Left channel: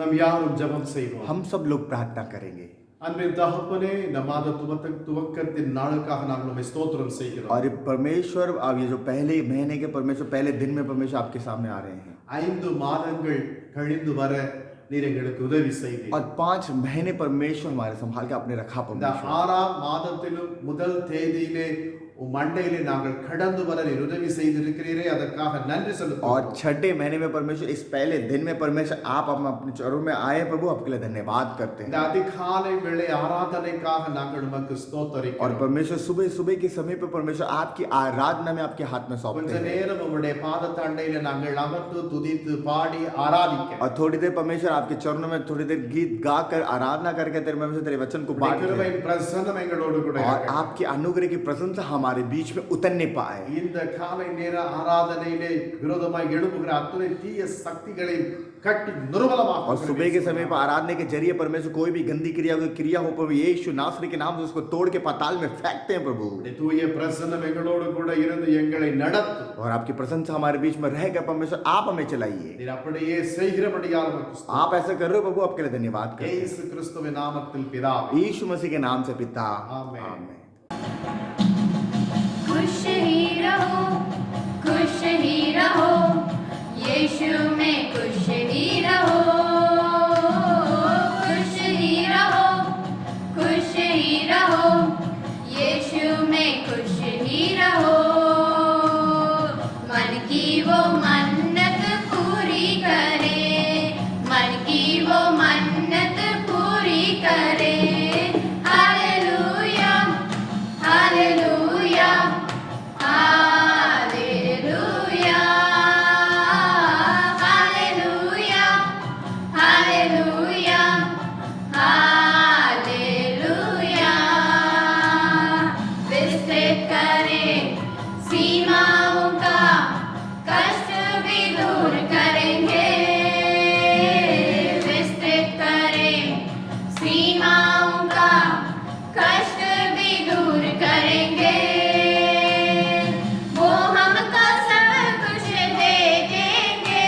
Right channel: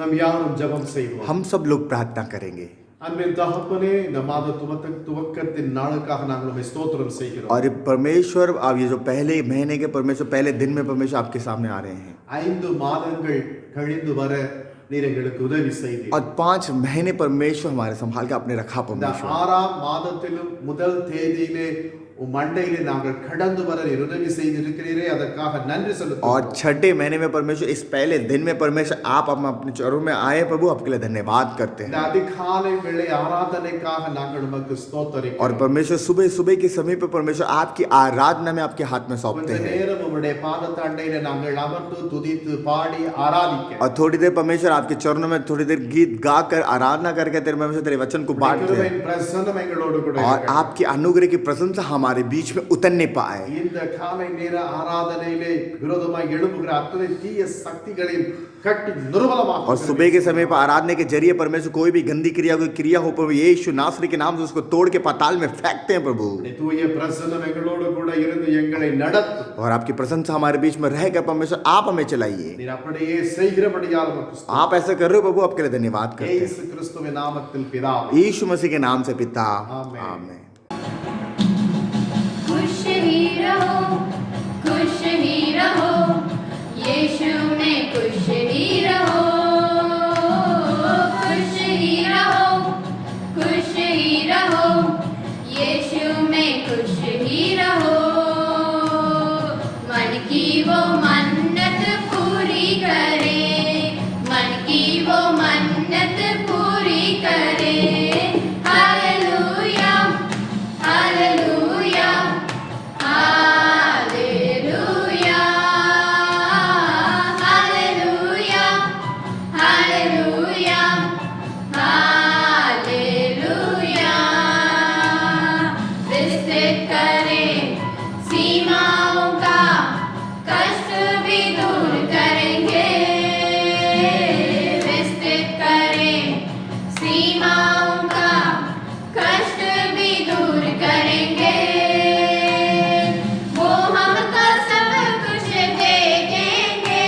நாம் யாரும் ஜெபம் செய்வோம். हम सब लोग प्रार्थना करेंगे। அன்பின் தகப்பனே, இந்த மாத துவக்கத்தின் நாளுக்காக நாங்கள் உம்மை ஸ்தோத்திரம் செய்கிறோம். और परमेश्वर, अब ये जो पहले महीने के परमेश्वर, पहले दिन में परमेश्वर आपके सामने आ रहे हैं 5 மாதங்கள் கழிந்து வர நீர் எங்களுக்கு உதவி செய்தீர். और 5 महीने परमेश्वर हमारे संभाल के आपने रखा இந்த परमेश्वर। 6ஆம் மாதத்திலும் முதல் தேதியிலே உம் மண்டையிலே நாங்கள் கடந்து வர நீர் உதவி செய்திருக்கிறீரே, அதற்காக நன்றி और செலுத்துகிறோம். 6ठे महीने में परमेश्वर, इस पहले दिन में परमेश्वर आप अपने चरणों में आए प्रभु, आपके लिए धन्यवाद करते இந்த हैं। அதிகாலை வேளை ஆராதனைக்காக நாங்கள் உமக்கு और ஸ்தோத்தரிக்கிறோம். परमेश्वर सुबह सुबह के समय पे परमेश्वर आपकी आराधना में आपके हाथ में கொஞ்ச सौंपते हैं। நேரம் உம்முடைய பாதத்தண்டையிலே நாங்கள் அமர்ந்து துதித்து பாடி ஆராதிக்க और थोड़ी देर परमेश्वर आपके चरणों में थोड़ी देर गीत गाकर आराधना करके तेरे परमेश्वर तेरे वचन को बांटते हैं கிருபையின் பிரசன்னம் எங்களோடு கூட और இருக்கட்டும். आपकी अनुग्रह की प्रशंसा हमारे बीच में उतरने पाए। இந்த காலை நேர ஆராதனையிலே விரோதமாய் எழும்புகிற அத்தனை தீய சக்திகளையும் கட்டி और நிர்மலமாக்குகிறேன். सुबह के समय पर आराधना के जरिए परमेश्वर कोई भी गंदी क्रिया, कोई क्रिया हो प्रभु यीशु नासरी के नाम से उसको तोड़ के पाताल में फेंकते हैं प्रभु। உம்முடைய தூய பிரசன்னம் எங்களோடு கூட இருந்து எங்களை நடத்தும். और आपकी प्रशंसा हमारे बीच में रहेगा परमेश्वर, आप हमें चलाइए। நீர் அப்படியே செய்கிறபடியால் உமக்கு ஸ்தோத்திரம். आप ऐसा कर रहे हो प्रभु, आपके लिए धन्यवाद करते हैं இயேசு கிறிஸ்துவின் நாமத்தில் பிதாவே. यीशु मसीह के नाम से पिता, आमीन। आमीन। खुश ही रहो, खुश ही रहो, यीशु में खुश ही रहो। खुश ही रहो, खुश ही रहो, यीशु में खुश ही रहो। मन की वो मन्नत पूरी करे, मन की वो मन्नत पूरी करे। Hallelujah, hallelujah, hallelujah, hallelujah, hallelujah, hallelujah. विस्तृत करें सीमाओं का, कष्ट भी दूर करेंगे। विस्तृत करें सीमाओं का, कष्ट भी दूर करेंगे। वो हमको सब कुछ दे देंगे।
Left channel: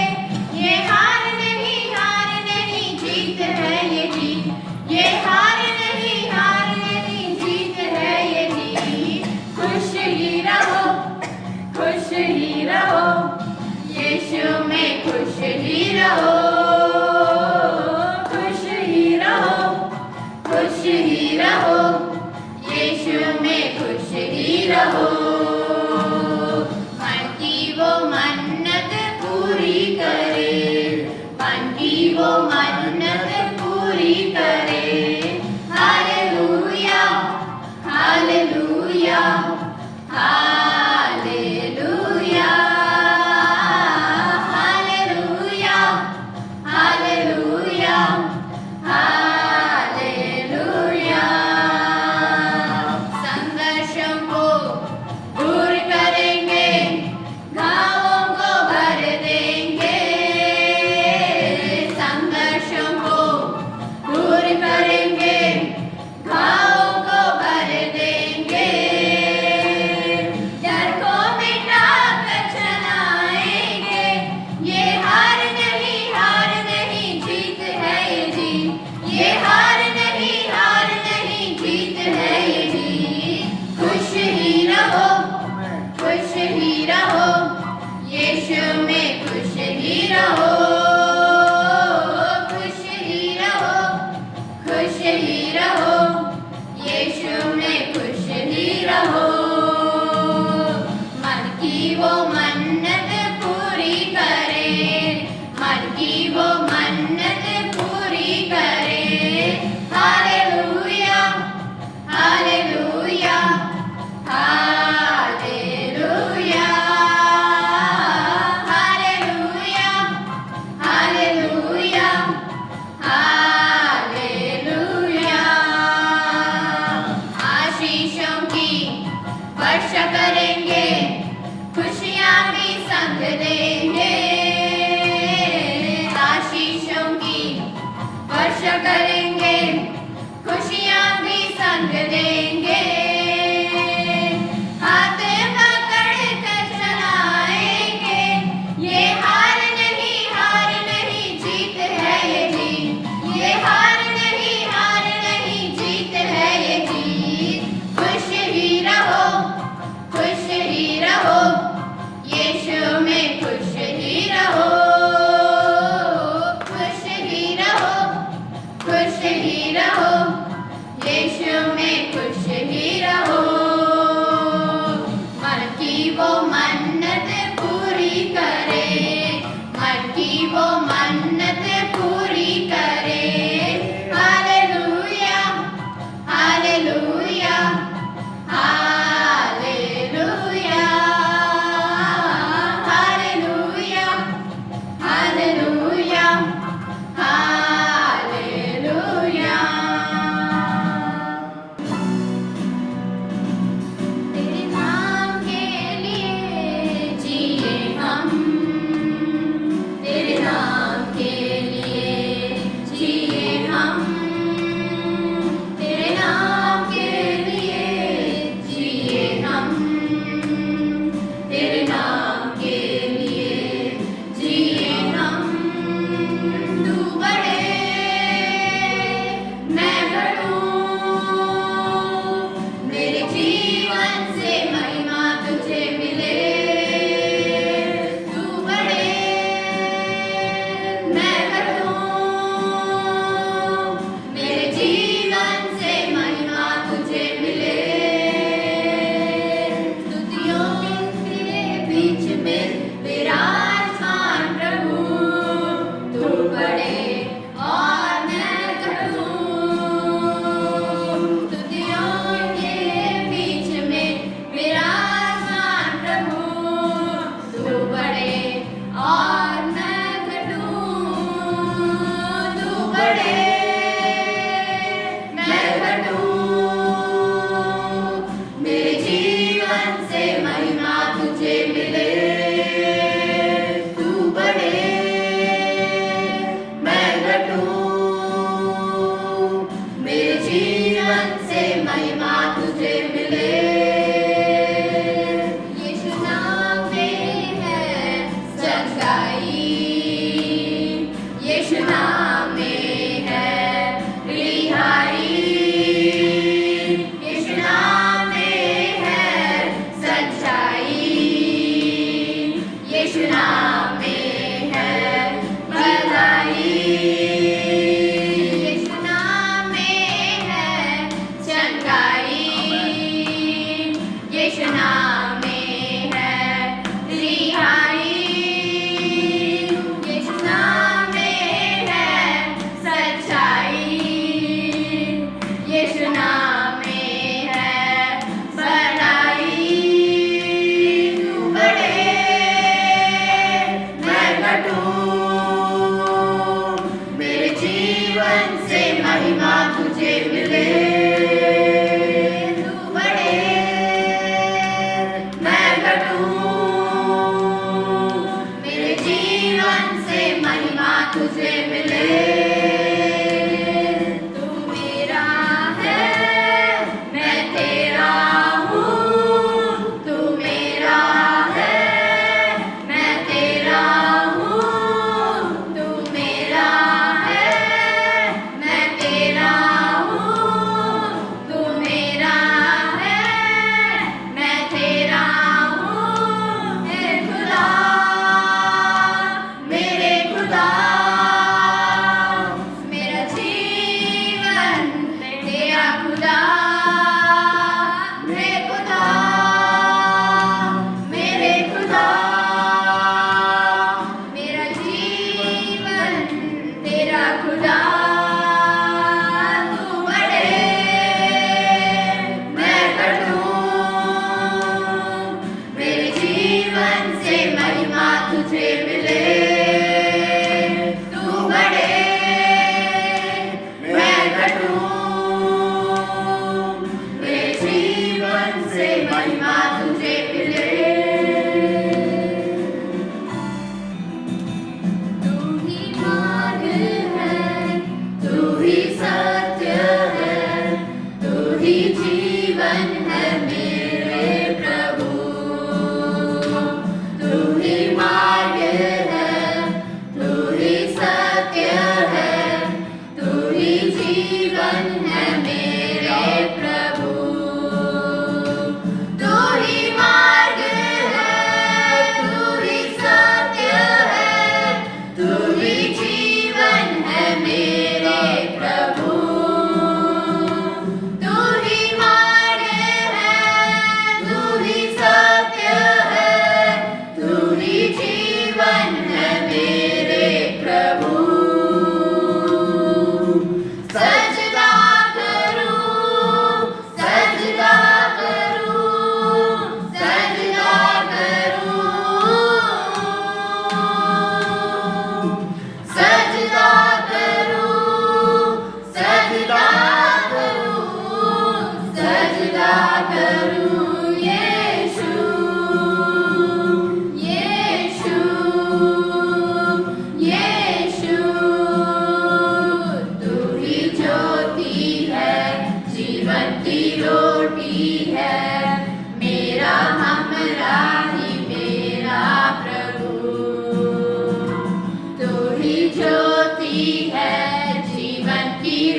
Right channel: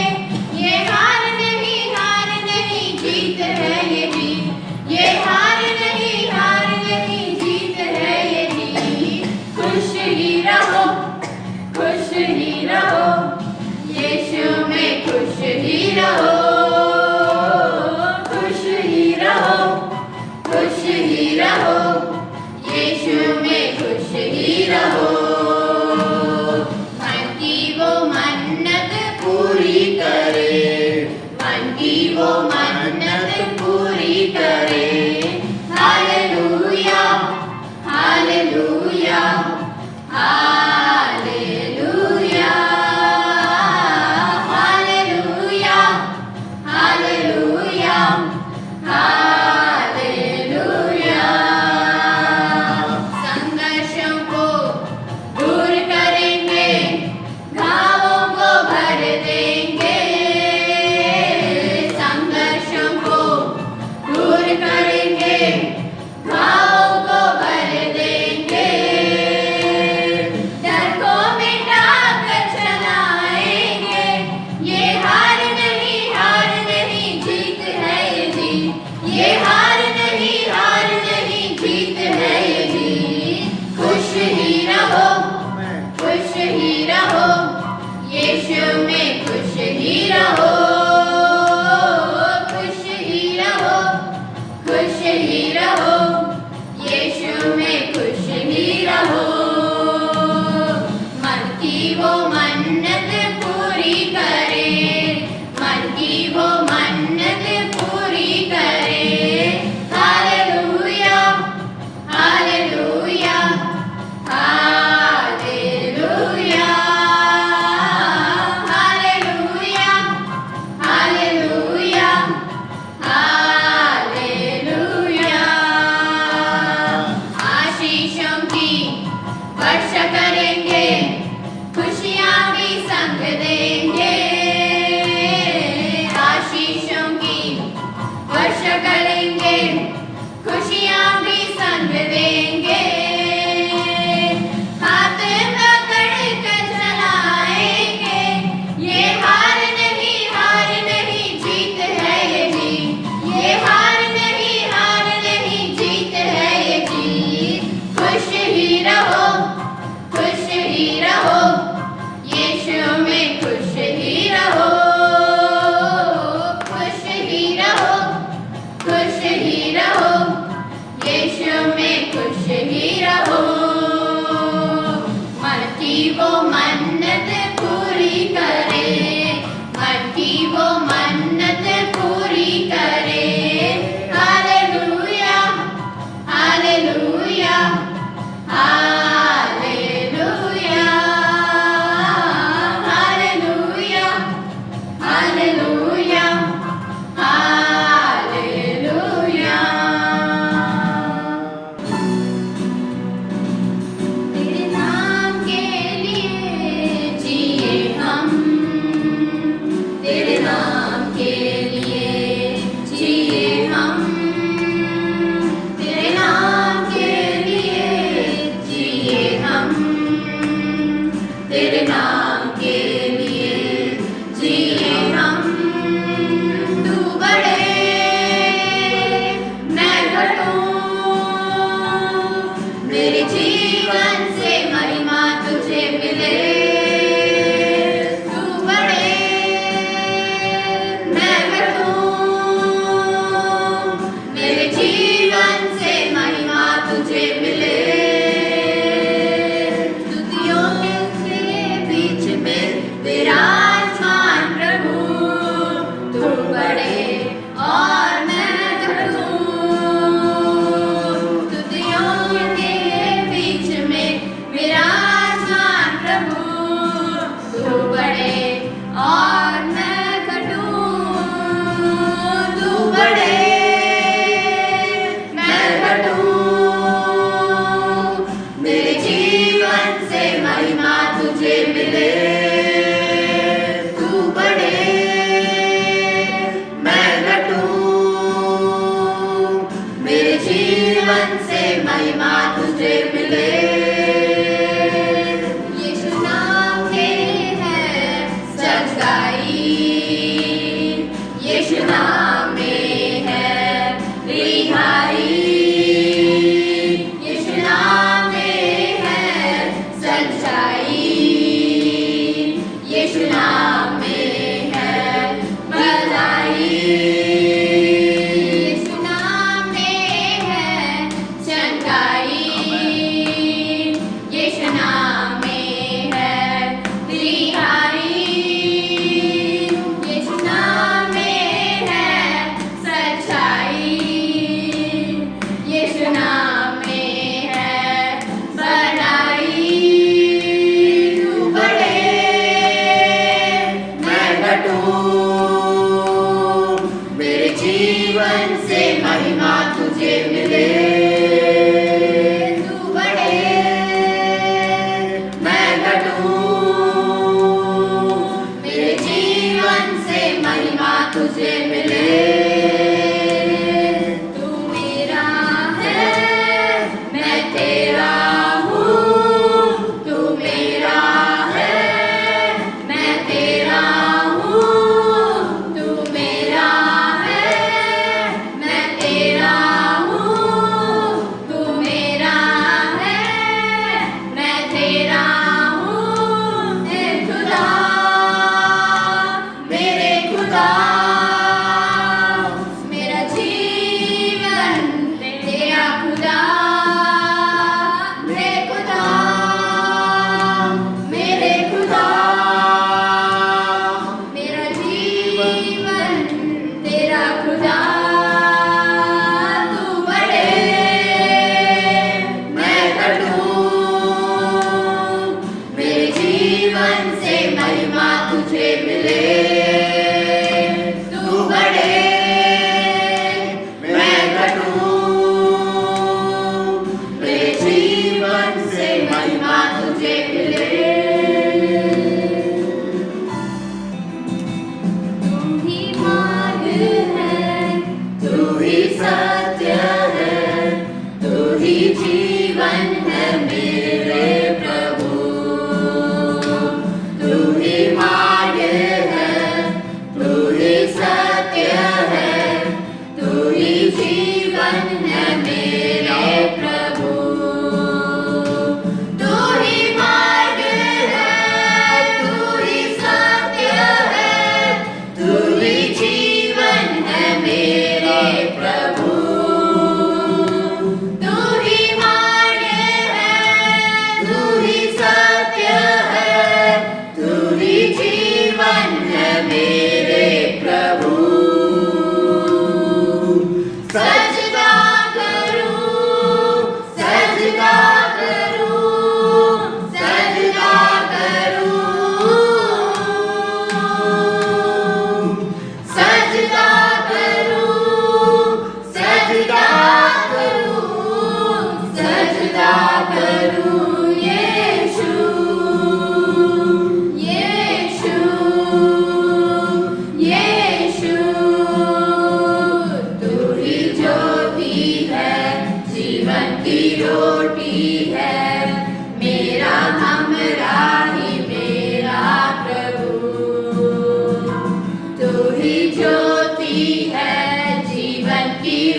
ये हार नहीं जीत है ये जीत। ये हार नहीं जीत है ये जीत। खुश ही रहो, खुश ही रहो, यीशु में खुश ही रहो। खुश ही रहो, खुश ही रहो, यीशु में खुश ही रहो। मन की वो मन्नत पूरी करे, मन की वो मन्नत पूरी करे। Hallelujah, hallelujah, hallelujah, hallelujah, hallelujah, hallelujah. संघर्षों को दूर करेंगे, घावों को भर देंगे। संघर्षों को दूर करेंगे, घावों को भर देंगे। डर को मिटा कर चलाएंगे। ये हार नहीं जीत है ये जीत। ये हार नहीं जीत है ये जीत। खुश ही रहो, खुश ही रहो, यीशु में खुश ही रहो। खुश ही रहो, खुश ही रहो, यीशु में खुश ही रहो। मन की वो मन्नत पूरी करे, मन की वो मन्नत पूरी करे। Hallelujah, hallelujah, hallelujah, hallelujah, hallelujah, hallelujah. आशीषों की वर्षा करेंगे, खुशियाँ भी संग देंगे।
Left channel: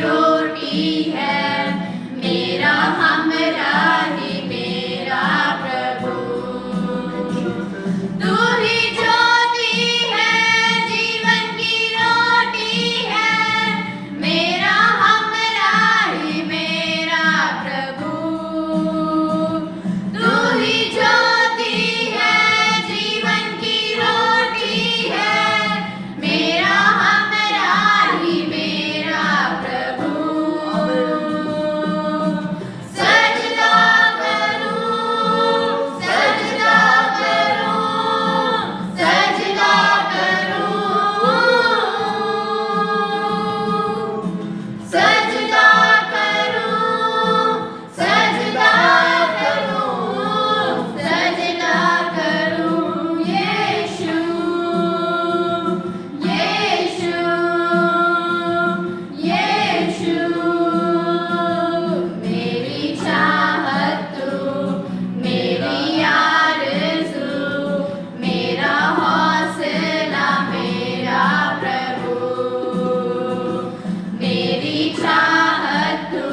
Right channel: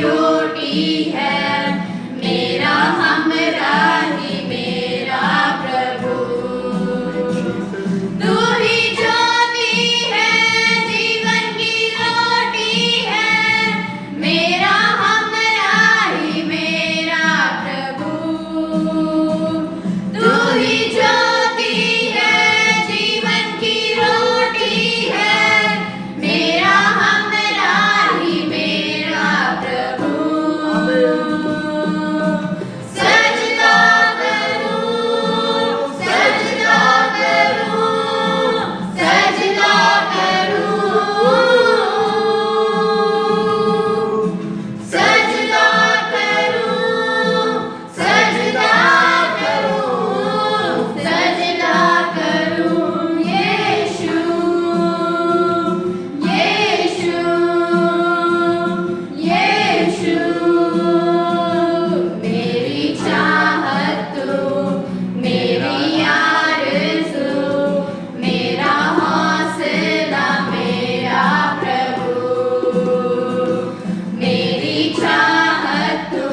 रोटी है मेरा हमराही मेरा प्रभु तू ही ज्योति है जीवन की रोटी है मेरा हमराही मेरा प्रभु तू ही ज्योति है जीवन की रोटी है मेरा हमराही मेरा प्रभु सजदा करूं सजदा करूं सजदा करूं सजदा करूं सजदा करूं सजदा करूं यीशु यीशु यीशु मेरी चाहत तू मेरी आरज़ू मेरा हौसला मेरा प्रभु मेरी चाहत तू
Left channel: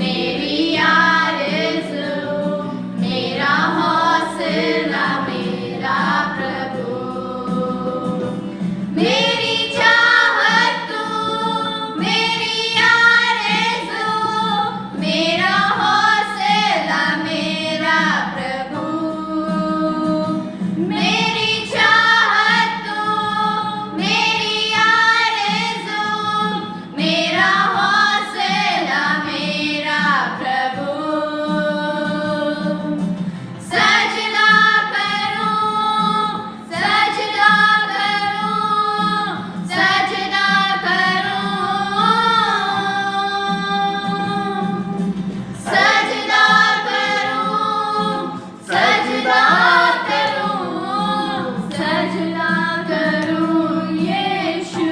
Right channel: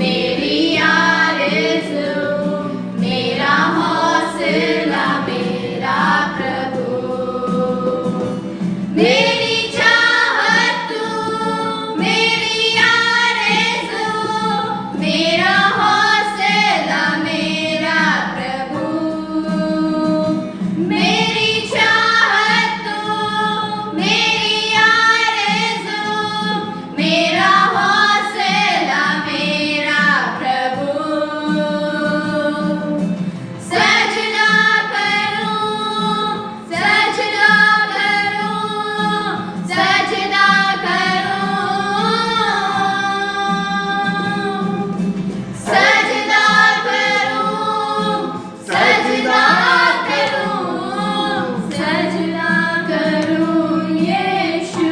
मेरी आरज़ू मेरा हौसला मेरा प्रभु मेरी चाहत तू मेरी आरज़ू मेरा हौसला मेरा प्रभु मेरी चाहत तू मेरी आरज़ू मेरा हौसला मेरा प्रभु सजदा करूं सजदा करूं सजदा करूं सजदा करूं सजदा करूं सजदा करूं यीशु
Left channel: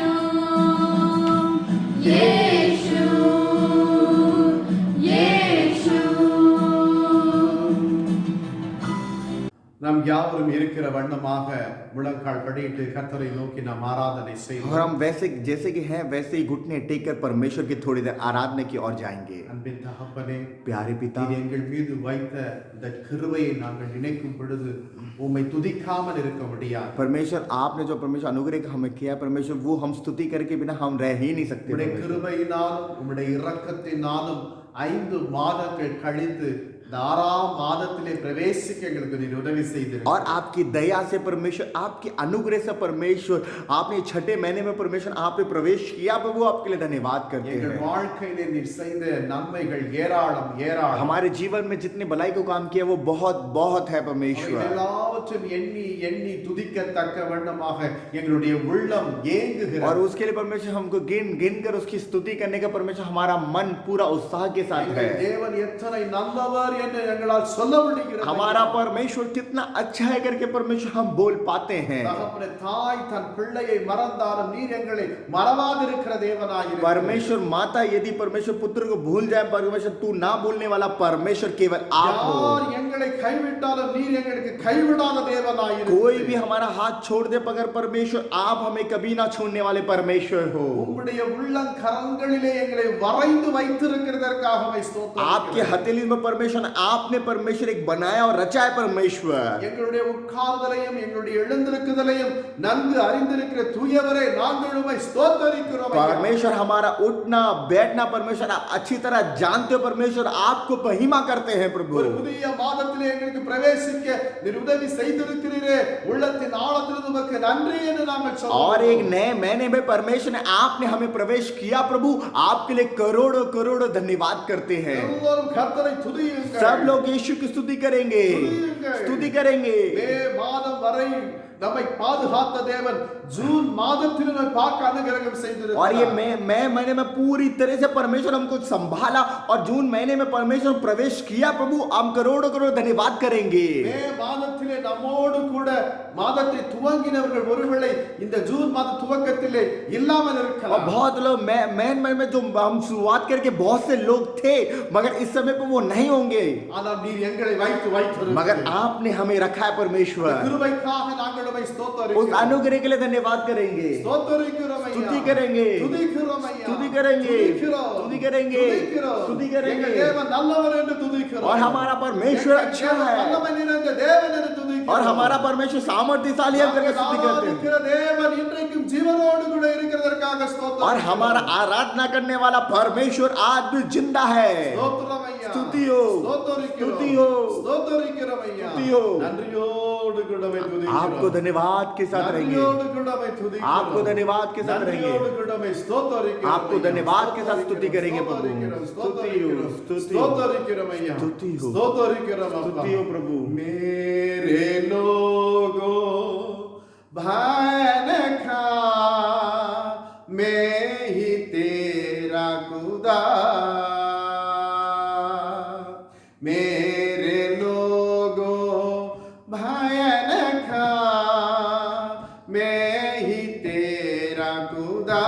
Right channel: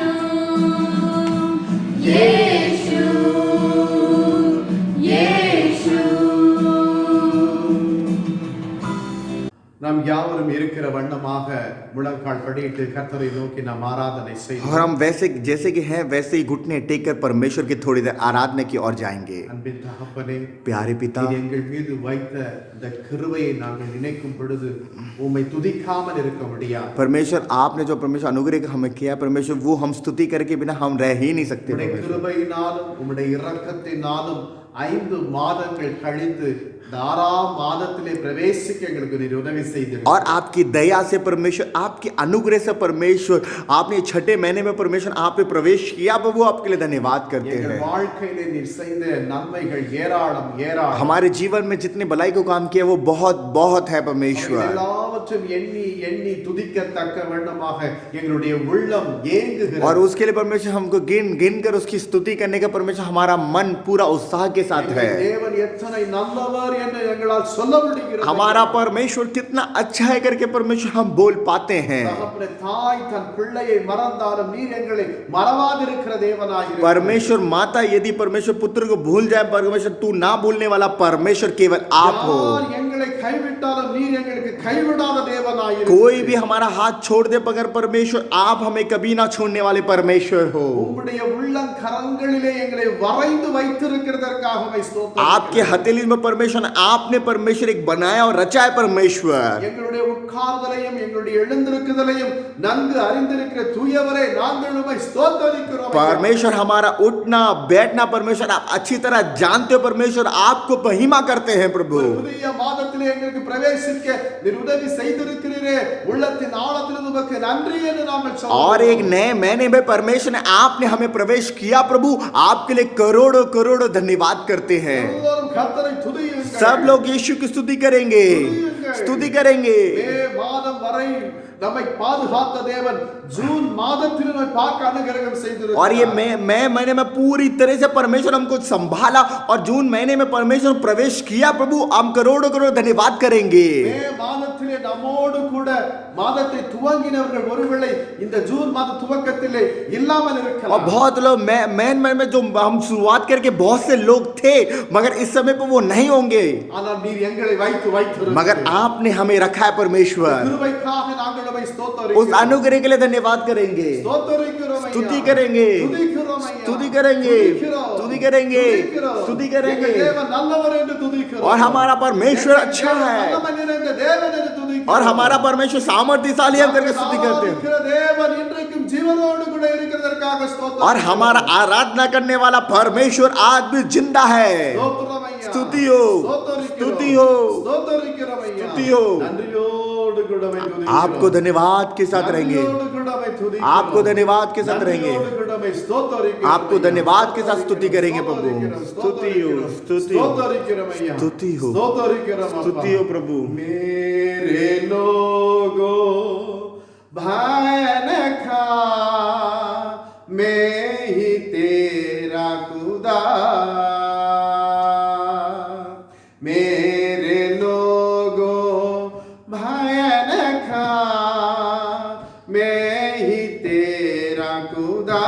यीशु यीशु நாம் யாவரும் இருக்கிற வண்ணமாக முழங்கால் படியிட்டு கர்த்தரை நோக்கி நாம் ஆராதனை और செய்வோம். हम वैसे जैसे कि हैं वैसे ही घुटने टेक कर परमेश्वर की थोड़ी देर आराधना की ओर जाएंगे। அன்பின் தகப்பனே, प्यारे पिता, நீர் எங்கள் மீது வைத்த இந்த கிருபையை நாங்கள் நினைக்கும் பொழுது உம்மை துதிக்காமல் இருக்க முடியாது. परमेश्वर आपने जो परमेश्वर अनुग्रह हमें किया परमेश्वर वो हम स्तुति करके बिना हम रह ही नहीं सकते। உம்முடைய கிருபையினாலும் உம்முடைய இரக்கத்தினாலும் 5 மாதங்கள் கழித்து இந்த 6ஆம் மாதத்திலே பிரவேசிக்க எங்களுக்கு நீர் உதவி செய்தீர்கள். और आपकी दया से परमेश्वर आपकी अनुग्रह से परमेश्वर आपने 6ठे महीने में परमेश्वर आप पे प्रवेश किया वो आपके लिए धन्यवाद करते எங்கள் हैं। வாழ்க்கையிலே நீர் செய்த நன்மைகள் ஏராளம் ஏராளம். हमारे जीवन में जितनी भलाई को काम किया वो बहुत बहुत है அவை परमेश्वर। எல்லாவற்றையும் எண்ணி எண்ணி துதிக்கத்தக்க வண்ணமாக எங்களுடைய உள்ளம் ஏங்குகிறது. और उसके लिए परमेश्वर हमको गिन गिन कर उसकी स्तुति करने का परमेश्वर हमारा मन पूरा उत्साह के साथ எங்கள் है। தேவன் எத்தனை நல்லவர் என்று எங்களால் சொல்ல முடிகிறது. हमारा परमेश्वर कितना अच्छा है करके परमेश्वर हम बोल पाते हैं। தகப்பனே, தாய் தன் பிள்ளையை மறந்தாலும் நீர் எங்களை மறவாதிருக்கிற தேவனாயிருக்கிறீர். परमेश्वर माता यदि परमेश्वर पुत्र को भूल जाए परमेश्वर तू ना भूलने वाला परमेश्वर केवल आप हो। யார் எங்களை கைவிட்டாலும் நீர் எங்களுக்கு கைவிடாத தேவனாயிருக்கிறீர். कोई भी हमारा हाथ छोड़ दे मगर परमेश्वर आप हमें कभी ना छोड़ने वाले परमेश्वर हो। உம்முடைய உள்ளங்கரங்களிலே எங்களை வரைந்து வைத்திருக்கிறதற்காக உம்மை ஸ்தோத்திரம். आपके हथेली में परमेश्वर आपने परमेश्वर एक बनाया और रचा है परमेश्वर। எங்களுடைய உட்கார்தலையும் எங்களுடைய எழுந்திருக்குதலையும் நன்கு அறிந்திருக்கிற தூயவரே நாங்கள் உம்மை ஸ்தோத்திரிக்கிறோம். परमेश्वर हमारा उठना बैठना परमेश्वर आप अच्छी तरह जानते हो परमेश्वर आपको महिमा करते हैं प्रभु। ஒரு புதிய மாதத்திலே எங்களுக்கு பிரவேசிக்க நீர் உதவி செய்திருக்கிறீரே, உள்ளத்தின் ஆழத்திலிருந்து உமக்கு நன்றி என்று நாங்கள் சொல்றோம். और एक नए महीने में परमेश्वर ने आपने हमें प्रवेश किया प्रभु आपके लिए करोड़ों करोड़ों धन्यवाद करते हैं। எல்லோரும் கர்த்தரை துதியுங்கள். सब लोग यीशु की स्तुति करेंगे स्तुति करेंगे। மே மாதம் வரை நம்மை பாதுகாத்த தேவன் ஜூன் மாதத்தில் நம்மை பார்க்க அனுகிரகம் செய்திருக்கிறார். और ये मैं महीने में पूरी तरह से परमेश्वर हमको संभाला और जून महीने में परमेश्वर प्रवेश किया प्रभु हम करोड़ों करोड़ धन्यवाद करेंगे। மே மாதத்திலே நம்மோடு கூட மாதத்தை துவங்கினவர்கள் ஒருவேளை இந்த ஜூன் மாத துவக்கத்திலே இல்லாமல் और இருக்கலாம். बहुत लोग मैं में जो हम शुरुआत करके बहुत से लोग थे मगर इस समय पर वो नहीं होंगे ஆனால் நீர் எங்களை வைத்து मगर आपने हमें रखा है परमेश्वर। கிருபைக்காக நாங்கள் உம்மை उस ஸ்தோத்திரிக்கிறோம். अनुग्रह के लिए धन्यवाद करेंगे, ஸ்தோத்தரிக்கிறோம் ஐயா. स्तुति करेंगे, துதிக்கிறோம் ஐயா. स्तुति करेंगे, துதிக்கிறோம். स्तुति करेंगे, துதிக்கிறோம். स्तुति करेंगे। எங்கள் தேவன் நல்லவர் என்று துதிக்கிறோம். और हमारा परमेश्वर अच्छा है, வல்லமை நிறைந்த தேவன் என்று துதிக்கிறோம். और हमारा परमेश्वर सामर्थ्यशाली है करके स्तुति करते हैं। ஆராதிக்கிற தேவன் இன்றைக்கும் ஜீவனோடு கூட இருக்கிறதற்காக ஸ்தோத்திரம். और हमारा आराधना करने वाला परमेश्वर आज भी जिंदा है। ஸ்தோத்திரம் ஐயா. स्तुति हो, ஸ்தோத்தரிக்கிறோம். स्तुति हो, ஸ்தோத்தரிக்கிறோம் ஐயா. स्तुति हो। நன்றியோடு கூட உம்மை துதிக்கிறோம். आपको धन्यवाद के साथ रहेंगे, நன்றியோடு கூட உம்மை துதிக்கிறோம். आपको धन्यवाद के साथ रहेंगे, நன்றியோடு கூட உம்மை ஸ்தோத்தரிக்கிறோம் आपको ஐயா. धन्यवाद के साथ स्तुति करेंगे प्रभु। ஸ்தோத்தரிக்கிறோம். स्तुति हो, स्तुति हो, ஸ்தோத்தரிக்கிறோம் ஐயா. स्तुति हो, ஸ்தோத்தரிக்கிறோம் அப்பா. स्तुति हो प्रभु। मेरे लोगों भय न खा, मैं ही तेरा खुदा। मेरे लोगों भय न खा, मैं ही तेरा खुदा।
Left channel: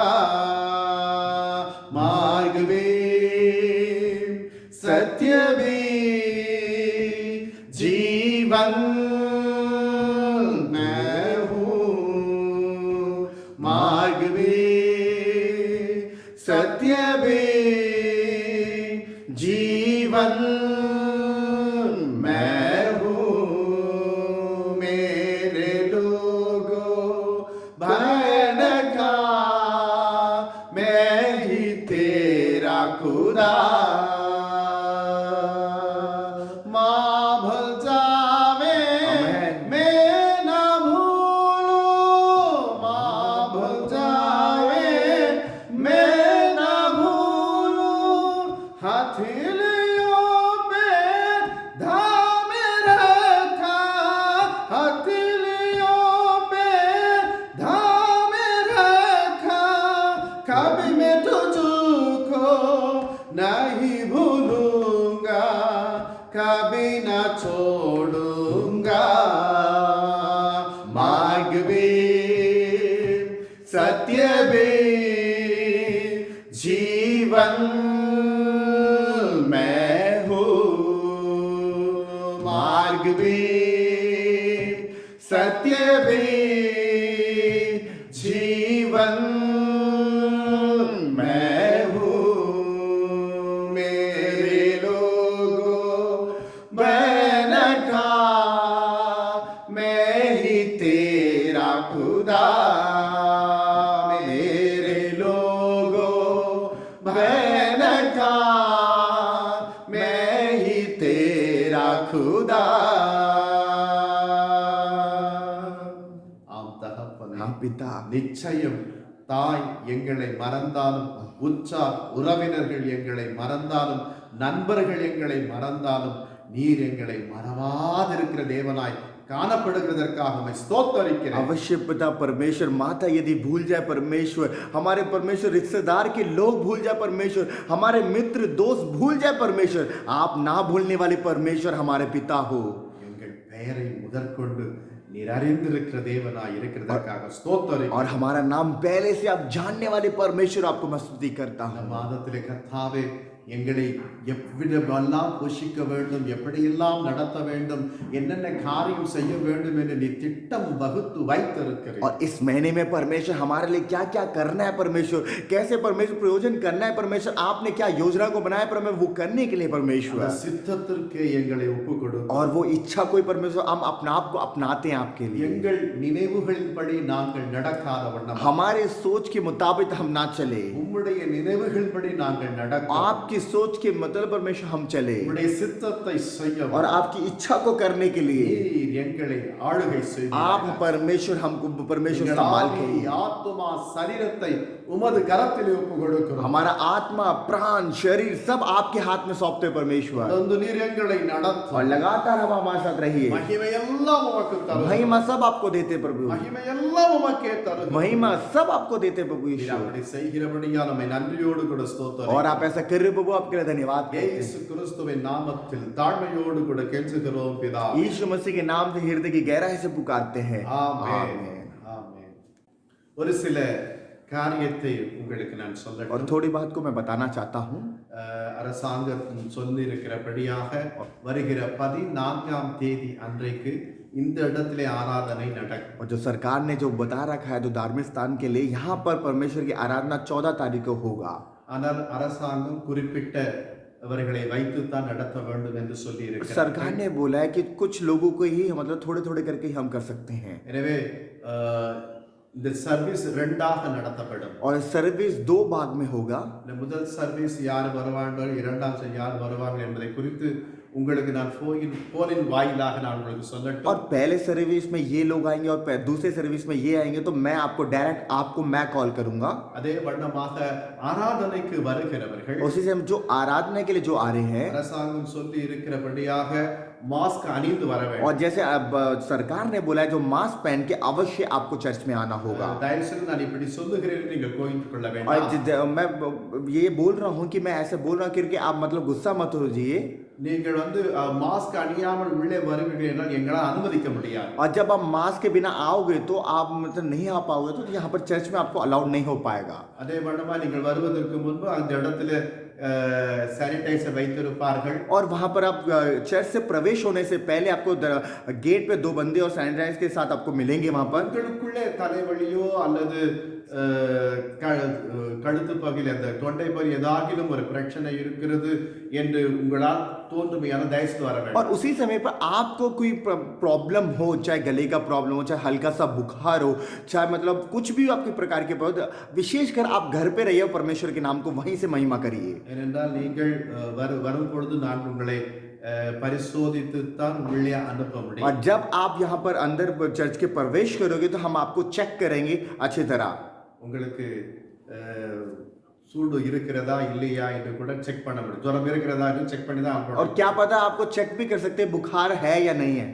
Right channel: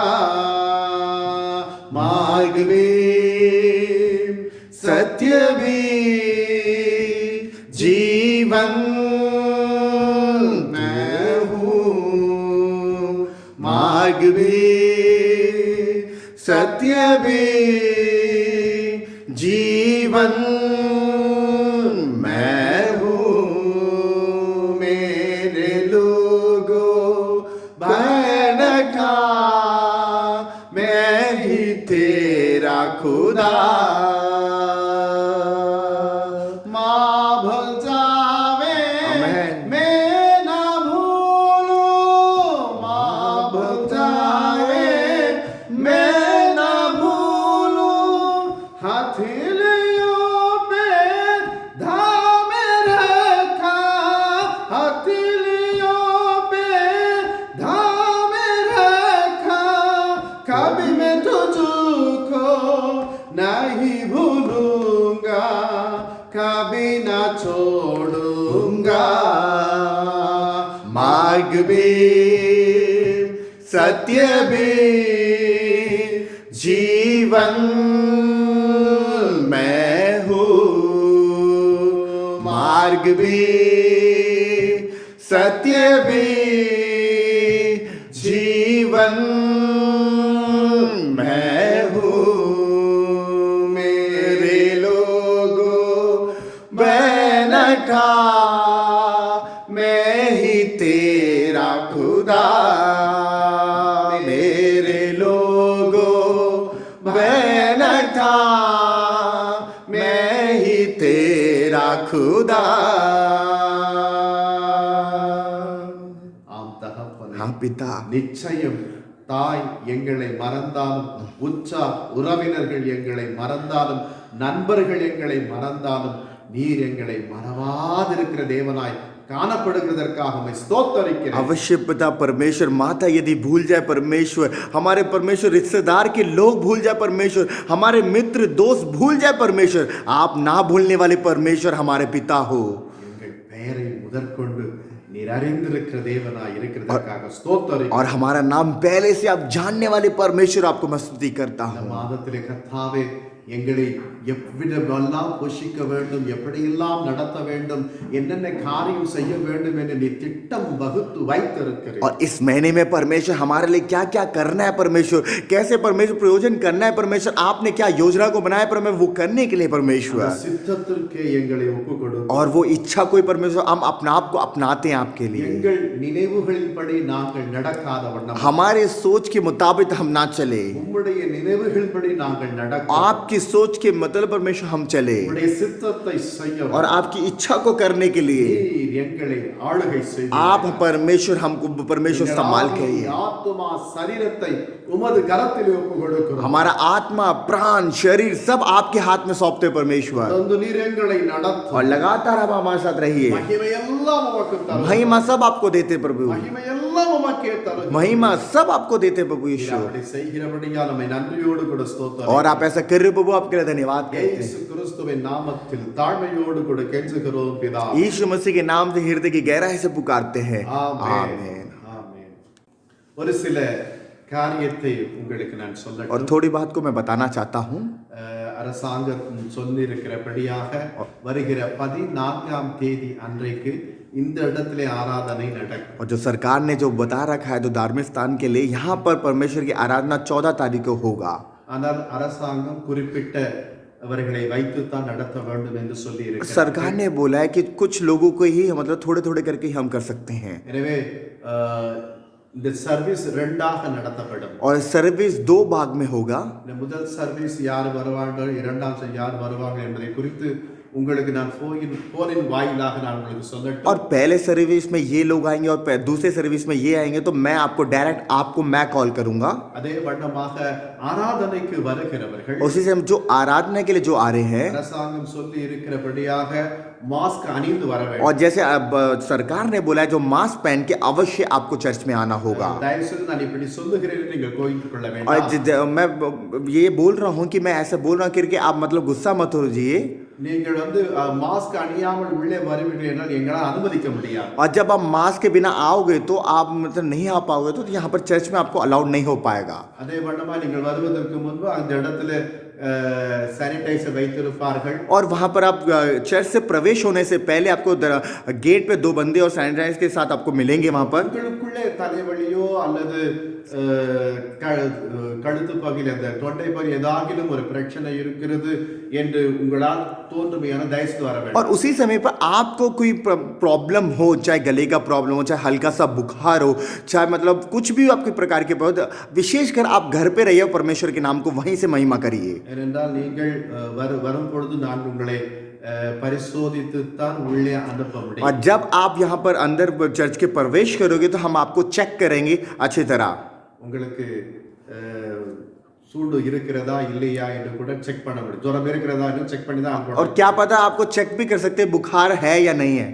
मार्ग में सत्य भी जीवन मैं हूँ। मार्ग में सत्य भी जीवन मैं हूँ। मेरे लोगों भय न खा, मैं ही तेरा खुदा। माँ भूल जावे मैं ना भूलूं, माँ भूल जावे मैं ना भूलूं। हथेलियों पे धाम रखा, हथेलियों पे धाम रखा। कभी मैं तुझको नहीं भूलूंगा, कभी ना छोड़ूंगा। मार्ग में सत्य में जीवन मैं हूँ। मार्ग में सत्य में जीवन मैं हूँ। मेरे लोगों मैं न खा, मैं ही तेरा खुदा। मेरे लोगों मैं न खा, मैं ही तेरा खुदा। ஆம் தகப்பனே, हाँ पिता, நிச்சயம் தாய் எங்களை மறந்தாலும், உற்றார் உறவினர்கள் எங்களை மறந்தாலும், நண்பர்கள் எங்களை மறந்தாலும், நீர் எங்களை மறவாதிருக்கிற தேவனாய் காணப்படுகிறதற்காக உம்மை ஸ்தோத்தரிக்கிறேன். अवश्य पिता परमेश्वर, माता यदि भूल जाए परमेश्वर, हमारे परमेश्वर रिश्तेदार के लोग भूल जाए परमेश्वर, हमारे मित्र दोस्त भूल जाए परमेश्वर, आप ना भूलने वाले परमेश्वर हमारे पिता हो। எங்கள் பெயரை முதற்கொண்டு நீர் அறிந்திருக்கிற தேவனாய் இருக்கிறதற்காக ஸ்தோத்தரிக்கிறேன். और हमारा नाम पहले से आप जानने वाले परमेश्वर, आपको मैं स्तुति करता இந்த हूँ। மாதத்திலே கர்த்தாவே எங்களை எவ்விடமெல்லாம் போஷிக்க வேண்டும், எப்படியெல்லாம் நடத்த வேண்டும், என்னென்ன காரியம் செய்ய வேண்டும் என்று நீ திட்டம் வகுத்து வைத்திருக்கிறீர். और इस महीने में परमेश्वर हमारे लिए क्या क्या करना है परमेश्वर, कैसे परमेश्वर प्रयोजन करना है परमेश्वर, आपने क्या योजना को बनाया परमेश्वर, वो करने के लिए அந்த परमेश्वर, சித்தத்திற்கே எங்களை ஒப்புக்கொடு. और वो इच्छा कोई परमेश्वर हम अपना आप को अपनाते हैं आपके लिए। எங்கள் நினைவுகளின்படி நாங்கள் நடக்காத வண்ணம், हमारे सोच के मुताबिक हम ना चले, உம்முடைய நினைவுகளின்படி நாங்கள் நடக்க, आपकी सोच के मतलब परमेश्वर हम चले, உம்முடைய சித்தத்தை செய்ய, और आपकी इच्छा को करने के लिए நீர் எங்களை ஆளுகை செய்வீர். आप परमेश्वर हमको परमेश्वर संभाल के எங்கள் ஆத்துமா சரீரத்தை உமது கரத்திலே ஒப்புக்கொடுக்கிறோம். हमारा आत्मा प्राण शरीर सब आपके हाथ में सौंपते परमेश्वर, தொடர்ந்து நீர் எங்களை நடத்தும். और लगातार आप हमारे साथ रहिए। மகிமை எல்லாம் உமக்கு தரும். महिमा सब आपको देते प्रभु, மகிமை எல்லாம் உமக்கே தரும். महिमा सब आपको देते प्रभु நீர் यीशु, அப்படி செய்கிறபடியால் நம்மை நன்றியோடு கூட ஸ்தோத்திரம். और आप ऐसा कर रहे हो प्रभु, आपके लिए धन्यवाद कहते हैं। இயேசு கிறிஸ்துவின் நாமத்தில் தாழ்மையோடு கூட கெஞ்சுகிறோம் பிதாவே. यीशु मसीह के नाम से हृदय की गहराई से पुकारते हैं, ஆமென். आमीन। ஆமென். ஒரு சில காரியத்தை உங்களுக்கு நான் और சொல்லட்டும். थोड़ी बात को मैं बताना चाहता हूँ। அரசாங்கம் சொல்லியிருக்கிறபடியாக வருகிற 14ஆம் தேதி அன்றைக்கு இந்த இடத்திலே ஆராதனை நடக்கும். और जो सरकार ने जो बता रखा है जो धार्मिक स्थान के लिए, यहाँ पर परमेश्वर की आराधना 14 तारीख को होगा। ஆனால் அரசாங்கம் குறிப்பிட்டவர்களை வைத்துத்தான் நடத்த வேண்டும் என்று சொல்லி இருக்கிறார். सरकार ने बोला है कि कुछ लोगों को ही मतलब थोड़े थोड़े करके ही हम कर सकते हैं। எனவே இந்த சர்வீஸ் ரெண்டாக நடத்தப்படும். और सर्विस 2 भाग में होगा। இந்த முதல் சர்வீஸ் யார் வருவார்கள், இரண்டாம் யார் வருவார்கள் என்பதை குறித்து உங்களுக்கு நான் போனின் வாயிலாக நான் உங்களுக்கு சொல்லட்டும். और पहले सर्विस में ये लोग आएंगे और दूसरे सर्विस में ये आएंगे, तो मैं आपको डायरेक्ट आपको मैं कॉल करूंगा। அதே வண்ணமாக ஆராதனைக்கு வருகிறவர்கள் उसी से हम जो आराधना के लिए जो आ रहे हैं, அரசாங்கம் சொல்லி இருக்கிறபடியாக மாஸ்க் அணிந்து வர வேண்டும். और जैसे अब सरकार ने बोला है जो मास्क पहन के अवश्य आपको चर्च में आना होगा। தயவு செய்து நான் இப்படி சொல்லுகிறேன் நீங்கள் கோபித்துக் கொள்ள और வேண்டாம். मैं ये बोल रहा हूँ कि मैं ऐसा बोल रहा हूँ करके आप मतलब गुस्सा मत हो जाइए। நீங்கள் மாஸ்க் அணியாமல் உள்ளே வருவீர்கள் என்றால் எங்களால் அனுமதிக்க முடியாது. और जब आप मास्क के बिना आओगे तो आप मतलब नहीं आ पाओगे, तो यहाँ पर चर्च में आपको अलाउड नहीं हो पाएगा। அதே வண்ணமா நீங்கள் வருவதற்கு முன்பு அந்த இடத்துல सैनिटाइजर வைத்திருப்பார்கள். और वहाँ पर आप चर्च से प्रवेश होने से पहले आपको गेट पे 2 बंदे और सैनिटाइजर के साथ आपको मिलेंगे वहाँ पर। உங்களுக்குள்ளே தலைவலியோ அல்லது கழுத்து பகுதியில் அந்த தொண்டை பகுதி ஏதாகிலும் ஒரு பிரச்சனை இருக்கிறது என்று உங்களால் தோன்றுமையான தயவு வர வேண்டும். और उसी समय पर आपको कोई प्रॉब्लम हो, चाहे गले का प्रॉब्लम हो, चाहे हल्का सा बुखार हो, चाहे मतलब कुछ भी आपके प्रकार के विशेषकर आप घर पे रहिए, परमेश्वर के नाम को वहीं से महिमा करिए। ஏனென்றால் நீங்கள் வரும் பொழுது நான் உங்களை परिशोधितुत्तान உள்ளே அனுப்ப முடியும். और जब आप यहाँ पर अंदर चर्च के प्रवेश करोगे तो हम आपको चेक करेंगे अच्छी तरह। உங்களுக்கு சூடு இருக்கிறதா இல்லையா என்று கூட செக் பண்ண முடியும். ஜுரம் இருக்கிறதா என்று செக் பண்ணி தான் और क्या पता आपको चेक भी कर सकते हैं बुखार है या नहीं है।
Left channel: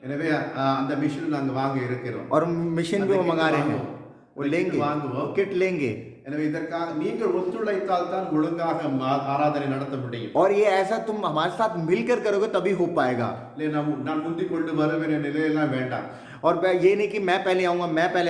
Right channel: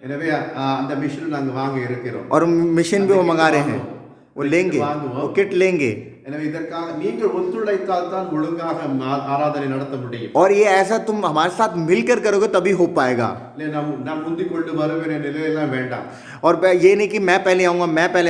எனவே அந்த மிஷின் நாங்க வாங்க இருக்கிறோம். और मशीन भी वो मंगा रहे हैं, वो लेंगे, वो किट लेंगे। எனவே இதற்காக நீங்கள் ஒத்துழைத்தால் தான் ஒழுங்காக ஆராதனை நடத்த முடியும். और ये ऐसा तुम हमारे साथ मिलकर करोगे तभी हो पाएगा। இல்லை நான் முந்தி கொண்டு வருவேன் நிலையெல்லாம் வேண்டாம். और ये नहीं कि मैं पहले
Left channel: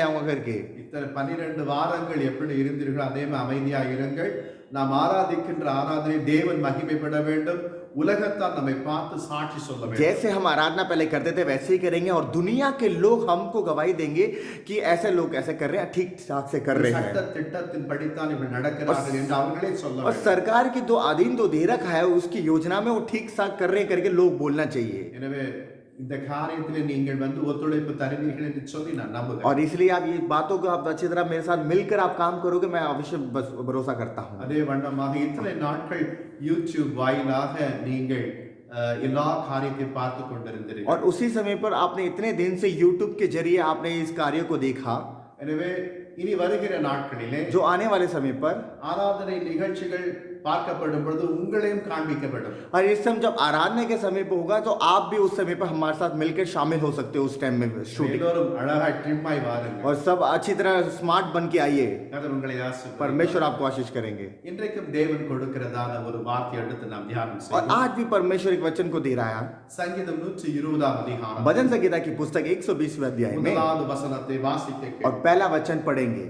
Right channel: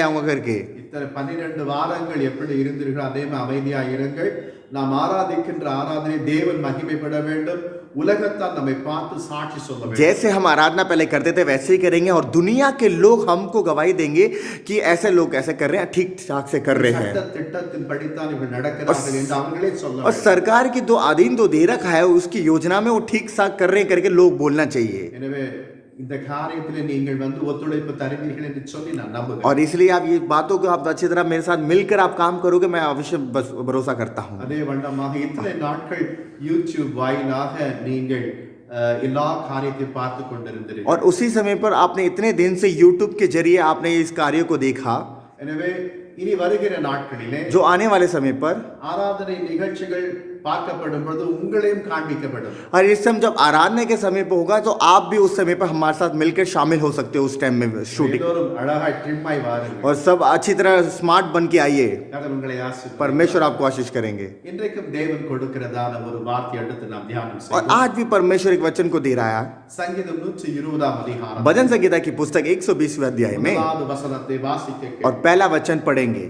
आऊंगा करके। இத்தனை 12 வாரங்கள் எப்படி இருந்தீர்கள் அதே மாதிரி அமைதியாக இருங்கள். நாம் ஆராதிக்கின்ற ஆராதனை தேவன் மகிமைப்பட வேண்டும், உலகத்தால் நம்மை பார்த்து சாட்சி சொல்ல வேண்டும். जैसे हम आराधना पहले करते थे वैसे ही करेंगे, और दुनिया के लोग हमको गवाही देंगे कि ऐसे लोग ऐसे कर रहे हैं, ठीक ठाक से कर रहे हैं। சட்ட திட்டத்தின் படித்தான் இவர்கள் நடக்கிறார்கள் என்று அவங்களே சொல்ல और வேண்டும். सरकार की जो अधीन जो दे रखा है उसकी योजना में वो ठीक ठाक कर रहे हैं करके लोग बोलना चाहिए। எனவே இந்த காரியத்திலே நீங்கள் ஒத்துழைப்பு தருவீர்கள் என்று சொல்லி நான் நம்புகிறேன். और इसलिए आप ये बातों को आप अच्छी तरह मेरे साथ मिलकर आप काम करोगे, मैं अवश्य भरोसा करता हूँ। அதே வண்ணமாக இத்தனை நாட்கள் யூடியூப் வாயிலாக நீங்கள் எல்லா காரியத்தை பார்த்து கொண்டிருந்தீர்கள். और उसी समय पर आपने इतने दिन से YouTube के जरिए आपने इस कार्य को देखा। எனவே இனி வருகிற நாட்களிலே जो आने वाले समय पर ஆராதனை நிகழ்ச்சிகள் பார்க்கப்படும் பொழுது உங்களையும் காண்பிக்கப்படும். और इस समय जब आराधना के समय पर होगा तो आप भी उस समय पर हमारे साथ मिलकर शामिल हो सकते हो उस टाइम में शूटिंग। எல்லோரும் அழகாய் ட்ரிம்மாய் வாருங்கள். और सब अच्छी तरह स्मार्ट बन के आइए, கர்த்தர் உங்களை ஆசீர்வதிப்பார். परमेश्वर आपको आशीष करेंगे। இன்றைக்கும் தேவன் கொடுக்கிறதான ஒரு வார்த்தை எடுத்து நாம் தியானம் और செய்வோம். आज भी परमेश्वर एक वचन को दे रहा है। சங்கீதம் 120 அதிகாரம் भजन संहिता की पुस्तक 120वें अध्याय में முதலாவது வசனத்தை வாசிக்க और पहला वचन पढ़ेंगे।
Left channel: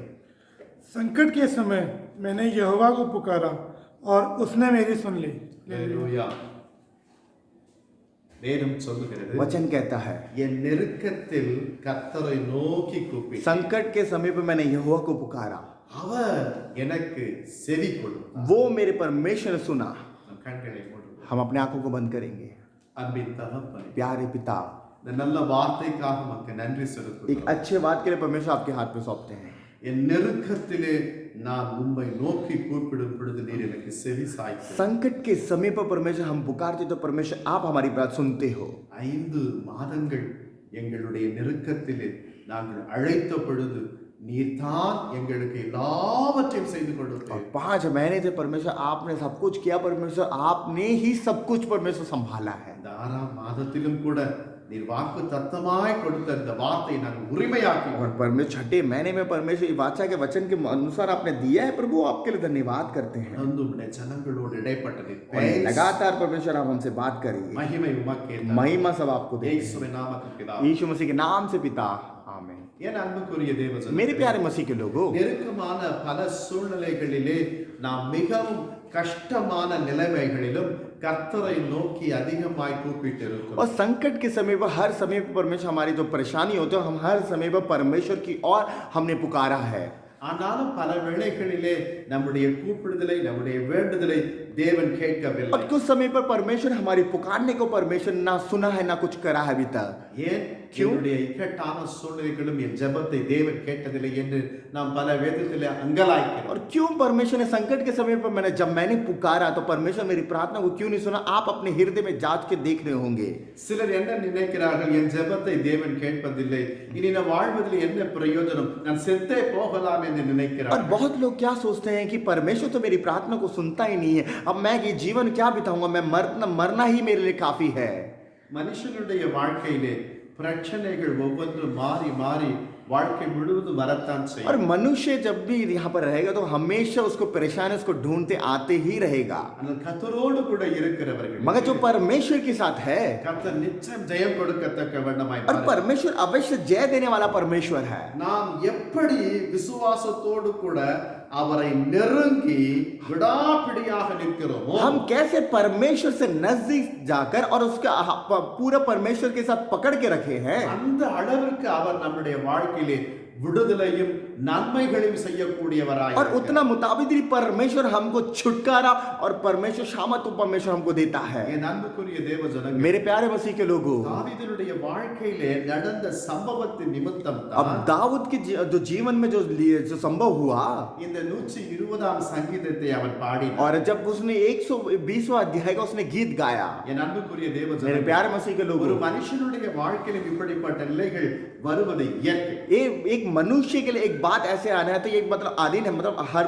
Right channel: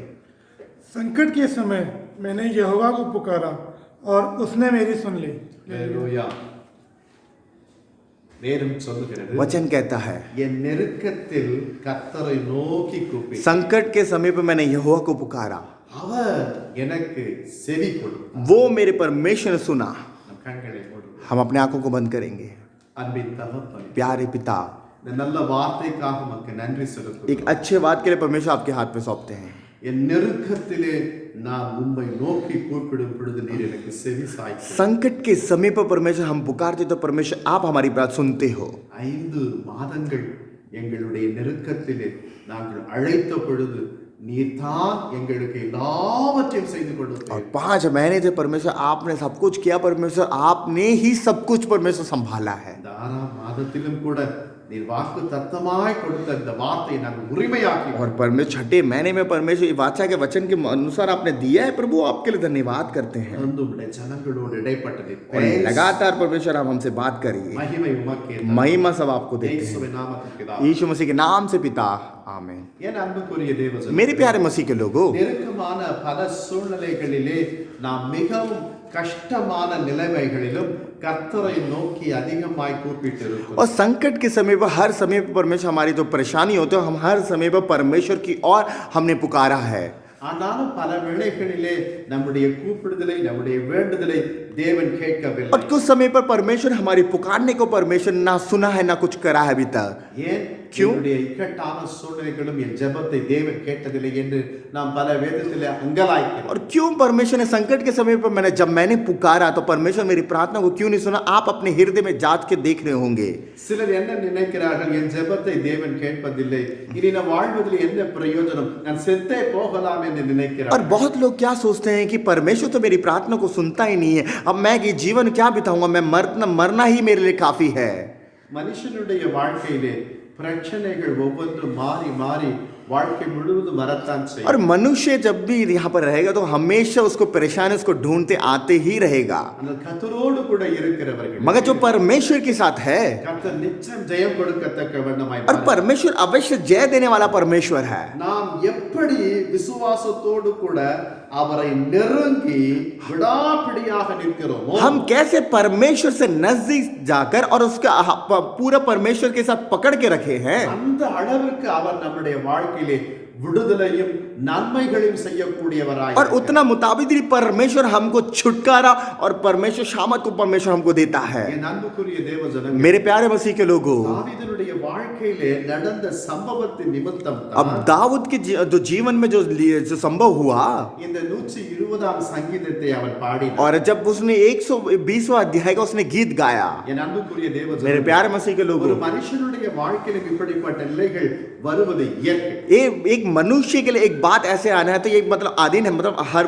संकट के समय मैंने यहोवा को पुकारा और उसने मेरी सुन ली। ஹalleluya. வேதம் சொல்லுகிறது, वचन कहता है என் நெருக்கத்தில் கர்த்தரை நோக்கி கூப்பிட்டேன், संकट के समय पर मैंने यहोवा को पुकारा, அவர் எனக்கு செவி கொடுத்தார். वो मेरे परमेश्वर ने सुना। நம் கண்களை மூடுவோம். हम अपने आंखों को बंद करेंगे। அன்பின் தகப்பனே, प्यारे पिता, இந்த நல்ல வார்த்தைக்காக உமக்கு நன்றி एक செலுத்துகிறோம். अच्छे बात के लिए परमेश्वर आपके हाथ में सौंपते हैं। என் நெருக்கத்திலே நான் உம்மை நோக்கி கூப்பிடும் பொழுது நீர் எனக்கு செவி சாய்த்தீர். संकट के समय पर परमेश्वर हम पुकारते तो परमेश्वर आप हमारी बात सुनते हो। 5 மாதங்கள் எங்களுடைய நெருக்கத்திலே நாங்கள் அழைத்த பொழுது நீர் தான் எங்களுக்கு எல்லாவற்றையும் செய்து और கொடுத்தீர். 5 महीने से परमेश्वर आपने सब कुछ किया, परमेश्वर आपने ही सब कुछ परमेश्वर संभाला है। இந்த 6ஆம் மாதத்திலும் கூட நீர் வாக்கு தத்தமாய் கொடுத்த இந்த வார்த்தையை நாங்கள் உரிமையாக்கி और परमेश्वर 6ठे महीने में परमेश्वर वाचा के वचन के अनुसार आपने दिया है, प्रभु आपके लिए धन्यवाद करते हैं। உம்முடைய ஜனங்களோடு இடைப்பட்டது और लगातार परमेश्वर आप हमसे बात करिए। மகிமை உமக்கே. महिमा सब आपको देते हैं। இயேசுவின் நாமத்தில் பிதாவே. यीशु मसीह के नाम से पिता, आमीन। என் அன்புக்குரிய தேவஜனங்களே, मेरे प्यारे मसीह के लोगों, நெருக்கமான பல சூழ்நிலைகளிலே நாம் மிகவும் கஷ்டமான நிலைமைகளிலும் கர்த்தரை நோக்கி அதிகமாய் கூப்பிட்டு और இருக்கிறோம். संकट के समय पर हर समय पर परमेश्वर, हमारी जो परेशानी होती है हम हर समय पर परमेश्वर की ओर हमने पुकारा है. ஆனாலும் பல வேளைகளிலே நம்முடைய கூப்பிடுதலை, நம்முடைய வேண்டுதலை தேவன் கேட்கவில்லை. और कुछ समय पर परमेश्वर हमारी पुकारने को परमेश्वर ना सुना है ना कुछ करा है अभी तक. ஏன் என்னுடைய இக்கட்டான சூழ்நிலைகளும் என் ஜெபத்தை தேவன் கேட்டதில்லை என்று நாம் பல வேதத்திலே அங்கலாய்க்கிறோம். और क्यों परमेश्वर ने संकट के समय पर मैंने पुकारा तो परमेश्वर मेरी प्रार्थना को क्यों नहीं सुना? आप अपने हृदय में जांच के देख रहे होंगे. சிலர் என்ன நினைக்கிறார்கள், என் ஜெபத்தை தேவன் கேட்பதில்லை, இனி நான் வாழ்வதில் என்ன பிரயோஜனம், நான் செத்தே போகலாம் என்று और நினைக்கிறார்கள். बहुत लोग क्या सोचते हैं कि परमेश्वर तो मेरी प्रार्थना को सुनता ही नहीं है, अब मैं ये जीवन क्या बिताऊंगा, मैं मरना ही मेरे लिए काफी है. மனுஷனுடைய வாழ்க்கையிலே பிரச்சனைகள் ஒவ்வொன்றும் மாறி மாறி வாழ்க்கை முழுவதும் வரத்தான் और செய்யும். मनुष्य जब भी यहाँ पर रहेगा तो हमेशा उसको परेशानी उसको ढूंढते आते ही रहेगा. ஆனால் கர்த்தரோடு கூட இருக்கிறவர்கள் मगर जो परमेश्वर के साथ है, கர்த்தர் நிச்சயம் ஜெயம் கொடுக்கத்தக்க வண்ணமாய் और परमेश्वर अवश्य जय देने वाला परमेश्वर है. நாம் எப்படி விசுவாசத்தோடு கூட அவரை நெருங்கி விடாப்பிடியாக நிற்கிறோமோ, हम कैसे परमेश्वर से नजदीक जाकर और उसका पूरा परमेश्वर के साथ पकड़ के रखे हैं, அந்த அளவிற்கு அவர் நம்முடைய வாழ்க்கையிலே விடுதலையும் நன்மைகளையும் செய்யக்கூடியவராய் और उतना मुताबिक ही परमेश्वर हमको छुटकारा और परमेश्वर शामत को परमेश्वर हमको देता है. என் அன்புக்குரிய தேவஜனங்களே, मेरे प्यारे मसीह के लोगों, தாவீதுடைய வாழ்க்கையிலே நடந்த சம்பவத்தின் நிமித்தம் अब தான் दाऊद के जो जीवन में जो संभव हुआ, இந்த 120ஆம் சங்கீதத்தை அவன் பாடினான். और जब उसने 120वां अध्याय का उसने गीत गाया, என் अன்புக்குரிய मेरे தேவஜனங்களே, प्यारे मसीह के ஒரு लोगों, மனுஷனுடைய வாழ்க்கையிலும் இப்படிப்பட்ட நிலைகள் வருவது இயற்கை. एक मनुष्य के लिए एक बात ऐसे आना है तो ये मतलब आदिन है, मतलब हर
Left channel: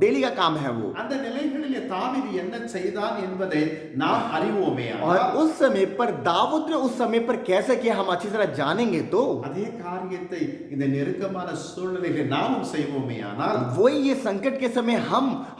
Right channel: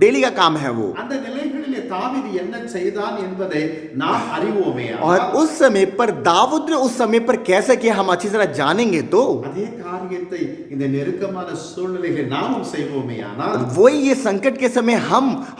डेली का काम है वो. அந்த நிலைகளிலே தாவீது என்ன செய்தான் என்பதை நாம் அறிவோமே. और उस समय पर दाऊद ने उस समय पर कैसे किया हम अच्छी तरह जानेंगे तो அதே காரியத்தை இந்த நெருக்கமான சூழ்நிலைகளை நாமும் செய்வோமே. ஆனால் वही ये संकट के समय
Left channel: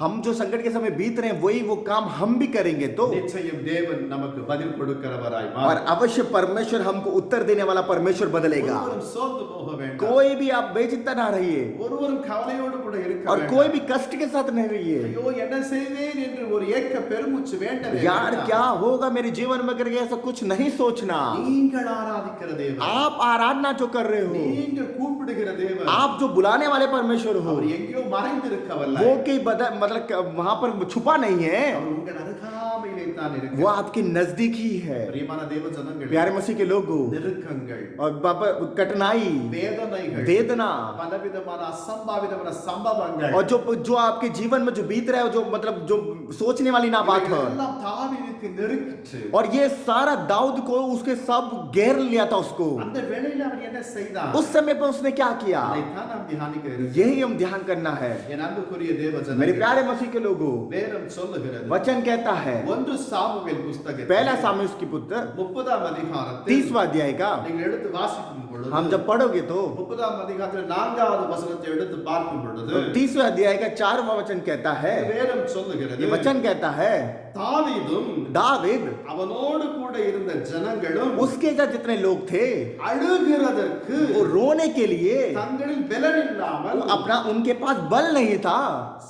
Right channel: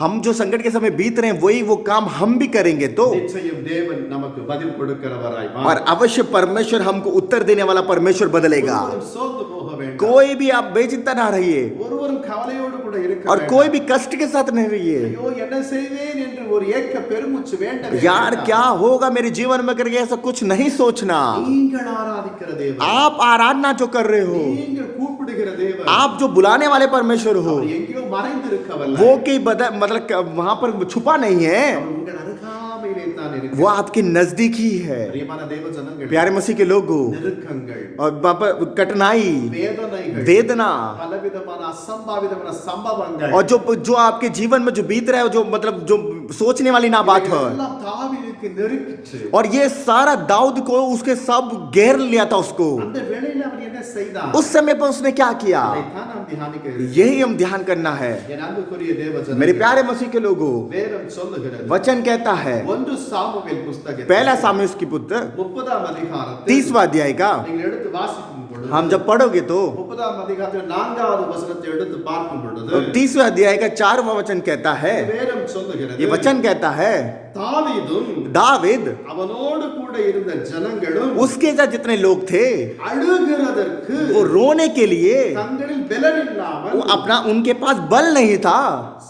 हम जो संकट के समय बीत रहे हैं वही वो काम हम भी करेंगे तो, நிச்சயம் தேவன் நமக்கு பதில் கொடுக்கிறவராய் और अवश्य परमेश्वर हमको उत्तर देने वाला परमेश्वर बदलेगा. ஒருவரும் சோர்ந்து போக வேண்டாம். कोई भी आप बेचिंता ना रहिए ஒருவரும் கவலையோடு கூட இருக்க और வேண்டாம். कोई भी कष्ट के साथ नहीं रहिए. ஐயோ என்ன செய்வேன் என்று ஒரு ஏக்க பெருமூச்சு வேண்டவே यार வேண்டாம். क्या होगा मेरे जीवन में करके ऐसा कुछ नहीं सोचना. நீங்கள் ஆராதிக்கிற தேவன், आप आराधना जो कर रहे हो, நீங்கள் கூப்பிடுகிற தேவன், आप जो बुलाने वाले परमेश्वर हो, அவர் எங்கேயோ மறைந்திருக்கவல்ல, वो कहीं मतलब वहां पर छुपा नहीं है, அவர் உங்கள் அருகாமையிலே தான் वो இருக்கிறார். आपके नजदीक ही है. பிரியமான தேவஜனங்களே, प्यारे मसीह के लोगों, நெருக்கங்கள், और बाबा कठिनाई, வேதனைகள், वेदना, பலவிதமான அசம்பாவிதமான சம்பவங்கள், और जो आपके जीवन में जो बीत रहा है, जो मतलब जो सोचने वाली ना बात है, எல்லாம் தாவீதுக்கு நெருக்கிச்சு. और ये सारा दाऊद को उसके सब घेर लिया था उसको. அந்த வேளையில அவன் என்ன செய்தான்? उस समय पर उसने क्या किया, அதைத்தான் நாம் தியானிக்க இருக்கிறோம். यही हम ध्यान करना है. என் அன்புக்குரிய தேவஜனங்களே, मेरे प्यारे मसीह के लोगों, வேதம் சொல்லுகிறது, वचन कहता है, 1 சாமுவேல் புத்தகத்தில் पहला सामुएल की पुत्र 30ஆம் அதிகாரத்தில் 30वां अध्याय का நீங்கள் எடுத்து வாசிக்கும் பொழுது, हम जब पढ़ोगे तो 30ஆம் அதிகாரத்தில் 4வது வசனத்தை எடுத்து பார்க்கும் பொழுது 30वें अध्याय का 4वां वचन कहता है, வேதம் சொல்லுகிறது, ये वचन कहता है, தாவீதும் दाविद அவனோடு கூட இருந்த ஜனங்களும் उसके साथ जितने लोग थे அழுகிறதற்கு वो रोने के लिए தங்களில் பலன் இல்லாமல் वो अपना उनके पास बल नहीं था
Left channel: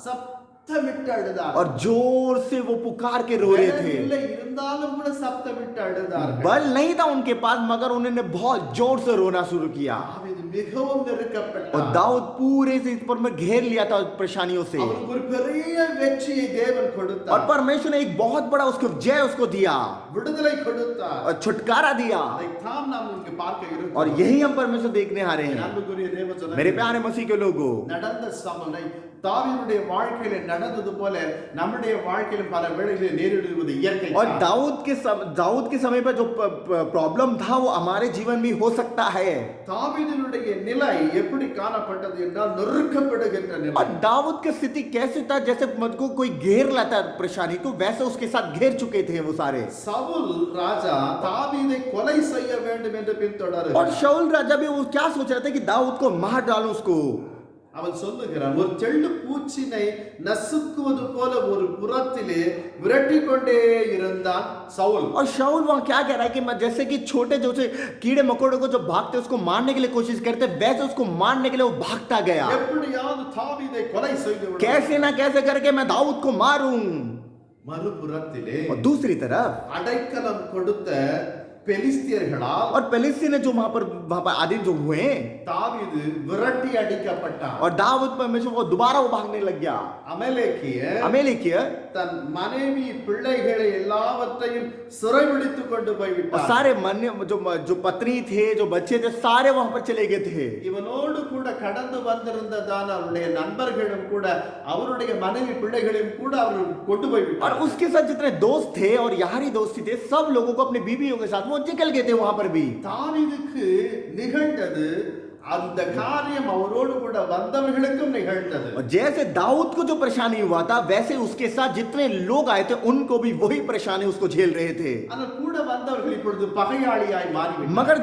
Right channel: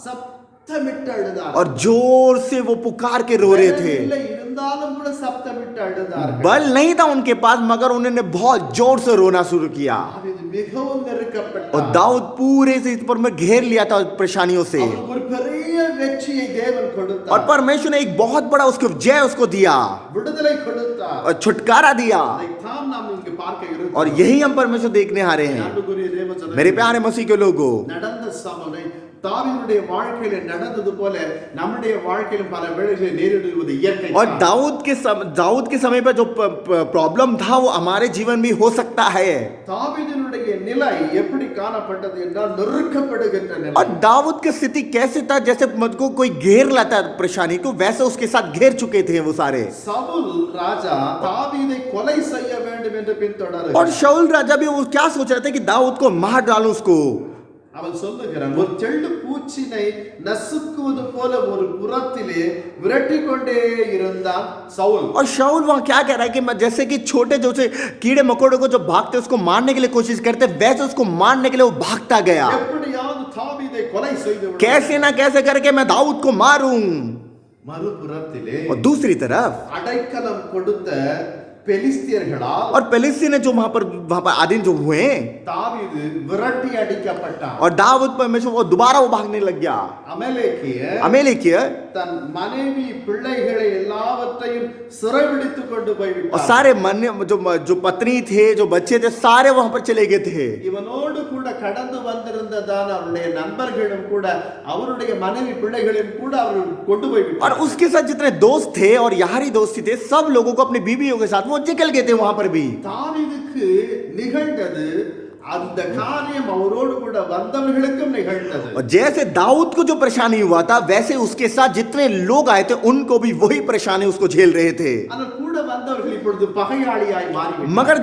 சப்தமிட்டு அழுதார்கள். और जोर से वो पुकार के रो रहे பலன் थे. இல்லை இருந்தாலும் கூட சப்தமிட்டு அழுதார்கள். बल नहीं था उनके पास मगर उन्होंने बहुत जोर से रोना शुरू किया. தாவீது மிகவும் और நெருக்கப்பட்டார். दाऊद पूरे से इस पर में घेर लिया था परेशानियों से. அவருக்கு ஒரு பெரிய வெற்றியை தேவன் और கொடுத்தார். परमेश्वर ने एक बहुत बड़ा उसको जय उसको दिया விடுதலை கொடுத்தார். और छुटकारा दिया. அதைத்தான் நாம் இங்கு பார்க்க और இருக்கிறோம். यही हम परमेश्वर देखने आ रहे हैं. அன்புக்குரிய தேவஜனங்களே, मेरे प्यारे मसीह के लोगों, நடந்த சமனை தாவீதுடைய வாழ்க்கையில நடந்தது போல நம்முடைய வாழ்க்கையிலும் பல வேளைகளில் நேரிடுவது இயற்கை. और दाऊद के समय पर जो प्रॉब्लम था वो हमारे जीवन में हो सकता है. தாவீதுடைய நிலை எப்படி காணப்பட்டது என்றால் நொறுக்கப்படுகின்ற और நிலை. दाऊद की स्थिति कैसे था, जैसे मत को कोई घेर लाता परेशानी को, वैसे उसके साथ घेर चुके थे वो सारे. சவுல் ராஜா தாவீதை கொலை செய்ய வேண்டும் என்று और பின்தொடருகிறார். शाऊल राजा भी वो क्या सोच रहे थे कि दाऊद को मार डालो उसको. அவன் சொல்லுகிறான், ஒரு தெள்ளு பூச்சினை நசுக்குவது போல ஒரு புறத்திலே விரட்டி கொண்டே இருந்தான் சவுல். और शाऊल वहां क्या कह रहा है कि जैसे कि छोटे जो से कीड़े मकोड़ों को जो भागते उसको मारने के लिए कोशिश करते, वैसे उसको मारने के लिए वो भागता गया। எப்படியாவது தாவீதை கொலை செய்து விட. कैसे ना कैसे करके मैं दाऊद को मारूं। மறுபுறத்திலே और दूसरी तरफ அடைக்கலம் கொடுத்த பெலிஸ்தியர்களால் और பெலிஸ்ती ने जो वहां पर आदिन जो हुए தாவீது விரட்டி அடிக்கப்பட்டான். और दाऊद परमेश्वर वो दोबारा वो भागने लग गया। அமலேக்கிய தன் மனைவி பிள்ளைகளை எல்லாவற்றையும் சிறைபிடித்துக் கொண்டு போய் और விட்டான். सारे मन जो पत्नी थे जो बच्चे थे सारे वहां पर चले गए थे। இவனோடு கூட கடந்து வந்திருந்ததான அவருடைய நண்பர்களும் கூட அவருடைய மனைவி பிள்ளைகளையும் கூட அவர்கள் கொண்டு போய் और விட்டார். उसके साथ जितने दोस्त थे और यारी दोस्ती थे सब लोगों को अपनी बीवियों के साथ वो निकल गए थे वहां पर भी। தாவீதுக்கு நிகழ்ந்தது அந்த காரியம் அவரோடு கூட வந்தவர்களுக்கும் நிகழ்ந்தது. और जैसे दाऊद को जो परेशानी हुआ था वैसे उसके साथ जितने लोग आए थे उनको भी वही परेशानी उसको झेल रहे थे। ஆனால் கூட வந்தவர்கள் இப்பொழுது பகையாளியாய் மாறிவிட்டார்கள். मगर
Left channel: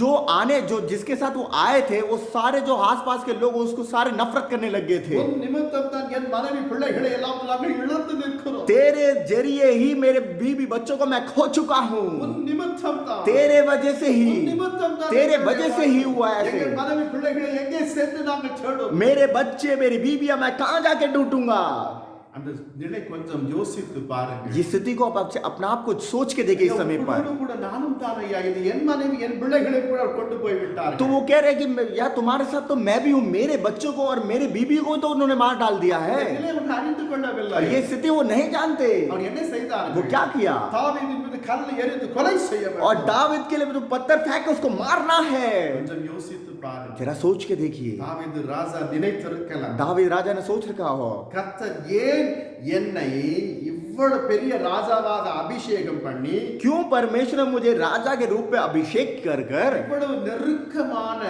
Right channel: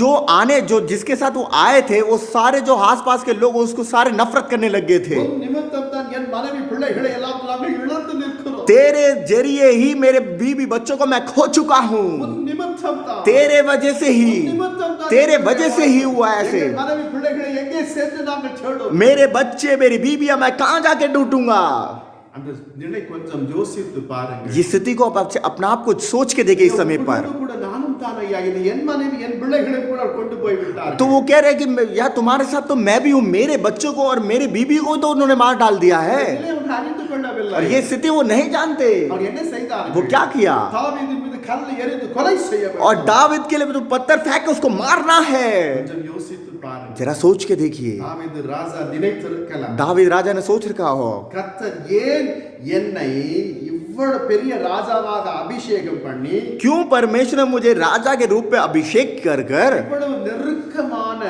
जो आने जो जिसके साथ वो आए थे वो सारे जो आसपास के लोग उसको सारे नफरत करने लग गए थे। உன் நிமித்தம் தான் என் மனைவி பிள்ளைகளை எல்லாம் நாங்கள் இழந்து நிற்கிறோம். तेरे जरिए ही मेरे बीवी बच्चों को मैं खो चुका हूं। உன் நிமித்தம் தான், तेरे वजह से ही உன் நிமித்தம் தான் तेरे எங்களுடைய वजह से ही हुआ எங்கள் ऐसे। மனைவி பிள்ளைகளை எங்கே சேர்த்து நாங்கள் தேடுவோம். मेरे बच्चे मेरी बीबियां मैं कहां जाके ढूंढूंगा। அந்த நிலை கொஞ்சம் யோசித்து பாருங்க. ये स्थिति को आप अपना आप को सोच के देखिए इस समय पर। உங்களோடு கூட நானும் தானையா, இது என் மனைவி என் பிள்ளைகளை கூட கொண்டு போய் விட்டார்கள். तो वो कह रहे हैं कि यार तुम्हारे साथ तो मैं भी हूं, मेरे बच्चों को और मेरे बीबी को तो उन्होंने मार डाल दिया है। இந்த நிலையை அவர்கள் அறிந்து கொள்ளவில்லை. और ये स्थिति वो नहीं जानते। அவர் என்ன செய்தார்கள்? वो क्या किया? தாவீதின் மீது கல்லை எறிந்து கொலை செய்ய வேண்டும். और दाविद के लिए जो पत्थर फेंक के उसको मारना है। கொஞ்சம் யோசித்து பாருங்க. जरा सोच के देखिए। தாவீது ராஜா நினைத்திருக்கலாம், दाविद राजा ने सोच रखा हो கர்த்தர் ஏன் என்னை இவ்வளவு பெரிய ராஜாவாக அபிஷேகம் பண்ணி क्यों परमेश्वर ने मुझे राजा के रूप में अभिषेक कर कर இவ்வளவு நெருக்கமான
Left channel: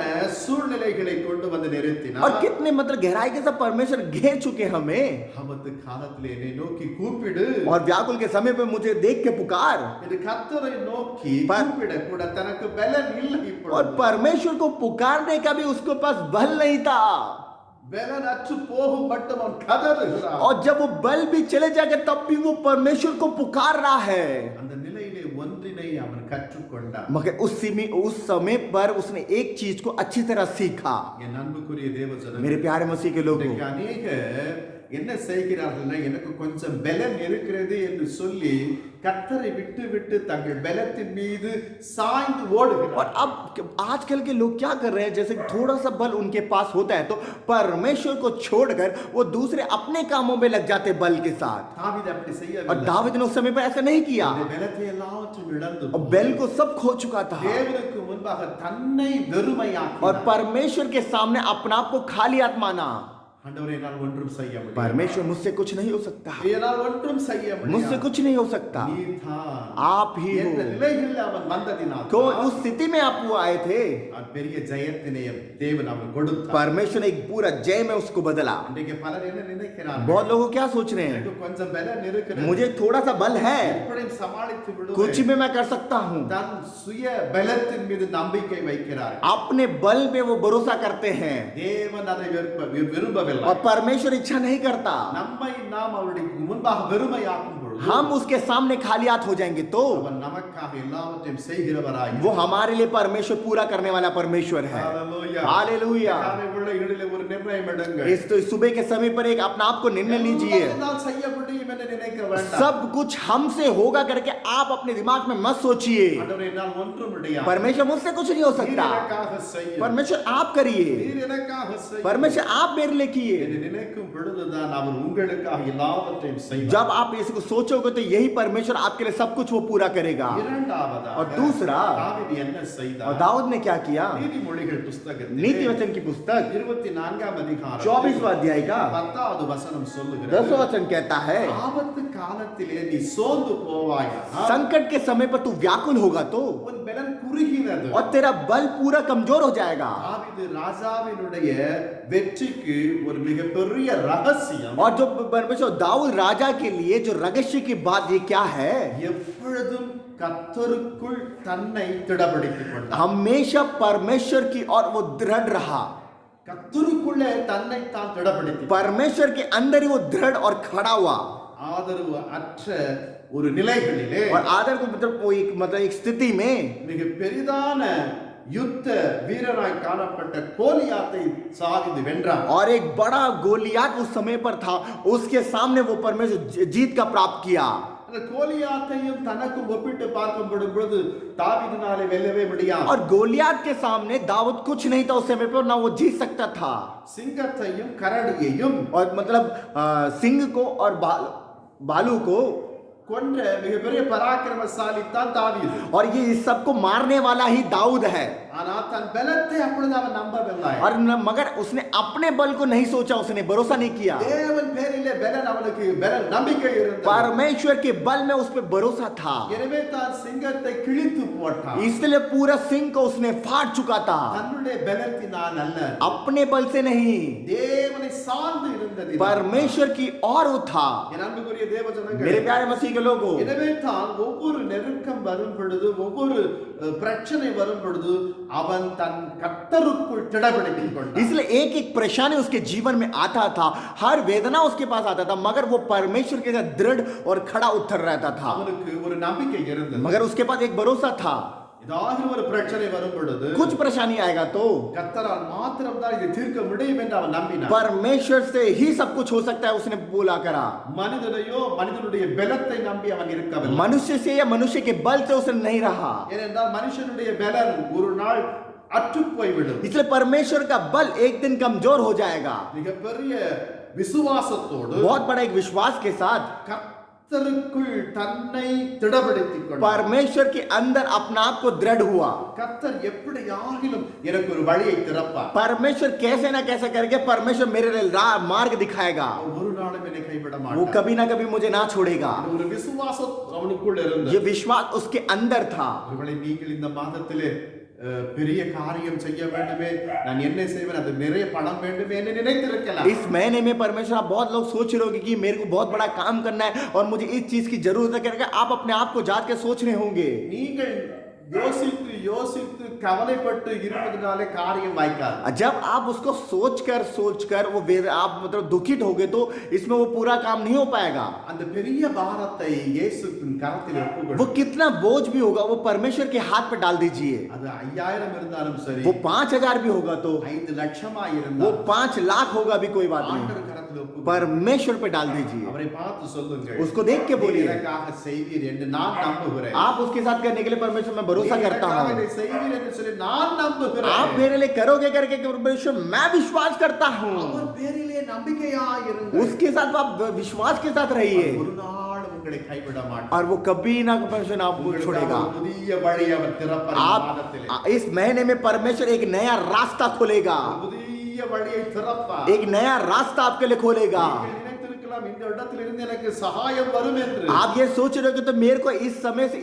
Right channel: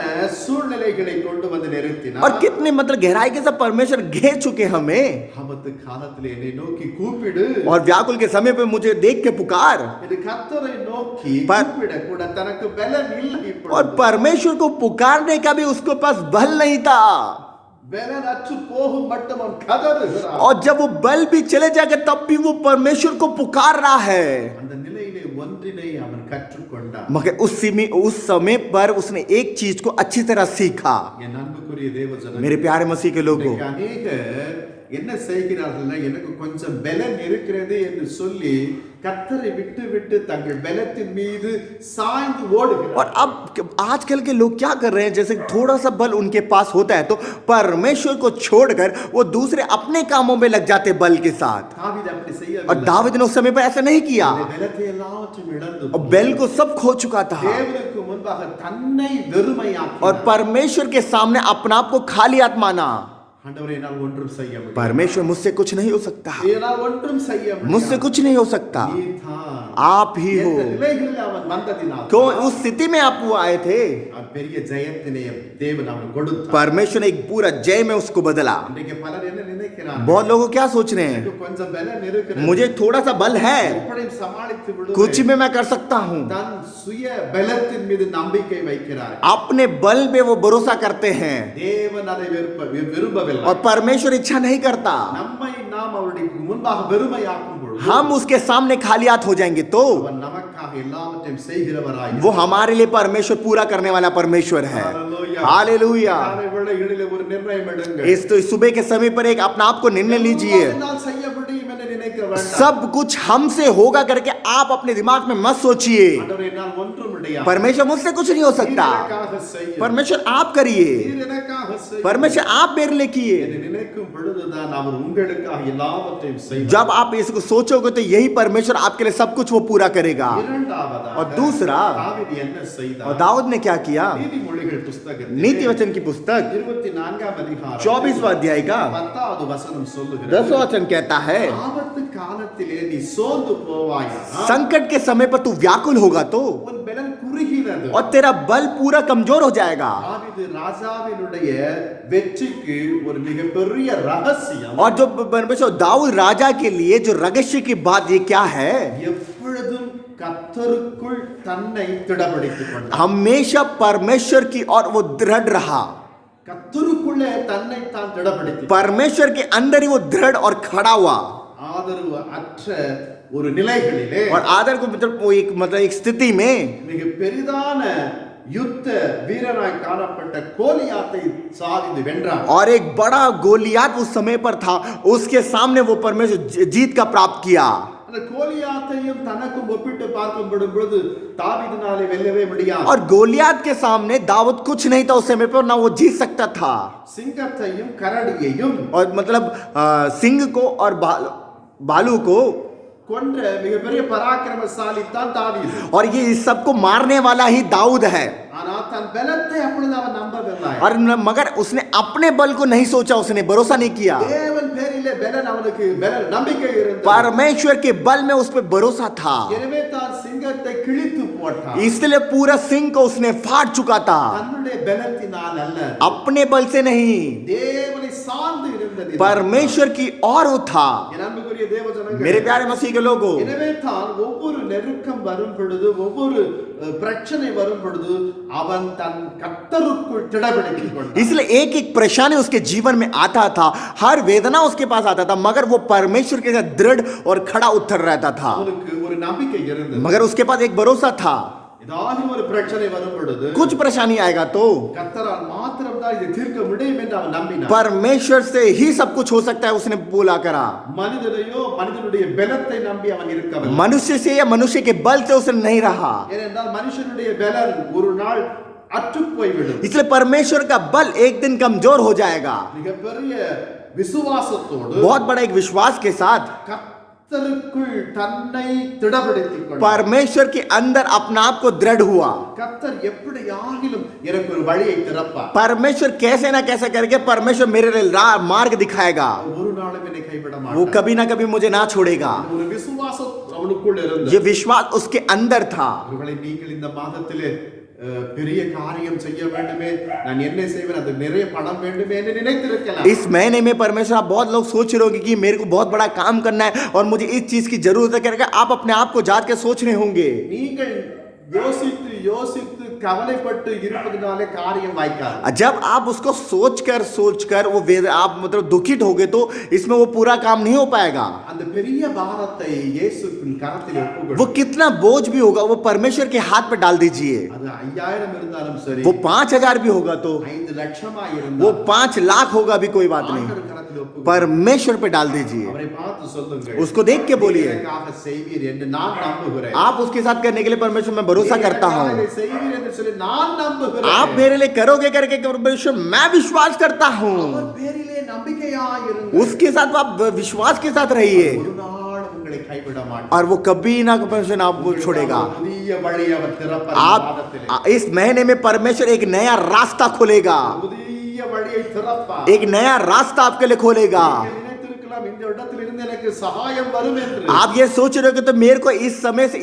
சூழ்நிலைகளை கொண்டு வந்து நிறுத்தினார். और कितने मतलब गहराई के साथ परमेश्वर घेर चुके हमें। ஆபத்து காலத்தில் என்னை நோக்கி கூப்பிடு और व्याकुल के समय पे मुझे देख के पुकार। என்று கர்த்தரை நோக்கி पर- கூப்பிட கூட தனக்கு பலன் இல்லை. और இப்பொழுது परमेश्वर को पुकारने का भी उसके पास बल नहीं था। பலன் அற்று போகும் மட்டும் அவன் கதறுகிறான். और जब वो बल भी चले जाएगा तब भी वो परमेश्वर को पुकार रहा है। அந்த நிலையிலே ஒன்றினை அவன் கற்றுக்கொண்டான். मगर उस समय पर उसने एक चीज को अच्छी तरह सीखा। என் அன்புக்குரிய தேவஜனங்களே, मेरे प्यारे मसीह के लोगों, இன்றைக்கு அநேகர் என்ன செய்கிறார்கள்னா, எனக்கு கொஞ்சம் பலன் இருக்கிறது என்று சொல்லி கர்த்தரை விட்டு விட்டு தங்கள் பலத்தின் மீது சாய்ந்து और ஓடுகிறார். अब आजकल के लोग क्या कर रहे हैं, जैसे थोड़ा सा बल उनके पास होता है तो परमेश्वर को छोड़कर वो दूसरे अपने कामों में लग जाते बल के साथ। தாவீது அப்படி और செய்யவில்லை. दाविद ने उस समय पर ऐसा नहीं किया। அவருடைய பலத்தை எல்லாவற்றையும் இழந்து और बेल को सब खो चुका था தேவனுக்கு முன்பாக தன்னை வெறுமையாக்கினார். और परमेश्वर के सामने अपना आप को खाली हाथ माना। ஆண்டவரே, என்னால் ஒன்றும் செய்ய முடியாது. परमेश्वर मुझसे कुछ नहीं हो सकता, என்னால் ஒன்றும் செய்ய मुझसे முடியாது. कुछ नहीं हो सकता, நீர்தான் आप ही எந்த हो। நிலைகளில் அவன் வந்ததினால் तो उस स्थिति में आप वो आए थे, அவன் பெரிய ஜெயத்தினை தேவன் அவனுக்கு கொடுத்தார். परमेश्वर ने एक पूरा जय में उसको बदला। இன்றைக்கு பலர் என்ன நினைக்கிறார்கள்? बहुत लोग क्या सोच रहे हैं, எனக்கு கொஞ்சம் பலன் இருக்கிறது, मुझे थोड़ा सा बल है, எப்படியும் சமாளித்து कुछ விடுவேன். भी मैं कर सकता हूँ। தன் சுய பலத்தின் மீது நம்பிக்கை வைக்கிறார்கள். अपने बल पे वो भरोसा करते हैं தேவன் அதை விரும்பவில்லை. और परमेश्वर इच्छा नहीं करता। நம்மை நாம் அவருடைய முன்பாக வெறுமையாக்கும் பொழுது हम उसके सामने खाली हाथ हो जाएंगे तो அவன் நமக்காக எல்லாவற்றையும் செய்கிறவராய் वो हमारे लिए परमेश्वर पूरा करने वाला परमेश्वर है। हालेलुया। காலை வேளைகளிலே ஒரு நிர்ணயம் எடுங்கள். इस तो सुबह के समय पर एक अपना आप को निर्णय लीजिए। என்னால் செய்ய முடியும் என்று நினைக்க வேண்டாம். सब कुछ हमसे होगा करके आप अपने दिमाग में मत सोचिए। ஆண்டவரே, என்னால் ஒன்றும் முடியாது. परमेश्वर मुझसे कुछ नहीं हो நீர் सकता, எனக்காக செய்யும். परमेश्वर आप करिए, நீர் எனக்காக செய்யும். परमेश्वर आप मेरे लिए किए। என்று நினைக்கும் பொழுதுதான் அவர் உங்களுக்காக எல்லாவற்றையும் செய்வார். जब आप इसको सोचोगे तो यही परमेश्वर आपके लिए सब कुछ वो पूरा करेगा। இரண்டாவதாக और दूसरा, தாவீது என்ன और செய்தார்? दाऊद ने क्या किया, நீதிமொழிகள் புத்தகத்தில் नीति वचन की पुस्तक 24ஆம் அதிகாரம் 24वां अध्याय का 10வது वचனம் சொல்லுகிறது, 10वां वचन कहता है, ஆபத்து காலத்திலே நீ சோர்ந்து போவாயானால் संकट के समय पर तू व्याकुल होगा तो உன் பலன் குறுகினது. और तेरा बल पूरा कमजोर हो जाएगा। தாவீது ராஜாவினுடைய வெற்றிக்கு ஒரு மிகப்பெரிய ரகசியம், और जो परमेश्वर दाऊद राजा के लिए जो रहस्य की बात ये क्या है, எப்பொழுதும் கர்த்தருக்குள் தன்னை திடப்படுத்திக் கொண்டார். हमेशा परमेश्वर की और वो दृढ़ रहा। கர்த்தருக்குள்ளே தன்னை தான் திடப்படுத்தி परमेश्वर के अंदर ही वो दृढ़ और खड़ा हुआ। ஆதரவு அற்ற ஒரு நிலைகளிலே और आदर को मतलब वो एक स्थिति में மிக பெரிதான யுத்த வீரனாய் காணப்பட்ட கோலியாத்தை சாதித்து வென்றான். और एक बड़ा गोलियात उस समय पर था, उसके सामने वो परमेश्वर जीत का प्राप्त किया। அந்த கோலியாத்தையும் தனக்கும் ஒப்பிட்டு பார்க்கப்படும் பொழுது தாவீதினாலே வெல்லவே முடியாது. और गोलियात के सामने दाऊद कुछ नहीं था उस समय पर, ना वो जीत सकता था। சிங்கத்தையும் கரடியையும் और मतलब सिंह को और भालू को கொன்ற மிகப்பெரிய பராக்கிரமசாலி தான் தாவீது. और ये इस सबको मारने वाला ही दाऊद है। ஆனால் தன் பலத்தை அப்பொழுது அவன் நம்பவில்லை. और मगर उसने अपने बल को नहीं सोचा, उसने भरोसा नहीं किया। தேவன் பேரிலே பலன் அவனுக்கு பலன் நம்பிக்கை இருந்தது. परमेश्वर के बल में उस पर भरोसा था, எனவே தான் சிங்கத்தை கிழித்து போட்டான். इसलिए पूरा सिंह को उसने फाड़ चुका था, தன்னுடைய பலத்தினால் அல்ல, अपने बल से नहीं, தேவனை சார்ந்து இருந்தது. परमेश्वर की ओर वो था। என் அன்புக்குரிய தேவ ஜனங்களே, मेरे प्यारे मसीह के लोगों, எனவே தான் ஒவ்வொரு நெருக்கம் வரும் பொழுது, ஒவ்வொரு பிரச்சனை வரும் பொழுது அவன் தன் கர்த்தருக்குள் திடப்படுத்திக் கொண்டான். इसलिए एक एक परेशानी उसके जीवन में आता था, हर वेदना उसके पास आता था, मगर वो परमेश्वर के साथ दृढ़ और खड़ा उतर रहता था। அவனுக்கு ஒரு நம்பிக்கை இருந்தது. मगर उसके पास एक भरोसा था, ஏதாவது ஒரு பிரச்சனை வரும் பொழுது कुछ परेशानी आएगा तो கர்த்தரால் மாத்திரம் தான் இதை தீர்க்க முடியும் என்று அவன் நம்பினான். परमेश्वर से ही सब कुछ हो सकता है, उसने बोला करा। மனிதனையோ மனிதனுடைய பலத்தை நம்பி அவன் இருக்கவில்லை. मनुष्य से या मनुष्य के बल से उसने नहीं रहा, ஏனென்றால் மனுஷனுடைய பலன் ஒரு நாள் அற்று போய்விடும். इसलिए परमेश्वर का बल एक दिन कमजोर हो जाएगा। மிகப்பெரிய விசுவாசத்தோடு बहुत बड़ा एक विश्वास के साथ கர்த்தருக்குள் தன்னை திடப்படுத்திக் கொண்டான். परमेश्वर के अंदर अपना आप को दृढ़ हुआ। கர்த்தர் எப்படியாகிலும் எனக்கு ஒரு வழியை திறப்பார். परमेश्वर कैसे ना कैसे करके परमेश्वर मेरे लिए मार्ग दिखाएगा, ஒரு நாளும் என்னை கைவிட वो மாட்டார். कभी ना कभी मुझे ना छोड़ेगा। ஒரு விசுவாசம் அவனுக்குள் இருந்தது. ये विश्वास उसके अंदर था। ஒருவேளை நீங்கள் இந்த மாதத்திலே பெரிய காரியம் செய்ய வேண்டுமே, நான் என்ன செய்வேன், அது நிறைய பணம் வேண்டுமே என்று நினைத்திருக்கலாம். इस महीने में परमेश्वर, आप बहुत लोग सोच रहे होंगे कि मेरे को बहुत बड़ा काम करना है और मुझे इस चीज की जरूरत है करके आप अपने आप को जात के सोच रहे होंगे। நீங்கள் யோசித்து யோசித்து கவலைப்பட்டு இருப்பதனாலே காரியம் வாய்க்காது. जब आप उसको सोचकर वो आप मतलब दुखित होगे तो इसमें वो पूरा काम नहीं हो पाएगा। அந்த பெரிய பாரத்தை இயேசுவின் கரத்தில் ஒப்புக்கொடு. वो कितना बोझ भी होगा वो परमेश्वर के हाथ पे डाल दीजिए। அது 5000 இருந்தாலும் சரி, वो 5000 भी होगा तो, 5 லட்சமா वो இருந்தாலும் 5 लाख होगा भी कोई बात नहीं, ஆண்டவர் கரத்தில் ஒப்புக்கொடு. परमेश्वर पे डाल दीजिए। அவரை பார்த்து சொல்லுங்கள், उसको देख के बोलिए, எனக்காக செய்வீர் என்று நான் நம்புகிறேன். आप उसके साथ करने के लिए परमेश्वर में भरोसा करता எனக்காக हूँ, இதை செய்வீர் என்று சொல்லி நான் நம்புகிறேன். आप मेरे लिए करोगे करके परमेश्वर मैं विश्वास करता हूँ। அவர் பேரிலே நம்பிக்கையாயிருங்கள். उसके साथ आप विश्वास के साथ रहिए ஒரு நாள் உங்களை கைவிட மாட்டார். और वो कभी ना परमेश्वर आपको छोड़ेगा। உங்களுக்காக புதிய வழி அவர் திறப்பார். இந்த மாதத்திலே आप इस महीने में परमेश्वर एक नया रास्ता खोलेगा, புதிய वழியை திறப்பார். एक नया रास्ता आपके लिए खोलेगा। நீங்கள் நினைத்திருக்கலாம் இந்த இடத்திலிருந்து எனக்கு சகாயம் வரும் என்று. आप ये सोच रहे हो कि तो मेरे को इस समय से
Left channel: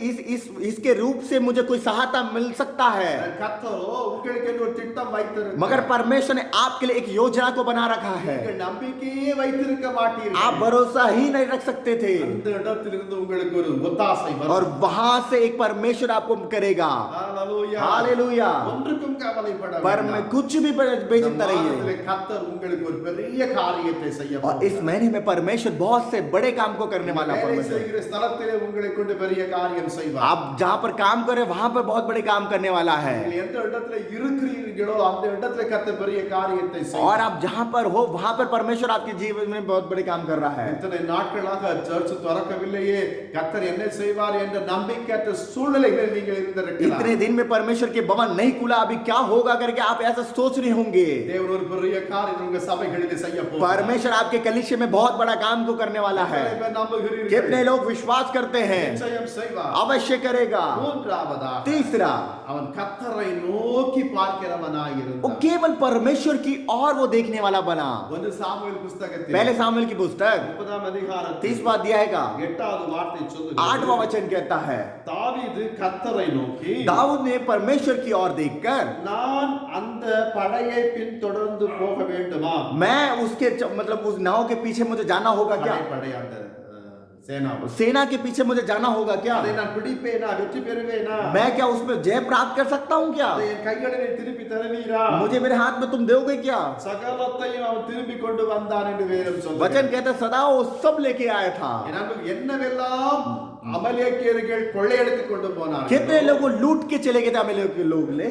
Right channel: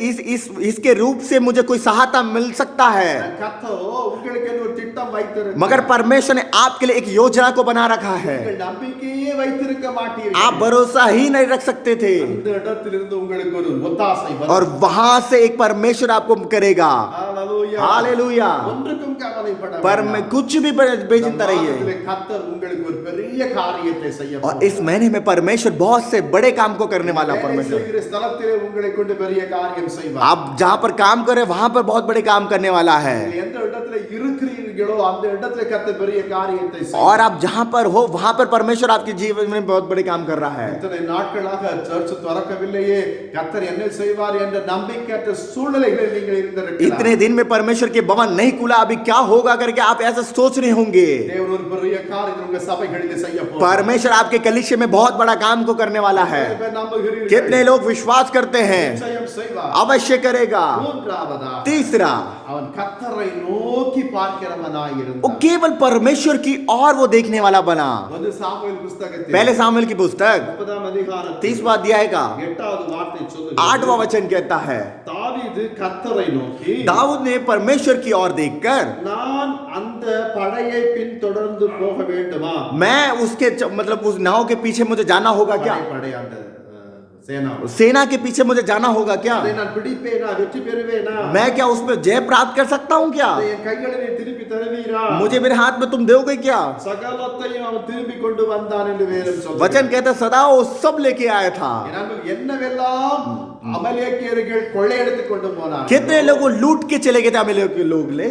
इसके रूप से मुझे कोई सहायता मिल सकता है, கர்த்தரோ உங்களுக்கு என்று ஒரு திட்டம் வைத்திருக்கிறார். मगर परमेश्वर ने आपके लिए एक योजना को बना रखा है। நீங்கள் நம்பிக்கையே வைத்திருக்க மாட்டீர்கள். आप भरोसा ही नहीं रख सकते थे அந்த இடத்திலிருந்து உங்களுக்கு ஒரு ஒத்தாசை வரும். और वहां से एक परमेश्वर आपको करेगा। ஹalleluya. हालेलुया। ஒன்றுக்கும் கவலைப்பட पर வேண்டாம். मैं कुछ भी बेचिंता रहिए। மாதத்திலே கர்த்தர் உங்களுக்கு ஒரு பெரிய காரியத்தை செய்ய और इस महीने में परमेश्वर बहुत से बड़े काम को करने वाला है। வேலை परमेश्वर செய்கிற ஸ்தலத்திலே உங்களை கொண்டு பெரிய காரியம் செய்வார். आप जहाँ पर काम करें वहां पर बहुत बड़े काम करने वाला है। நீங்கள் எந்த இடத்துல இருக்கிறீர்களோ அந்த இடத்துல கர்த்தர் பெரிய காரியத்தை செய்வார். और आप जहाँ पर हो वहां पर परमेश्वर आपके जीवन में बहुत बड़े काम कर रहा है। இத்தனை நாட்களாக சர்ச் திறக்கவில்லையே, கர்த்தர் என்ன செய்வார் என்ற நம்பிக்கையற்ற சூழ்நிலைகளில் நீங்கள் இருந்திருக்கலாம். इतने दिन में परमेश्वर के भवन नहीं खुला, अभी क्या होगा करके आप ऐसा सोच रहे होंगे। தேவன் ஒரு பெரிய காரியம் உங்க சபைகளிலே செய்ய போகிறார். परमेश्वर आपके कलीसिया में बहुत बड़ा काम को करने वाला है। எத்தனை பேர் நம்புகிறீர்கள்? कितने लोग विश्वास करते हैं? நிச்சயம் செய்வார். अवश्य करेगा। மூன்றாவதா, तीसरा, அவன் கர்த்தரை நோக்கி பார்க்கிறவனாய் वो இருந்தான். केवल परमेश्वर की और वो देखने वाला बना। ஒன்று சாமுவேல் புஸ்தகத்தில் पहले सामुएल की पुस्तक 30ஆம் அதிகாரத்தில் 30वां अध्याय का 8வது வார்த்தை சொல்லுகிறது. 8वां वचन कहता है, தாவீது கர்த்தரை நோக்கி, दाऊद ने परमेश्वर की ओर देखकर, நான் அந்த படையை பின்தொடர்ந்து போக வேண்டுமா? मैं उसके मतलब उस नाव के पीछे मुझे जाना होगा क्या? படை அந்த சேனா सेना के पीछे मुझे जाना होगा क्या? அதை நான் பிடிப்பேனா வெற்றி பெறுவேனா मैं क्या उसमें जय प्राप्त कर सकता हूँ क्या? அதை என் கைகளிலே திருப்பி தருவீரா मुझे मेरे हाथ में तुम दोगे क्या? சகலத்தையும் அவன் திரும்பி கொண்டு வந்தான் என்று வேதம் சொல்லுகிறது वचन कहता सदा वो सब लेके आया था। என்னவெல்லாம் அமலேக்கியர்கள் கொள்ளையடித்து கொண்டு போனார்கள் कितने लोग वो लूट के चले गए थे अमेलेक के लोग ले,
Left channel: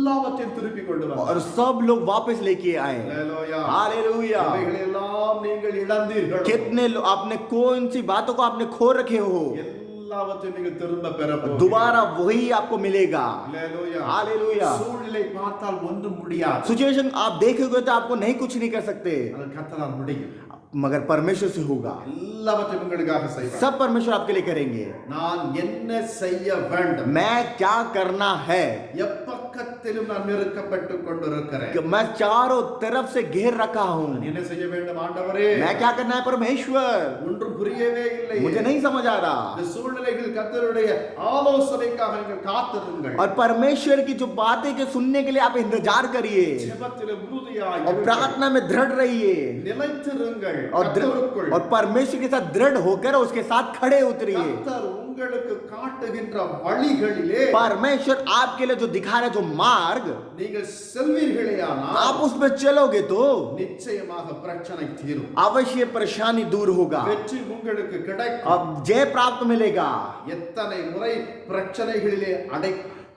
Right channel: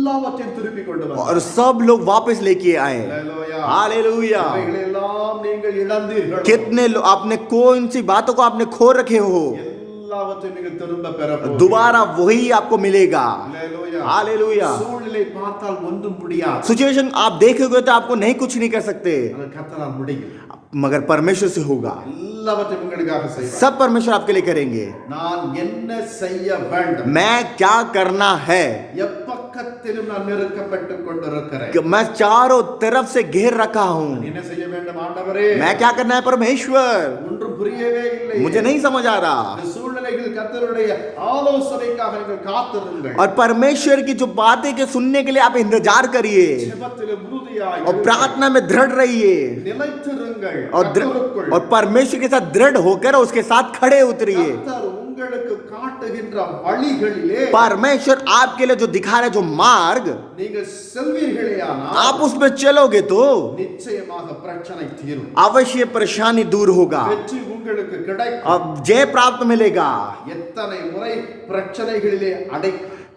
எல்லாவற்றையும் திருப்பி கொண்டு வந்தார் और सब लोग वापस लेके आए। ஹalleluya हालेलुया। இவைகளை எல்லாம் நீங்கள் இழந்தீர்கள் कितने आपने कौन सी बातों को आपने खो रखे हो, எல்லாவற்றையும் நீங்கள் திரும்ப பெற போகிறீர்கள் दोबारा वही आपको मिलेगा। ஹalleluya हालेलुया। சூழ்நிலை பார்த்தால் ஒன்றும் முடியாது सिचुएशन आप देखोगे तो आपको नहीं कुछ नहीं कर सकते, ஆனால் கர்த்தரால் முடியும் मगर परमेश्वर से होगा। எல்லாவற்றையும் உங்களுக்காக செய்வார் सब परमेश्वर आपके लिए करेंगे। நான் என்ன செய்ய வேண்டும் मैं क्या करना है, எப்பக்கத்திலும் நான் நெருக்கப்பட்டு கொண்டிருக்கிறேன் कि मैं चारों तरफ से घेर रखा हूँ। என்ன செய்ய வேண்டும் ஆண்டவரே मैं क्या करना है परमेश्वर, ஒன்றும் புரியவே இல்லை मुझे नहीं समझ आ रहा। இந்த சூழ்நிலைகள் கர்த்தருடைய ஆலோசனைக்காக நீங்கள் காத்திருங்கள் और परमेश्वर की जो बातें के सुनने के लिए आप इंतजार करिए, ஜெபத்திலே உறுதியாய் और प्रार्थना में दृढ़ रहिए, நிலைத்திருங்கள் और கர்த்தருக்குள் और परमेश्वर के साथ दृढ़ होकर उसके साथ खड़े उतरिए। கர்த்தர் உங்களுக்கு காட்டுகின்ற வழிகளிலே परमेश्वर आपके लिए जो दिखा रहे जो मार्ग நீங்கள் செல்வீர்களேயானால் आप उसमें चलोगे तो நிச்சயமாக பிரச்சனை தீரும் अवश्य परेशानी दूर होगा வெற்றி உங்களுக்கு கிடைக்கும் और जय प्राप्त मिलेगा। எத்தனை முறை பிரச்சனைகளிலே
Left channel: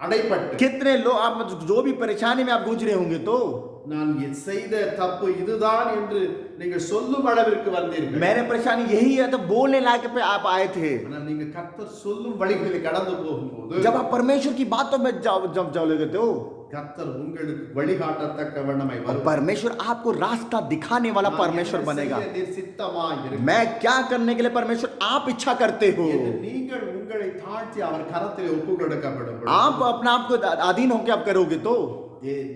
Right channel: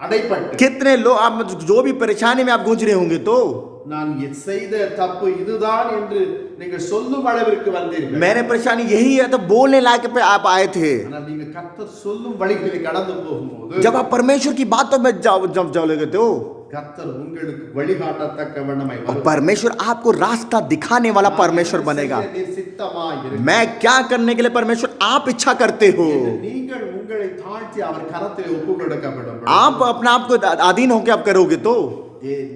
அடைப்பட்டு कितने लोग आप जो भी परेशानी में आप गूंज रहे होंगे तो நான் செய்த தப்பு இதுதான் என்று நீங்கள் சொல்லும் அளவிற்கு வந்தீர்கள் मैंने परेशानी यही है तो बोलने लायक पे आप आए थे। ஆனால் நீங்க கர்த்தர் சொல்லும் வழிகளில் கடந்து போகும்போது जब आप परमेश्वर की बातों में जब जाओगे तो கர்த்தர் உங்களுக்கு வழிகாட்டத்தக்க வண்ணமாய் और வருவார் परमेश्वर आपको रास्ता दिखाने वाला परमेश्वर बनेगा। நீர் சித்தமாய் இருங்கள் मैं क्या करने के लिए परमेश्वर आप इच्छा करते हो, என்று நீங்கள் உங்களை தாழ்த்தி அவர் கரத்திலே ஒப்பு கொடுக்கப்படும் பொழுது, आप अपने आप को अधीन होकर आप करोगे तो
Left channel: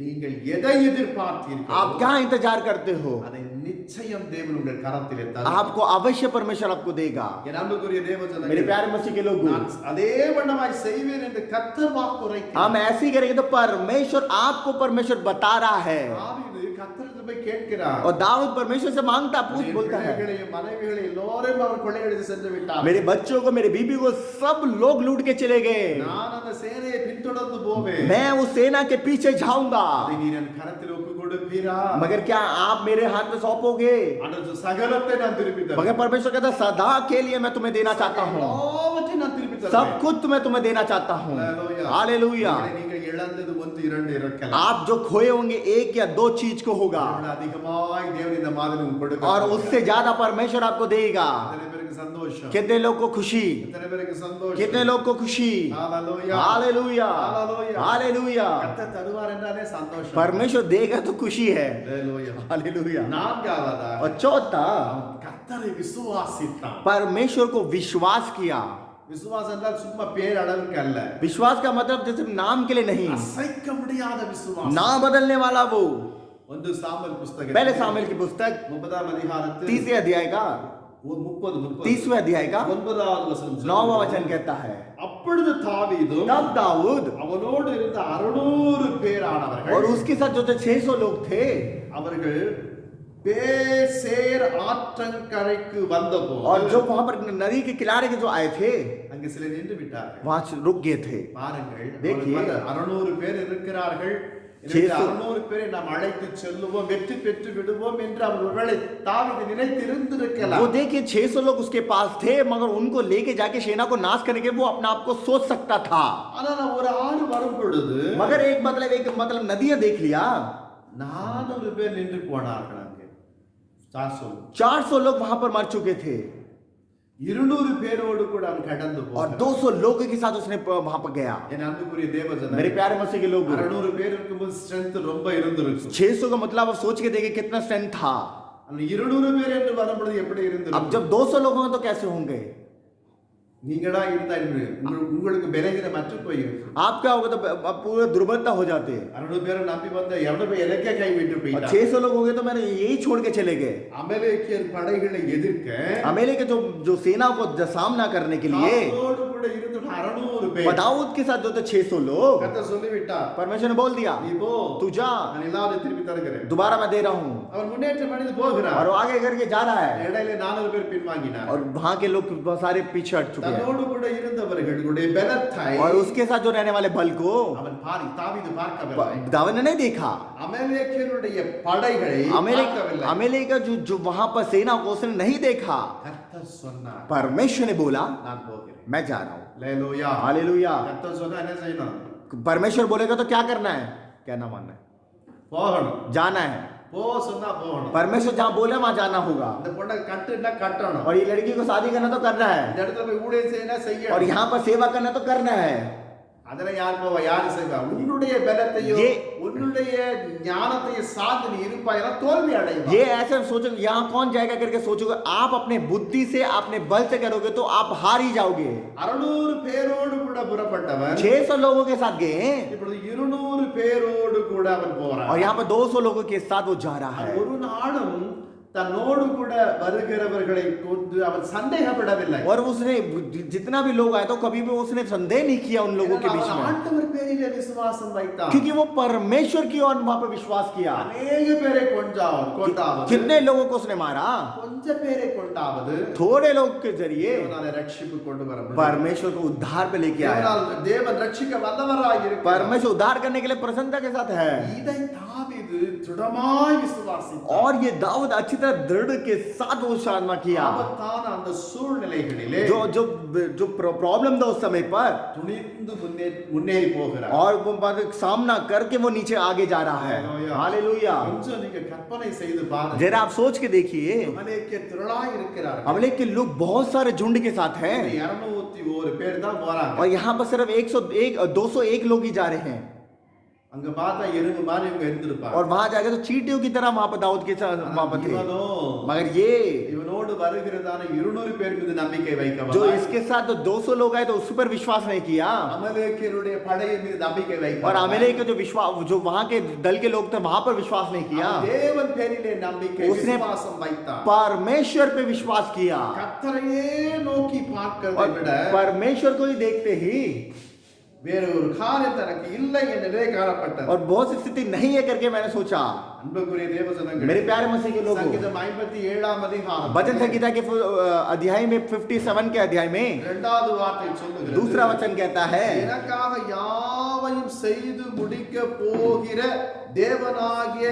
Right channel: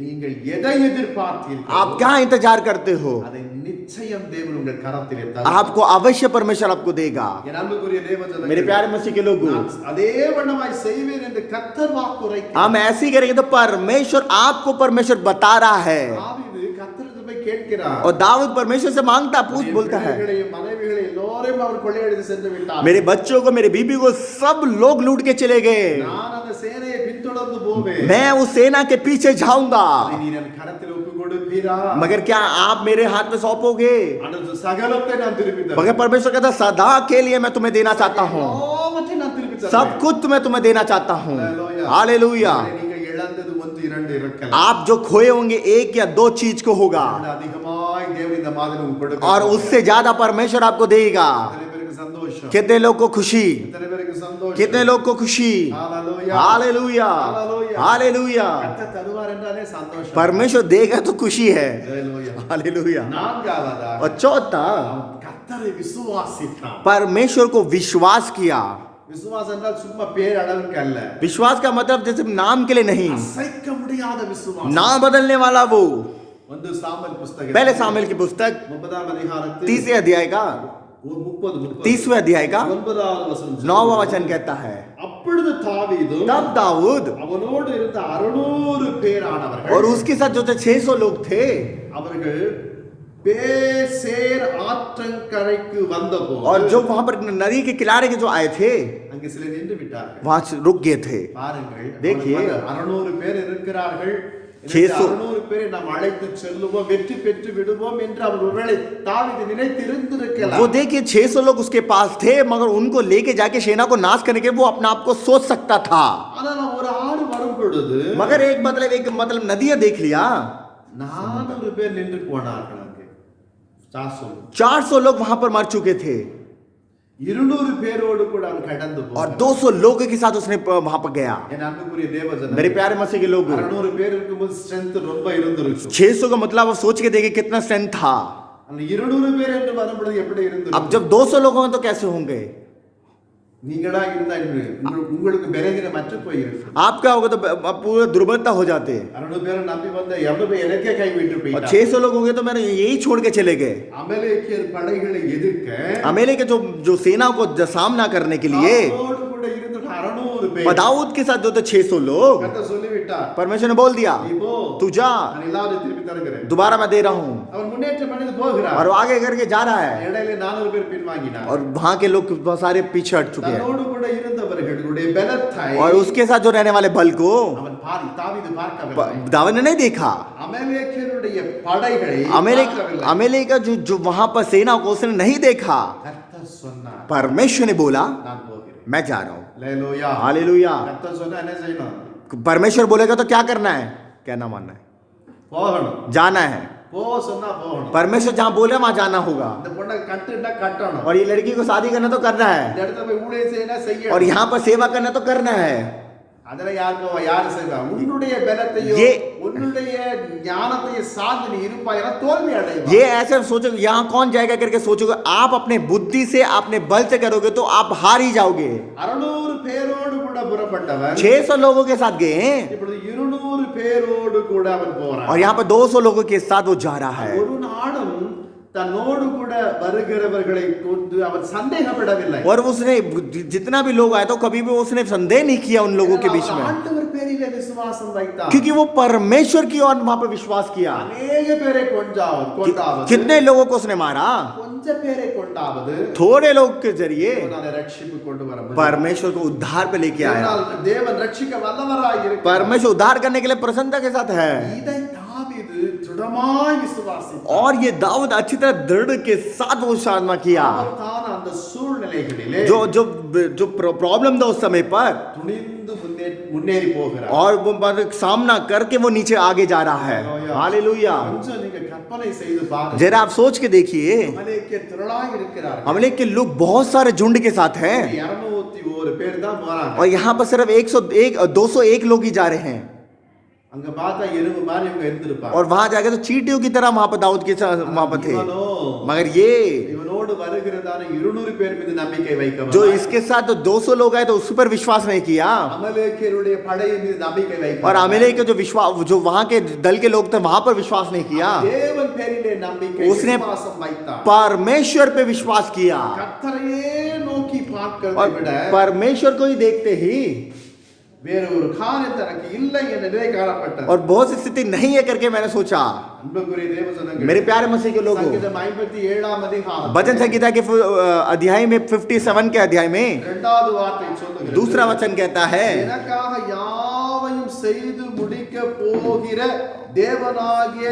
நீங்கள் எதை எதிர்பார்த்தீர்கள் आप क्या इंतजार करते हो, அதை நிச்சயம் தேவன் உங்கள் கரத்திலே தருவார் आपको अवश्य परमेश्वर आपको देगा। என் அன்புக்குரிய मेरे தேவஜனங்களே प्यारे मसीह के लोग, நான் அதே வண்ணமாய் செய்வேன் என்று கர்த்தர் வாக்குரைக்கிறார் हम ऐसे ही करेंगे तो परमेश्वर आपको परमेश्वर बता रहा है। தாவீது கர்த்தரிடத்தில் போய் கேட்கிறார் और दाऊद परमेश्वर से मांगता पूछ बोलता है, பிள்ளைகளையும் மனைவிகளையும் எல்லோரையும் அவர் கொள்ளையடித்து சென்று விட்டார் मेरे बच्चों को मेरे बीबी को सब लोग लूट के चले गए, நான் அந்த சேனையை பின்தொடர்ந்து போவேன் मैं उस सेना के पीछे जाऊंगा, அதை நீர் என் கரத்தில் ஒப்பு கொடுப்பீரா मगर क्या आप मेरे हाथ में सौंपोगे? அந்த சகலத்தை நான் திருப்பி தருவேன் मगर परमेश्वर कहता सदा के लिए मैं तुम्हें देना चाहता हूँ, எல்லாவற்றையும் நான் திருப்பி सब தருவேன் कुछ मैं तुम्हें देना चाहता हूँ। Hallelujah. हालेलुया। நீங்கள் இழந்தது ஒன்று இரண்டு இருக்கலாம் आप जो खोए होंगे एक या दो चीज को होगा, அதை அதிகமாய் தேவன் இந்த மாதிரி உங்களுக்கு கொடுக்க और उससे ज्यादा परमेश्वर आपको देगा। எத்தனை பேருக்கு சந்தோஷம் कितने लोग को खुशी, எத்தனை பேருக்கு சந்தோஷம் कितने लोग को खुशी। Hallelujah. Hallelujah, Hallelujah. हालेलुया। கர்த்தர் தருவார் என்றாலே சந்தோஷம் परमेश्वर देगा तो खुशी है। Hallelujah. हालेलुया। நான்காவதாக और चौथा, அவன் கர்த்தரை விசுவாசித்தான் परमेश्वर को विश्वास किया। விசுவாசம் என்றால் சும்மா பேர் அளவுக்கு அல்ல विश्वास का मतलब जैसे नाम के लिए नहीं, அசைக்க முடியாத விசுவாசம் ना बदलने वाला वो। வந்து சாமுவேல் புஸ்தகம் पहले सामुएल की पुस्तक 30ஆம் அதிகாரத்தில் 30वें अध्याय का 30वें अध्याय का 9வது வசனம் 9वां वचन कहता है, அப்பொழுது தாவீதும் तब दाऊद அவனோடு இருந்த 600 பேரானவர்கள் और उसके साथ जो थे 600 लोग थे, அவர்கள் பேசேர் ஆற்றங்கரைக்கு வந்தபோது और जो वहां पर नदी के किनारे के जो आए थे அங்கே சிலர் நின்று விட்டார்கள் वहां से रुक गए थे। பாருங்கள் देखिए। அவனுக்கு வந்து 600 பேர் இருக்கிறார்கள். छह सौ। 600 பேரை நாம் அழைத்து செல்லுவோம் வெற்றி பெற்று விடுவோம் என்று அவர் ஒருவேளை தாவீது நினைத்திருந்திருக்கலாம். वो देखिए 600 लोग उसके पास थे, मगर उनको लेके जाके सेना को नाश करने के वो अपने आप को सोच सकता था। ஆனால் ஒரு ஆறு வரும் பொழுது मगर एक मतलब नदियां देख लिया, 400 பேர் நின்று போனார்கள். அங்கே 400 लोग वहां पर मर चुके थे, 200 பேரோடு கூட அவன் கடந்து और போனான். 200 लोगों के साथ उसने वहां पर गया। என் அன்புக்குரிய தேவஜனங்களே, मेरे प्यारे मसीह के लोग, 600 பேர் இருக்கும்போது ஸ்ட்ரெngth ரொம்ப இருந்திருக்கும். 600 का मतलब आप सोच के देखिए कितना स्ट्रेंथ था। அந்த 200 பேர் என்று வரும்பொழுது எப்படி अब இருந்திருக்கும்? जब 200 लोग होंगे तो कैसे होंगे? நீங்களா இருந்தா உங்களுக்கு பலகீனம் அற்று போயிருக்கும். आप क्या होगा तो आप पूरे दुर्बलता हो जाते। 600 பேரை நம்பி வந்த எவ்வளவு பேர் எனக்கே கை விட்டு और போயிட்டாங்க. 600 लोग होंगे तो मैंने यही छोड़ के चले गए। அமலேக்கியர் படைகளை எதிர்க்க अमेले के जो सेना को सामना करने के लिए அவரோடு கூட இருந்த 600 பேர் दाऊद के साथ जो थे 600 लोग, கர்த்தர் சொல்லிவிட்டார், परमेश्वर ने बोल दिया நீ போ तू जा, நான் எல்லாரும் திருப்பி தருகிறேன். दोबारा मैं दे रहा हूं। அவன் முன்னேற்றம் அடைந்து போகிறார். और वो आगे करके जा रहा है இடையில 4 பேர் பின்வாங்கினார். और वहां के लोग बहुत सारे पीछे हट चुके हैं தன்னோடு கூட இருந்தவர்களுடைய பலத்தை और उसके साथ जो रहने वाले बल को அவன் தாவீது பார்க்கவில்லை. दाऊद ने नहीं देखा। அமலேக்கியருடைய படைகளை अमेरिका பார்க்கவில்லை. अमेरिका जो वहां पर सेना को उसने नहीं देखा। கர்த்தர் சொன்னார், परमेश्वर ने बोला நான் போகிறேன். मैं जा रहा हूं। அல்லேலூயா. हालेलुया। கர்த்தர் சொன்னா என்ன செய்யணும்? परमेश्वर बोलेगा तो क्या करना है? कहना मानना है, போகணும். जाना है। போ சொன்னா போகணும். परमेश्वर जहां बोले वहां जाना होगा। இந்த பொண்ணை கட்டுனா கட்டணும். और ये लड़की को शादी करना तो करना இந்த है இடத்துல போய் ஊழியம் செய்யணும் और செய்யணும். यहाँ पर सेवा करना तो करना है। அதுல யார் போவா? யார் செய்வா? உன்னுடைய பலத்தையோ ये- உன்னுடைய ஞானத்தையோ சார்ந்து நீ இருப்பாயனா தோல்வி அடைவா. ये ऐसे सोचोगे यहाँ कौन जाएगा करके सोचोगे, आप अपने बुद्धि से अपने बल से करोगे तो आप हार ही जाओगे। 600 பேரோடு கூட புறப்பட்டவன் 600 लोगों के साथ गए हैं இப்பொழுது 200 பேரோடு கூட அவன் போறான். और यहाँ पर 200 लोगों के साथ वो जा रहा है। ஒரு நாளும் தன்னோடு கூட வருகிறவர்களை கொண்டு அவன் சந்தேகப்படவில்லை. और उसने जितना भी लोग आए तो कभी भी उसने संदेह नहीं किया उन लोगों के बीच அவன் में, ஆண்டவர் பேரிலே விசுவாசம் வைத்தான். क्योंकि वो परमेश्वर की ओर वहां पर विश्वास किया। அநேக பேரை கொண்டாவது कितने लोगों को उसने मारा? கொஞ்ச பேரை கொண்டாவது थोड़े लोग के जरिए தேவனாலே ரட்சிப்பு கொண்டு வர முடியும். परमेश्वर को उद्धार पे लेके आया। தேவன் ரட்சிக்க வல்லவராய் இருக்கிறார். परमेश्वर उद्धार करने के लिए प्रसन्नता के साथ है। இதை தாவீது திடமாய் விசுவாசித்தார். और ये दाऊद अच्छी तरह दृढ़ के साथ वो साधना किया। ஆபத்தான அந்த சூழ்நிலைகளிலே जो जो जो प्रॉब्लम था उस समय पर, துணிந்து முன்னேறி போகிறார். और वो सामना करके वो नीचे आगे जा रहा है। हालेलुया। கொஞ்சம் நீங்க கற்பனை செய்து பாருங்க. जरा आप सोच के देखिए, அமலேக்கிய திரளாய் இருக்கிறார்கள். अमलेख के लोग बहुत सारे झुंड के साथ हैं 201 பேர் தான் போறாங்க. और यहाँ पर सिर्फ 201 लोग ही जा रहे हैं। அங்க பார்த்தா எறும்பு மாதிரி இவங்க இருந்திருப்பாங்க. और वहां जाके तो चींटियों की तरह वहां पर दाऊद के साथ वहां पर थे। இவனோ मगर ये இவனோடு வருகிறதான 200 பேர் மீது நம்பிக்கை जो வைக்கவில்லை. इसके साथ तो 200 लोग आए तो उस पर विश्वास नहीं किया। அமலேக்கியருடைய படையின் மீது நம்பிக்கை और வைக்கவில்லை. अमेरिका के जो वहां के दल के लोग थे वहां पर विश्वास नहीं किया। தேவன் பேரிலே நம்பிக்கை उसने விசுவாசம் வைத்தார். परमेश्वर पे विश्वास किया கர்த்தரையே நோக்கி பார்க்கிறதை और விட परमेश्वर को ही देखते ही வேற ஒரு காரியம் தனக்கு இல்லை என்ற நிலை காணப்பட்டது. और बहुत सी स्थिति नहीं है करके मैंने सोचा। அன்புக்குரிய தேவஜனங்களே, मेरे प्यारे मसीह के लोगों, சங்கீதம் 57 அதிகாரம் भजन संगीता के अध्याय में 57 के अध्याय में இரண்டாவது வார்த்தை சொல்லுகிறது. दूसरा वचन कहता है, எனக்காக யாவையும் செய்து முடிக்க போகிற தேவனாகிய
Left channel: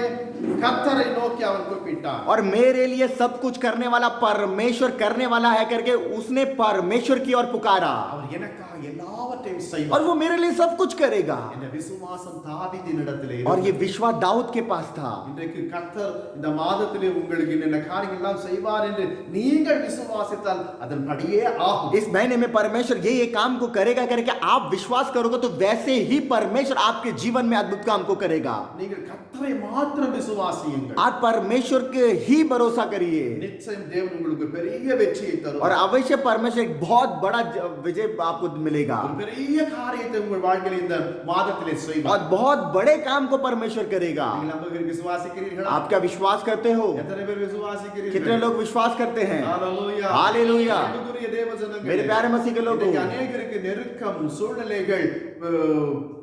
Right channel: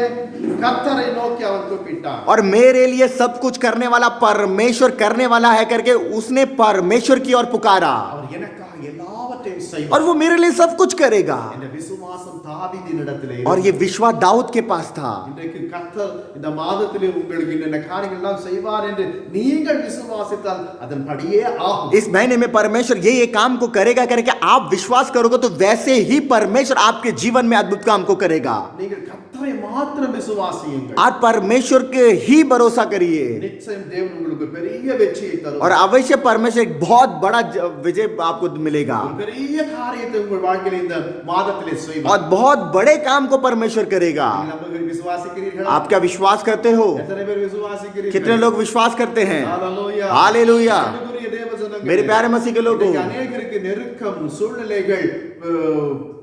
கர்த்தரை நோக்கி அவன் கூப்பிட்டான். और मेरे लिए सब कुछ करने वाला परमेश्वर करने वाला है करके उसने परमेश्वर की ओर पुकारा அவர் எனக்காக எல்லாவற்றையும் செய்வார். और वो मेरे लिए सब कुछ करेगा। இந்த விசுவாசம் தாவீதினிடத்திலே और இருந்தது. ये विश्वास दाऊद के पास था। இன்றைக்கு கர்த்தர் இந்த மாதத்திலே உங்களுக்கு இந்த காரியங்கள் எல்லாம் செய்வார் என்று நீங்கள் விசுவாசித்தால் அதன்படியே ஆகும். इस महीने में परमेश्वर ये काम को करेगा करके आप विश्वास करोगे तो वैसे ही परमेश्वर आपके जीवन में अद्भुत काम को करेगा। நீங்கள் கர்த்தரை மாத்திரம் விசுவாசியுங்கள். आप परमेश्वर के ही भरोसा करिए நிச்சயம் தேவன் உங்களுக்கு பெரிய வெற்றியை और தருவார். अवश्य परमेश्वर एक बहुत बड़ा विजय आपको मिलेगा ஒரு பெரிய காரியத்தை உங்கள் வாழ்க்கையில் இந்த மாதத்திலே और செய்வார். बहुत बड़े काम को परमेश्वर करेगा। நீங்கள் நம்புகிறீர்கள், விசுவாசிக்கிறீர்களா? आप क्या विश्वास करते हो? எத்தனை பேர் விசுவாசிக்கிறீர்கள்? कितने लोग विश्वास करते हैं? ஹalleluya. हालेलुया। அன்புக்குரிய தேவஜனங்களே, मेरे प्यारे मसीह के लोगों, இன்றைக்கு अनेகருக்கு நெருக்கம் சூழ்நிலைகள்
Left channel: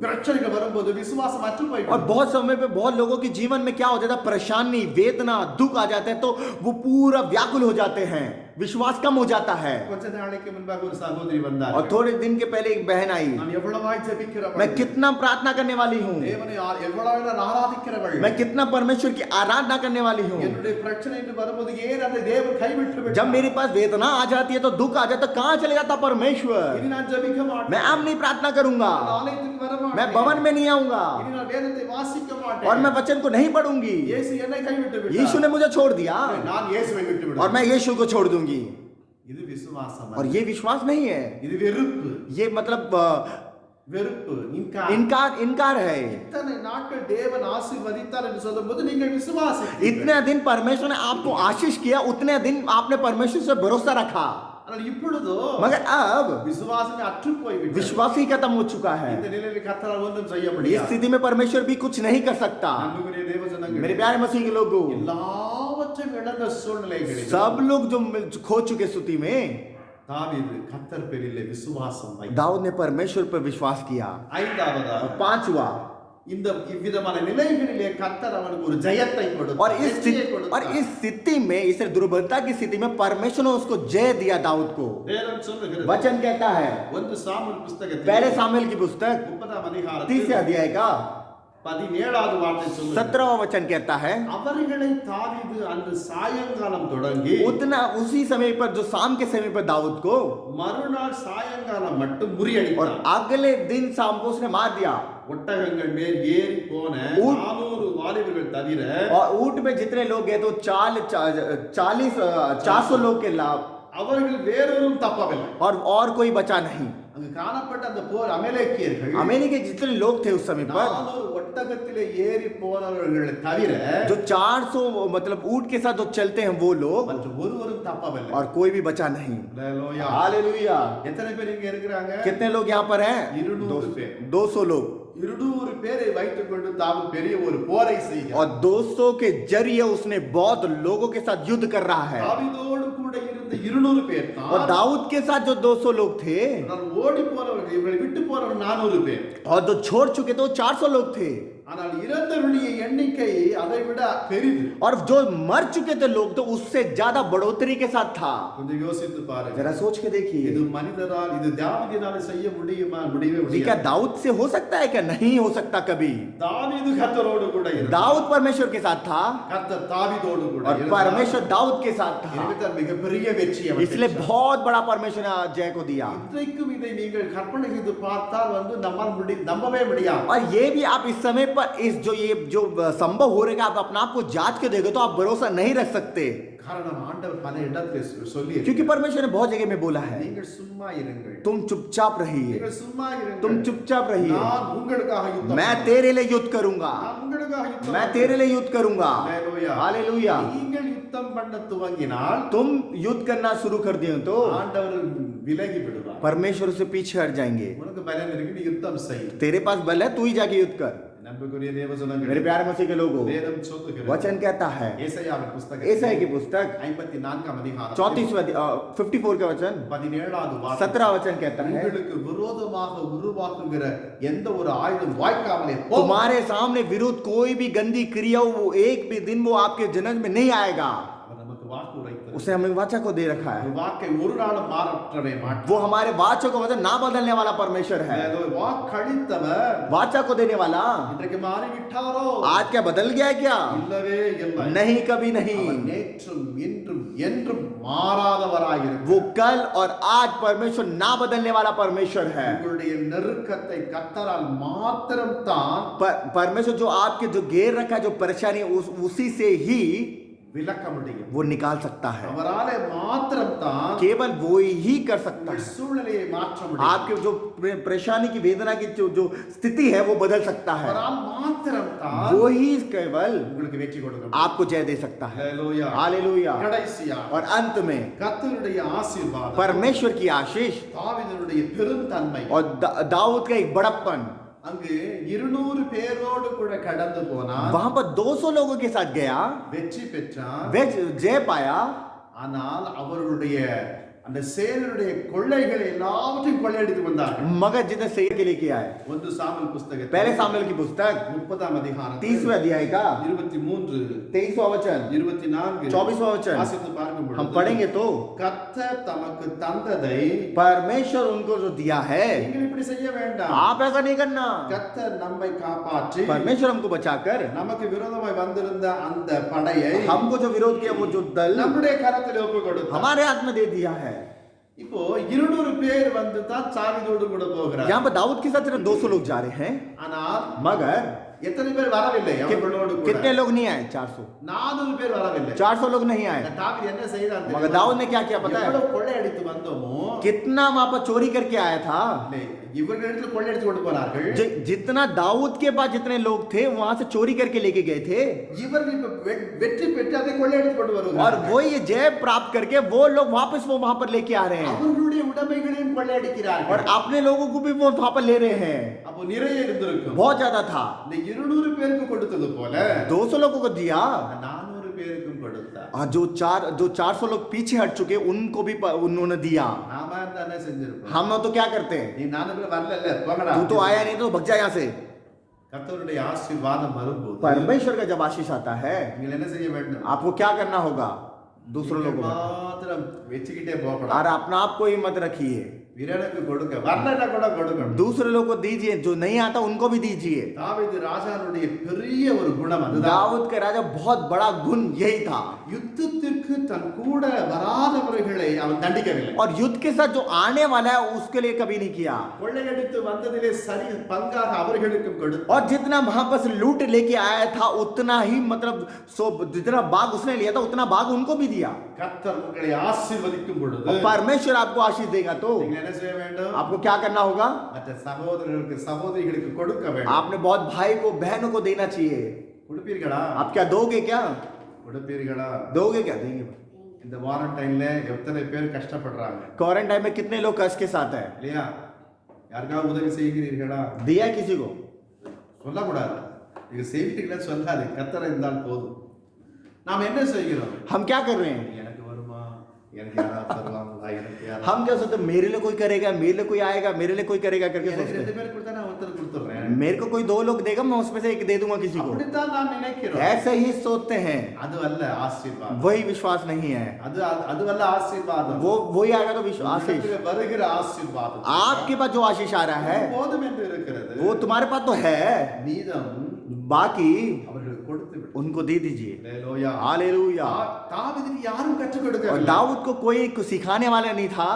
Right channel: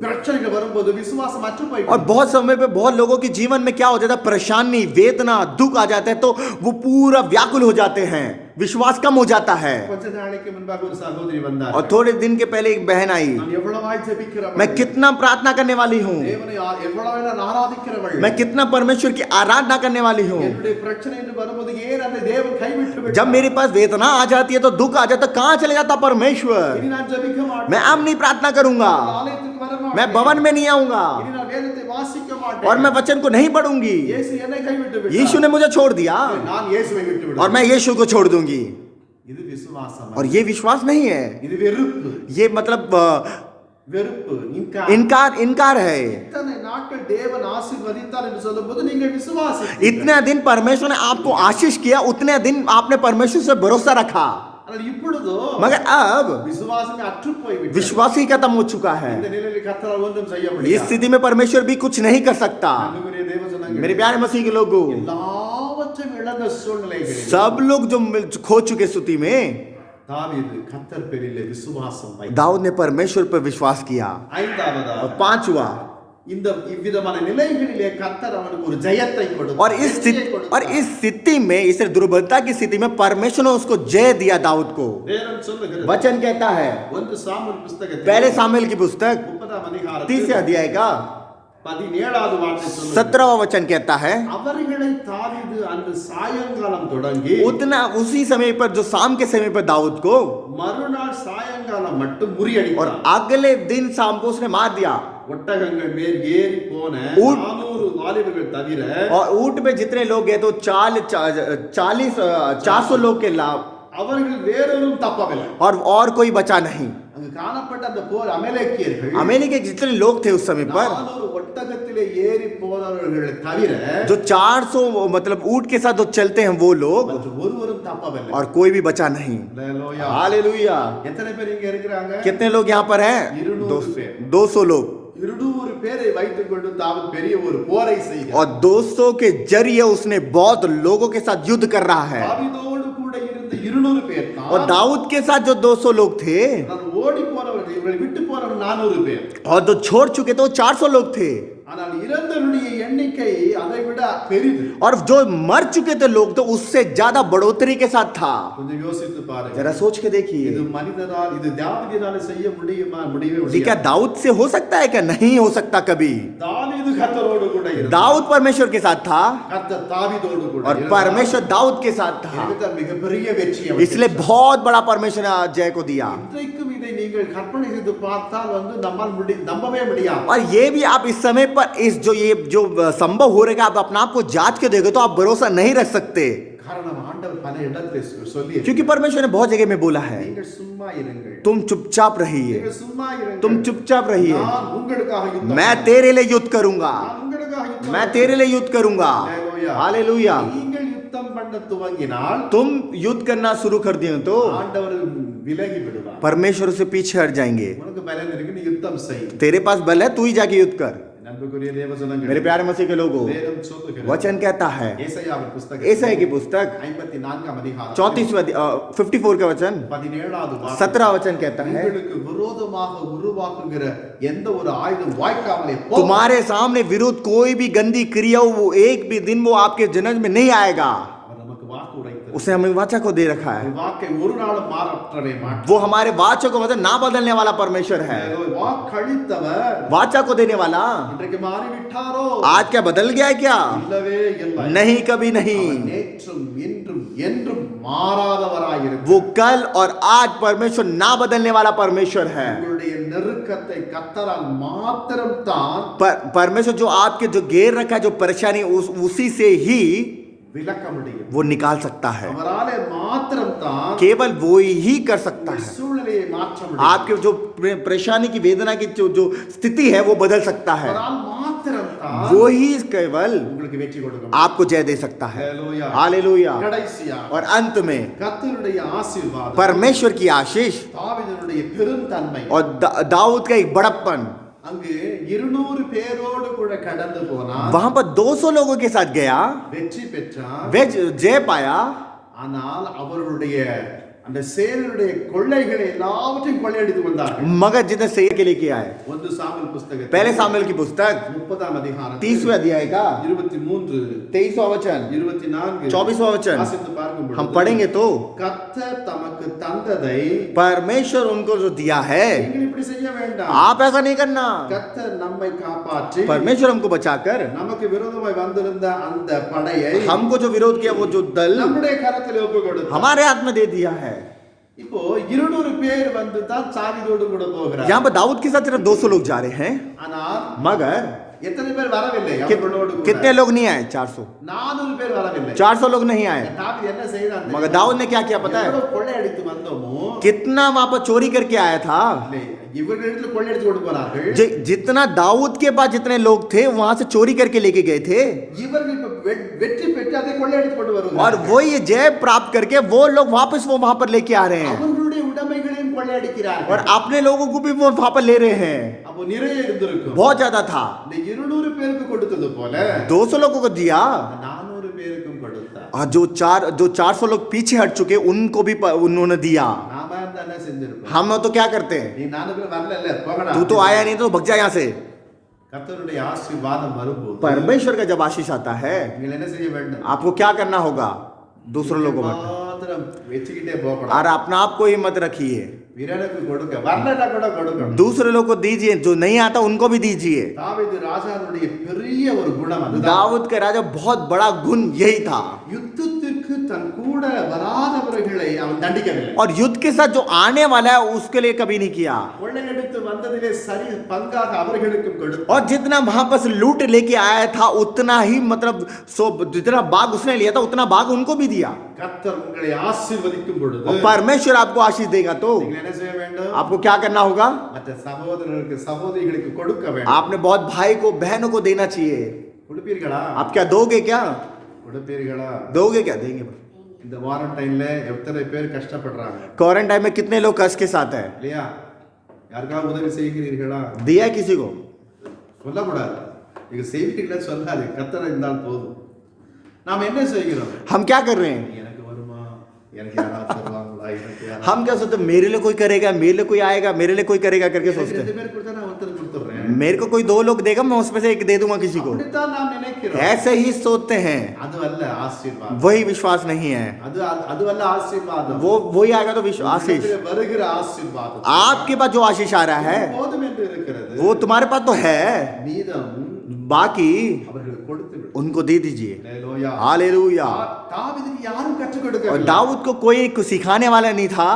பிரச்சனைகள் வரும்போது விசுவாசம் அற்று और போய்விடும். बहुत समय पे बहुत लोगों के जीवन में क्या हो जाता है, परेशानी वेदना दुख आ जाता है तो वो पूरा व्याकुल हो जाते हैं, विश्वास कम हो जाता है। கொஞ்ச நாளைக்கு முன்பாக ஒரு சகோதரி வந்தார். और थोड़े दिन के पहले एक बहन आई, நான் எவ்வளவாய் ஜெபிக்கிறவள், मैं कितना प्रार्थना करने वाली हूँ, தேவனை எவ்வளவாய் நான் ஆராதிக்கிறவள், मैं कितना परमेश्वर की आराधना करने वाली हूँ। என்னுடைய பிரச்சனை என்று வரும்போது ஏன் அந்த தேவன் கைவிட்டு விட்டார்? जब मेरे पास वेदना आ जाती है तो दुख आ जाता है, कहाँ चले जाता परमेश्वर? இனி நான் ஜெபிக்க மாட்டேன். मैं अब नहीं प्रार्थना करूंगा, நான் ஆலயத்துக்கு வர மாட்டேன். मैं भवन में नहीं आऊंगा இனி நான் வேதத்தை வாசிக்க மாட்டேன். और मैं वचन को नहीं पढ़ूंगी। இயேசு என்னை கைவிட்டு விட்டார். यीशु ने मुझे छोड़ दिया நான் இயேசுவை விட்டு और விடுவேன். मैं यीशु को छोड़ दूंगी। இது விசுவாசம் और அல்ல. ये विश्वास नहीं है, இது வெறுப்பு. ये मतलब வெறுப்பு, इनकार है। இத்தனை நாட்கள் தேவன் ஆசீர்வதித்தார் என்று சொல்லும்போது நீங்கள் விசுவாசித்தீர்கள். इतने दिन परमेश्वर ने आपको आशीष किया, उतने दिन आपने परमेश्वर से भरोसा रखा, ஆனால் இப்பொழுதோ मगर अब விசுவாசமே அற்று போய்விட்டது. विश्वास ही खत्म हो चुका है। இந்த நிலையில் கர்த்தரால் ஒன்றும் செய்ய इस முடியாது. स्थिति में परमेश्वर भी कुछ नहीं कर सकता। அன்புக்குரிய தேவஜனங்களே, मेरे प्यारे मसीह के लोगों, எல்லாவற்றையும் இழந்த சூழ்நிலைகளில் सब लोग जो खो चुके स्थिति में தாவீது கர்த்தர் பேரிலே விசுவாசம் வைத்தார். दाऊद ने परमेश्वर पर विश्वास किया। और ஐந்தாவதாக पांचवा இந்த இவ்விதமான நிலைகளிலே கர்த்தர் அவனுக்கு ஒரு ஜெயத்தை கொடுத்தார். और इस स्थिति में, इस दुर्बलता की स्थिति में परमेश्वर ने उसको जय दिया दाऊद को। வேதம் சொல்லுகிறது, वचन कहता है, 1 சாமுவேல் புத்தகத்தில் पहले सामुएल की पुस्तक 30ஆம் அதிகாரத்தில் 30 अध्याय का 17வது வார்த்தை சொல்லுகிறது, 17वां वचन कहता है, அவர்களை தாவீது அன்று சாயங்காலம் தொடங்கி उतना उसी समय पर, जो शाम के समय पर दाऊद को, மறுநாள் சாயங்காலம் மட்டும் और முறியடித்தார். अगले दिन शाम को उसने मार दिया। ஒட்டகங்கள் மேல் ஏறி போன ऊँट- 400 வாலிபர்கள் தவிர और ऊंट पे जितने लोग गए तो 400 लोग के लाभ, அவர்கள் வேறொரும் தப்பவில்லை. और कोई बचा नहीं। அங்கு காணப்பட்ட அந்த போர் அமலேக்கியர்கள் अमेरिका के जितने लोग थे उस समय पर, 400 ஒட்டகத்திலே ஏறி போனவர்களை தவிர जो 400 मतलब ऊंट के साथ जो चलते हैं वो लोग, மற்ற ஒருவரும் தப்பவில்லை. और कोई भी बचा नहीं। அல்லேலூயா. हालेलुया। எத்தனை பேர் இங்க இருக்கிறாங்க? कितने लोग यहाँ पर हैं? 200 பேர். 200 लोग। 200 பேரை வைத்துக் கொண்டு தாவீது பெரிய ஒரு போரை செய்கிறார். और 200 के जरिए उसने बहुत लोगों के साथ युद्ध कर रहा है। தாவீதோடு கூட இருந்த 200 பேர் और தான் दाऊद के साथ जो 200 लोग थे, ஆனால் ஓடி போனவர்கள், இவர்களை விட்டு போனவர்கள் 400 பேர். और जो छोड़ चुके थे वो 400 लोग थे। ஆனால் இறந்தவருடைய எண்ணிக்கை அதை விட பெரிது. और जो मर चुके थे लोग तो उससे ज्यादा बढ़ोतरी के साथ था। கொஞ்சம் யோசித்து பாருங்க. जरा सोच के देखिए, இது மனிதரால், இது தாவீதினால செய்ய முடியுமா? முடியவே ये क्या முடியாது. दाऊद से हो सकता है? क्या नहीं हो सकता कभी। தாவீது கர்த்தரோடு கூட இருந்தார். दाऊद परमेश्वर के साथ था, கர்த்தர் தாவீதோடு கூட और இருந்தார். परमेश्वर दाऊद के साथ था, எனவே தான் மிகப்பெரிய வெற்றி அவர் इसलिए பெற்றார். बहुत बड़ा परमेश्वर ने जय को दिया। இன்றைக்கும் இதை நீங்கள் கற்பனை செய்து பார்த்தால் நம்மால் நம்பவே முடியாது. और ये भी आप इस समय पर इस जो संभव हो रहेगा, आप अपने आप को जांच के देखो तो आप भरोसा नहीं रख सकते, காரணம் ஆண்டவர் பல இடத்தில் சொல்லி क्योंकि परमेश्वर ने बहुत जगह में बोला है, நீங்கள் சும்மா இருங்கள், तुम चुपचाप रहिए, நீங்கள் சும்மா இருங்கள், तुम चुपचाप रहिए, நான் உங்களுக்காக யுத்தம் मैं तेरे लिए युद्ध करूंगा, நான் உங்களுக்காக யுத்தம் मैं तेरे लिए युद्ध करूंगा। हालेलुया. हालेलुया। நீங்கள் யுத்தம் பண்ண துவங்கினால் तुम युद्ध करना शुरू कर दिए तो ஆண்டவர் விலகி விடுவார். परमेश्वर से पीछे हट जाएंगे। உனக்கு பலன் இருக்கு, நீ யுத்தம் செய். तेरे पास बल है, तू ही जाके युद्ध कर। நண்புக்குரிய தேவஜனங்களே, मेरे प्यारे मसीह के लोगों, வேதம் சொல்லுகிறது, वचन कहता है, ஏசாயாவின் புத்தகம் ईसाई की पुस्तक 54ஆம் அதிகாரம் 54 का वचन 17வது வார்த்தை, 17 वचन कहता है, உங்களுக்கு விரோதமாக உருவாக்குகிற எந்த ஒரு ஆயுதம் வாய்க்காமலே போகும். तुम्हारे सामने विरुद्ध कोई भी गंदी क्रिया हो, वो एक भी दिन वो आपके जन्म में नहीं आएगा। அவர் நமக்கு வாக்கு உரைத்தார். उसने हमें वाचा को दे रखा है। வாக்கை ஒரு நாளும் மாற்றவே மாட்டார். वो हमारे वाचा को मतलब ना बदलने वाला परमेश्वर है। வாக்களித்தவர் वाचा को देने वाला இன்றைக்கு மாறிவிட்டாரோ? आज क्या बदल गया है क्या? இல்லவே இல்லை. नहीं, कभी नहीं। அவர் நேற்றும் இன்றும் என்றும் மாறாதவராயிருக்கிறார். वो कल और आज परमेश्वर ना बदलने वाला परमेश्वर है। உங்களுடைய நெருக்கத்தை கர்த்தரால் மாத்திரம் தான் परमेश्वर जो आपके जो घेर रखा है, जो परेशानी, उसी से ही விலக்க முடியும். वो निकाल सकता है। அவராலே மாத்திரம் தான் केवल वो ही कर सकता है। சூழ்நிலையை மாற்ற முடியும். आपके जो परेशानी की, वेदना की जो स्थिति है वो बदल सकता है। அவரால் மாத்திரம் தான் वो ही केवल உங்களுக்கு வெற்றி கொடுக்க முடியும். आपको जय दे सकता है। ஹalleluya. हालेलुया। கடைசியா और अंत में கர்த்தருடைய ஆசீர்வாதம், परमेश्वर की आशीष தாவீதுடைய பெருந்தன்மை, और दाऊद का एक बड़प्पन, அங்கு 200 பேரோடு கூட கடந்து போனான், वहां पर 200 लोगों के साथ गया, வெற்றி பெற்றான். वे जय पाया, ஆனால் அவர்களுடைய அந்த சேனருடைய கொள்ளைகளை எல்லாவற்றையும் கொள்ளையடித்து வந்தார்கள். मगर जितने सेर के लेके आए। 1 சாமுவேல் புத்தகம் पहले सामुएल की पुस्तक 30ஆம் அதிகாரம் 30वें अध्याय का 23 23वां वचन 24 24वां वचन வாசித்து பார்க்கும் हम பொழுது पढ़ेंगे तो, கர்த்தர் தமக்கு தந்ததை परमेश्वर उनको जो दिया है, நீங்கள் இப்படி செய்ய வேண்டாம். आप ऐसा नहीं करना। கர்த்தர் நம்மை காப்பாற்றி परमेश्वर हमको बचाकर நமக்கு விரோதமாய் வந்திருந்த அந்த படையை हमको जो विरोध किया वो जो दल நம்முடைய கரத்தில் ஒப்பு கொடுத்தார். हमारे हाथ में दे दिया है। இப்போ 200 பேர் வந்து தான் தாவீதோடு கூட போகிறார். यहाँ पर दाऊद के साथ सिर्फ 200 लोग जा रहे हैं, ஆனால் मगर எத்தனை பேர் வரவில்லை அவர்களோடு கூட? कितने लोग नहीं आए? 400 400 பேர் வரவில்லை. 400 लोग नहीं आए। தாவீது என்ன செய்தான் मगर दाऊद ने क्या किया पता है? எவ்வளவு கொள்ளையடித்து வந்தோமோ, कितना वहां पर चोरी करके आया था। இல்லை, இவர்களிடத்துல கொள்ளையடித்து கொண்டு போனார்கள். जितना दाऊद के पास जितने लोग थे वहां से चोरी करके लेके गए थे, இவர்கள் இப்ப வெற்றி பெற்று அதை கொள்ளையடித்து கொண்டு और வருவார்கள். वो ये जय प्राप्त करके वो लोग वापस वो वहां पर लेके आ रहे हैं, அவர்களுடைய உடைமைகளையும் கொள்ளையடிக்கிறார்கள். और अपने लोगों को भी वो वहां पर ले रहे हैं। அப்போ நிறைய இருந்திருக்கும். बहुत ज्यादा था। இந்த 200 பேருக்கு கொடுத்தது போல 200 लोगों को दिया, இந்த 400 பேருக்கும் கொடுத்தார். और जो 400 लोग पीछे हट चुके उनको भी उन्होंने दिया। நாம இருந்தா என்ன செஞ்சிருப்போம்? हम तो क्या करते हैं? நீ 400 பேர் வரல, போங்கடா. तू तो आया नहीं तो भग जा यहाँ से। கர்த்தருடைய ஆசீர்வாதம் வரும்போது परमेश्वर का जब आशीष आता है, நீங்கள் என்ன செய்ய வேண்டும்? आपको क्या करना होगा? दूसरों लोगों में மாத்திரம் வெச்சுக்கிட்டே போகக்கூடாது. और अपना आप को ही मत रखिए, வீரனுக்கு கொடுக்க வரலன்னா கூட கொடுக்கணும். दूसरे लोग को दीजिए, जो नहीं आता उनको भी दीजिए। தாவீது ராஜாவுடைய பெரிய ஒரு குணம் அதுதான். दाऊद के राजा बहुत बड़ा गुण यही था, யுத்தத்திற்கு தன் கூட வராதவர்களை அவன் தண்டிக்கவில்லை. और युद्ध के साथ जो आने वाला है उसके लिए कभी नहीं किया, கொள்ளையடித்து வந்ததிலே சரி பங்காக அவர்களுக்கும் கொடுத்தான். और जितना वहां पर लूट लेके आया था उतना ही मतलब जितना भाग उसने लिया था उतना भाग उनको भी दिया। கர்த்தர் உங்களை ஆசீர்வதிக்கும் பொழுது और परमेश्वर आपको आशीष देगा तो நீங்கள் என்ன செய்ய வேண்டும்? आपको क्या करना होगा? மற்ற சகோதரர்களுக்கு சகோதரிகளுக்கு கொடுக்க வேண்டும். आपने बहुत भाई को बहनों को देना चाहिए। கொடுப்பீர்களா? आप क्या दोगे? क्या கொடுப்பீர்களா? दोगे? क्या देंगे? இந்த குவாரண்டைன்ல எத்தனை பேர் கஷ்டப்படுறாங்க क्वारंटाइन में कितने लोग कष्ट के साथ है? இல்லையா? யாருக்காவது உதவி செய்கிறீர்களா? दिया है किसी को? சொல்லக்கூடாது. நீங்க செய்வீர்களா சொல்லாது. கர்த்தர் இருந்தால் போதும். நாம் என்ன செய்கிறோம்? हम क्या कर रहे हैं? எனக்கு வருமா? எனக்கு யாராவது தருவாங்களா? எனக்கு யாராவது हम क्या सोचते हैं, मेरे लिए कोई करेगा, मेरे लिए कोई आएगा, मेरे लिए कोई करेगा करके எனக்கு सोचते ரெண்டு हैं। பேர் கொடுத்தா நான் ஒருத்தர் கொடுத்துறேன். मेरे को कोई 2 लोग देगा, मैं उसमें से एक दे दूंगा किसी को। அப்படித்தான் நாம் நினைக்கிறோம். ऐसे ही सोचते हैं, அது அல்ல ஆசீர்வாதம். वही विश्वास नहीं है। அது அல்ல ஆசீர்வாதம். वही आएगा तो विश्वास। आशीष உங்களிடத்தில் வருகிற ஆசீர்வாதம் आपके पास जो आशीष आ रहा है போதும் என்று இருக்கிறது. वो तुम्हारे पास तो है, மீதம் बाकी அவர்களுக்கு கொடுத்து விடு. उनको दे दीजिए। அல்லேலூயா. हालेलुया। தாவீதுக்கு யாரும் கற்றுக் और கொடுக்கவில்லை. दाऊद को कोई सिखाने वाला नहीं था।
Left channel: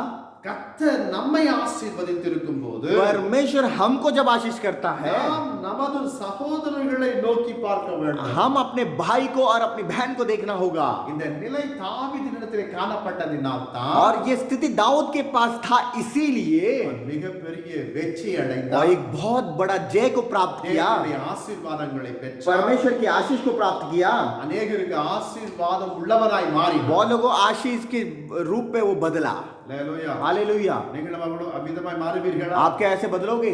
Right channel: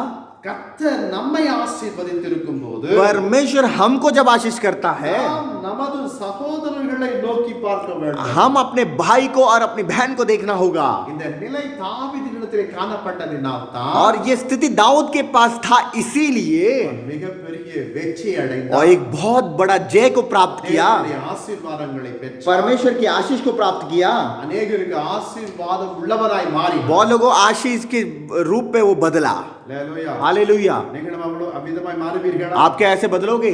கர்த்தர் நம்மை ஆசீர்வதித்திருக்கும் போது परमेश्वर हमको जब आशीष करता है, நாம் நமது சகோதரர்களை நோக்கி பார்க்க வேண்டும். हम अपने भाई को और अपनी बहन को देखना होगा। இந்த நிலை தாவீதினிடத்திலே காணப்பட்டதினால் தான் और ये स्थिति दाऊद के पास था, इसीलिए மிகப்பெரிய வெற்றி और அடைந்தார். एक बहुत बड़ा जय को प्राप्त किया, தேவனுடைய ஆசீர்வாதங்களை பெற்றார். परमेश्वर की आशीष को प्राप्त किया। அநேகருக்கு ஆசீர்வாதம் உள்ளவராய் மாறினார். बहुत लोगों आशीष के रूप में वो बदला। அல்லேலூயா. हालेलुया। நீங்களும் அவளோ அவ்விதமாய் மாறுவீர்களா? आप क्या ऐसे बदलोगे?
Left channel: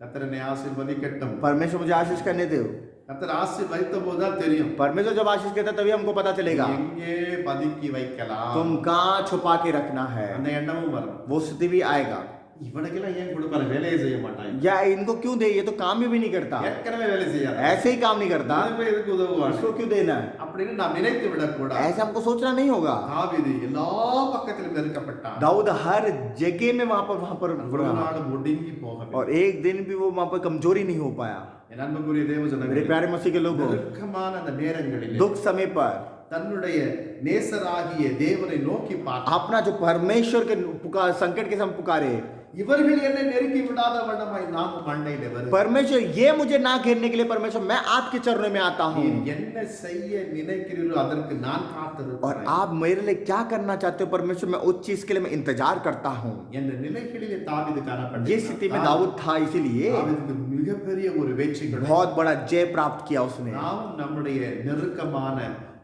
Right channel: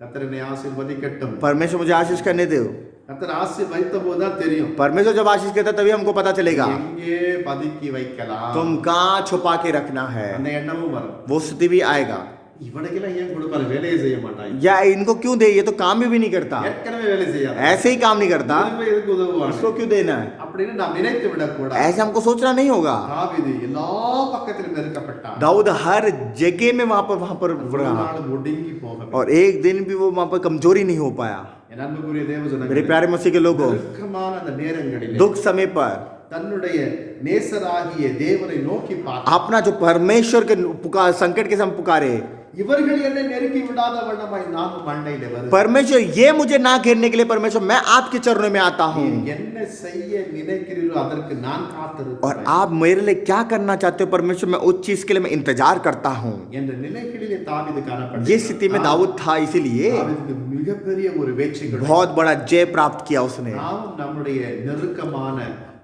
கர்த்தர் என்னை ஆசீர்வதிக்கட்டும். परमेश्वर मुझे आशीष करने दो। கர்த்தர் ஆசீர்வதித்த போதுதான் தெரியும் परमेश्वर जब आशीष करता तभी हमको पता चलेगा எங்கே பதுக்கி வைக்கலாம். तुम कहाँ छुपा के रखना है। அந்த எண்ணமும் வரும். वो स्थिति भी आएगा, இவனுக்கெல்லாம் ஏன் கொடுப்பாரு? வேலையை செய்ய மாட்டாங்க. या इनको क्यों दे, ये तो काम भी नहीं करता, ஏற்கனவே வேலை செய்யாத. ऐसे ही काम नहीं करता, இதுக்கு எதுக்கு உதவுவாங்க? इसको क्यों देना है? அப்படின்னு நாம் நினைத்து விடக்கூடாது. ऐसे हमको सोचना नहीं होगा। தாவீது எல்லா பக்கத்திலும் நெருக்கப்பட்டான். दाऊद हर जगह में वहां पर ஒரு நாள் ஒடுங்கி போகவில்லை. और एक दिन भी वो वहां पर कमजोरी नहीं हो पाया। என் அன்புக்குரிய தேவ मेरे ஜனங்களே, प्यारे मसीह के लोगों, நெருக்கமான அந்த நேரங்களிலே दुख समय पर தன்னுடைய நேசராகிய தேவனை நோக்கி பார்த்தான். अपना जो परमेश्वर के पुकार, संकट के समय पुकारे, இவர்கள் என்னை நெருக்கி விடாத வண்ணமாய் நானும் மண்டையிலே வருகிறேன். परमेश्वर ये मुझे ना घेरने के लिए परमेश्वर मैं आपके चरणों में आता हूँ, நீர் என்ன செய்ய நினைக்கிறீரோ அதற்கு நான் और காத்திருக்கிறேன் आप मेरे लिए क्या करना चाहते हो परमेश्वर, मैं उस चीज के लिए मैं इंतजार करता हूँ। என்ற நிலைகளிலே தாவீது ये காணப்பட்டான். स्थिति में दाऊद था, इसीलिए தாவீதுக்கு மிகப்பெரிய ஒரு வெற்றி கிடைத்தது. बहुत बड़ा जय प्राप्त किया उसने। நாமும் நம்முடைய நெருக்கமான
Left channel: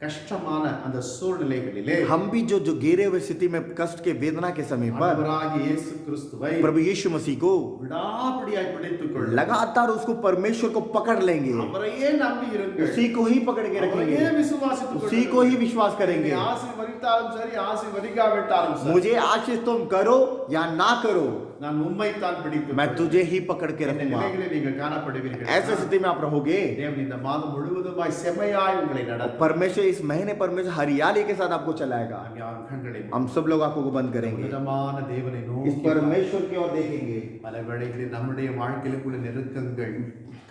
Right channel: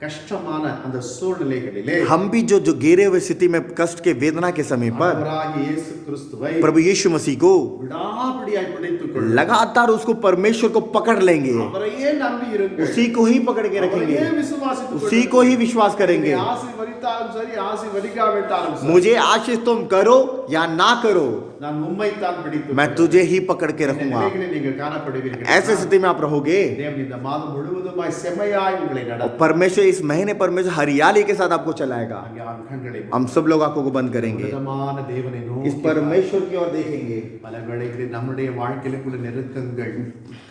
கஷ்டமான அந்த சூழ்நிலைகளிலே हम भी जो घेरे हुए स्थिति में कष्ट के वेदना के समय पर ஆண்டவராகிய இயேசு கிறிஸ்துவை प्रभु यीशु मसीह को விடாப்பிடியாய் பிடித்துக் கொள்ளுங்கள். लगातार उसको परमेश्वर को पकड़ लेंगे, அவரையே நம்பி இருங்கள். उसी को ही पकड़ के அவரையே रखेंगे, விசுவாசித்துக் उसी को ही विश्वास करेंगे। என்னை ஆசீர்வதித்தாலும் சரி ஆசீர்வதிக்காவிட்டாலும் சரி मुझे आशीष तुम करो या ना करो, நான் உம்மைத்தான் பிடித்துக் मैं கொள்வேன். तुझे ही पकड़ के இந்த रखूंगा। நிலைகளில் நீங்கள் காணப்படுவீர்கள். ऐसे स्थिति में आप रहोगे। தேவன் இந்த மாதம் முழுவதுமாய் செம்மையாய் உங்களை நடத்தும். परमेश्वर इस महीने परमेश्वर हरियाली के साथ आपको चलाएगा। அங்கே கண்களை हम सब लोग आंखों को बंद करेंगे, உன்னதமான தேவனை इस நோக்கி परमेश्वर की ओर देखेंगे। பல வேளைகளில் நம்முடைய வாழ்க்கையிலுக்குள்ள நெருக்கங்கள்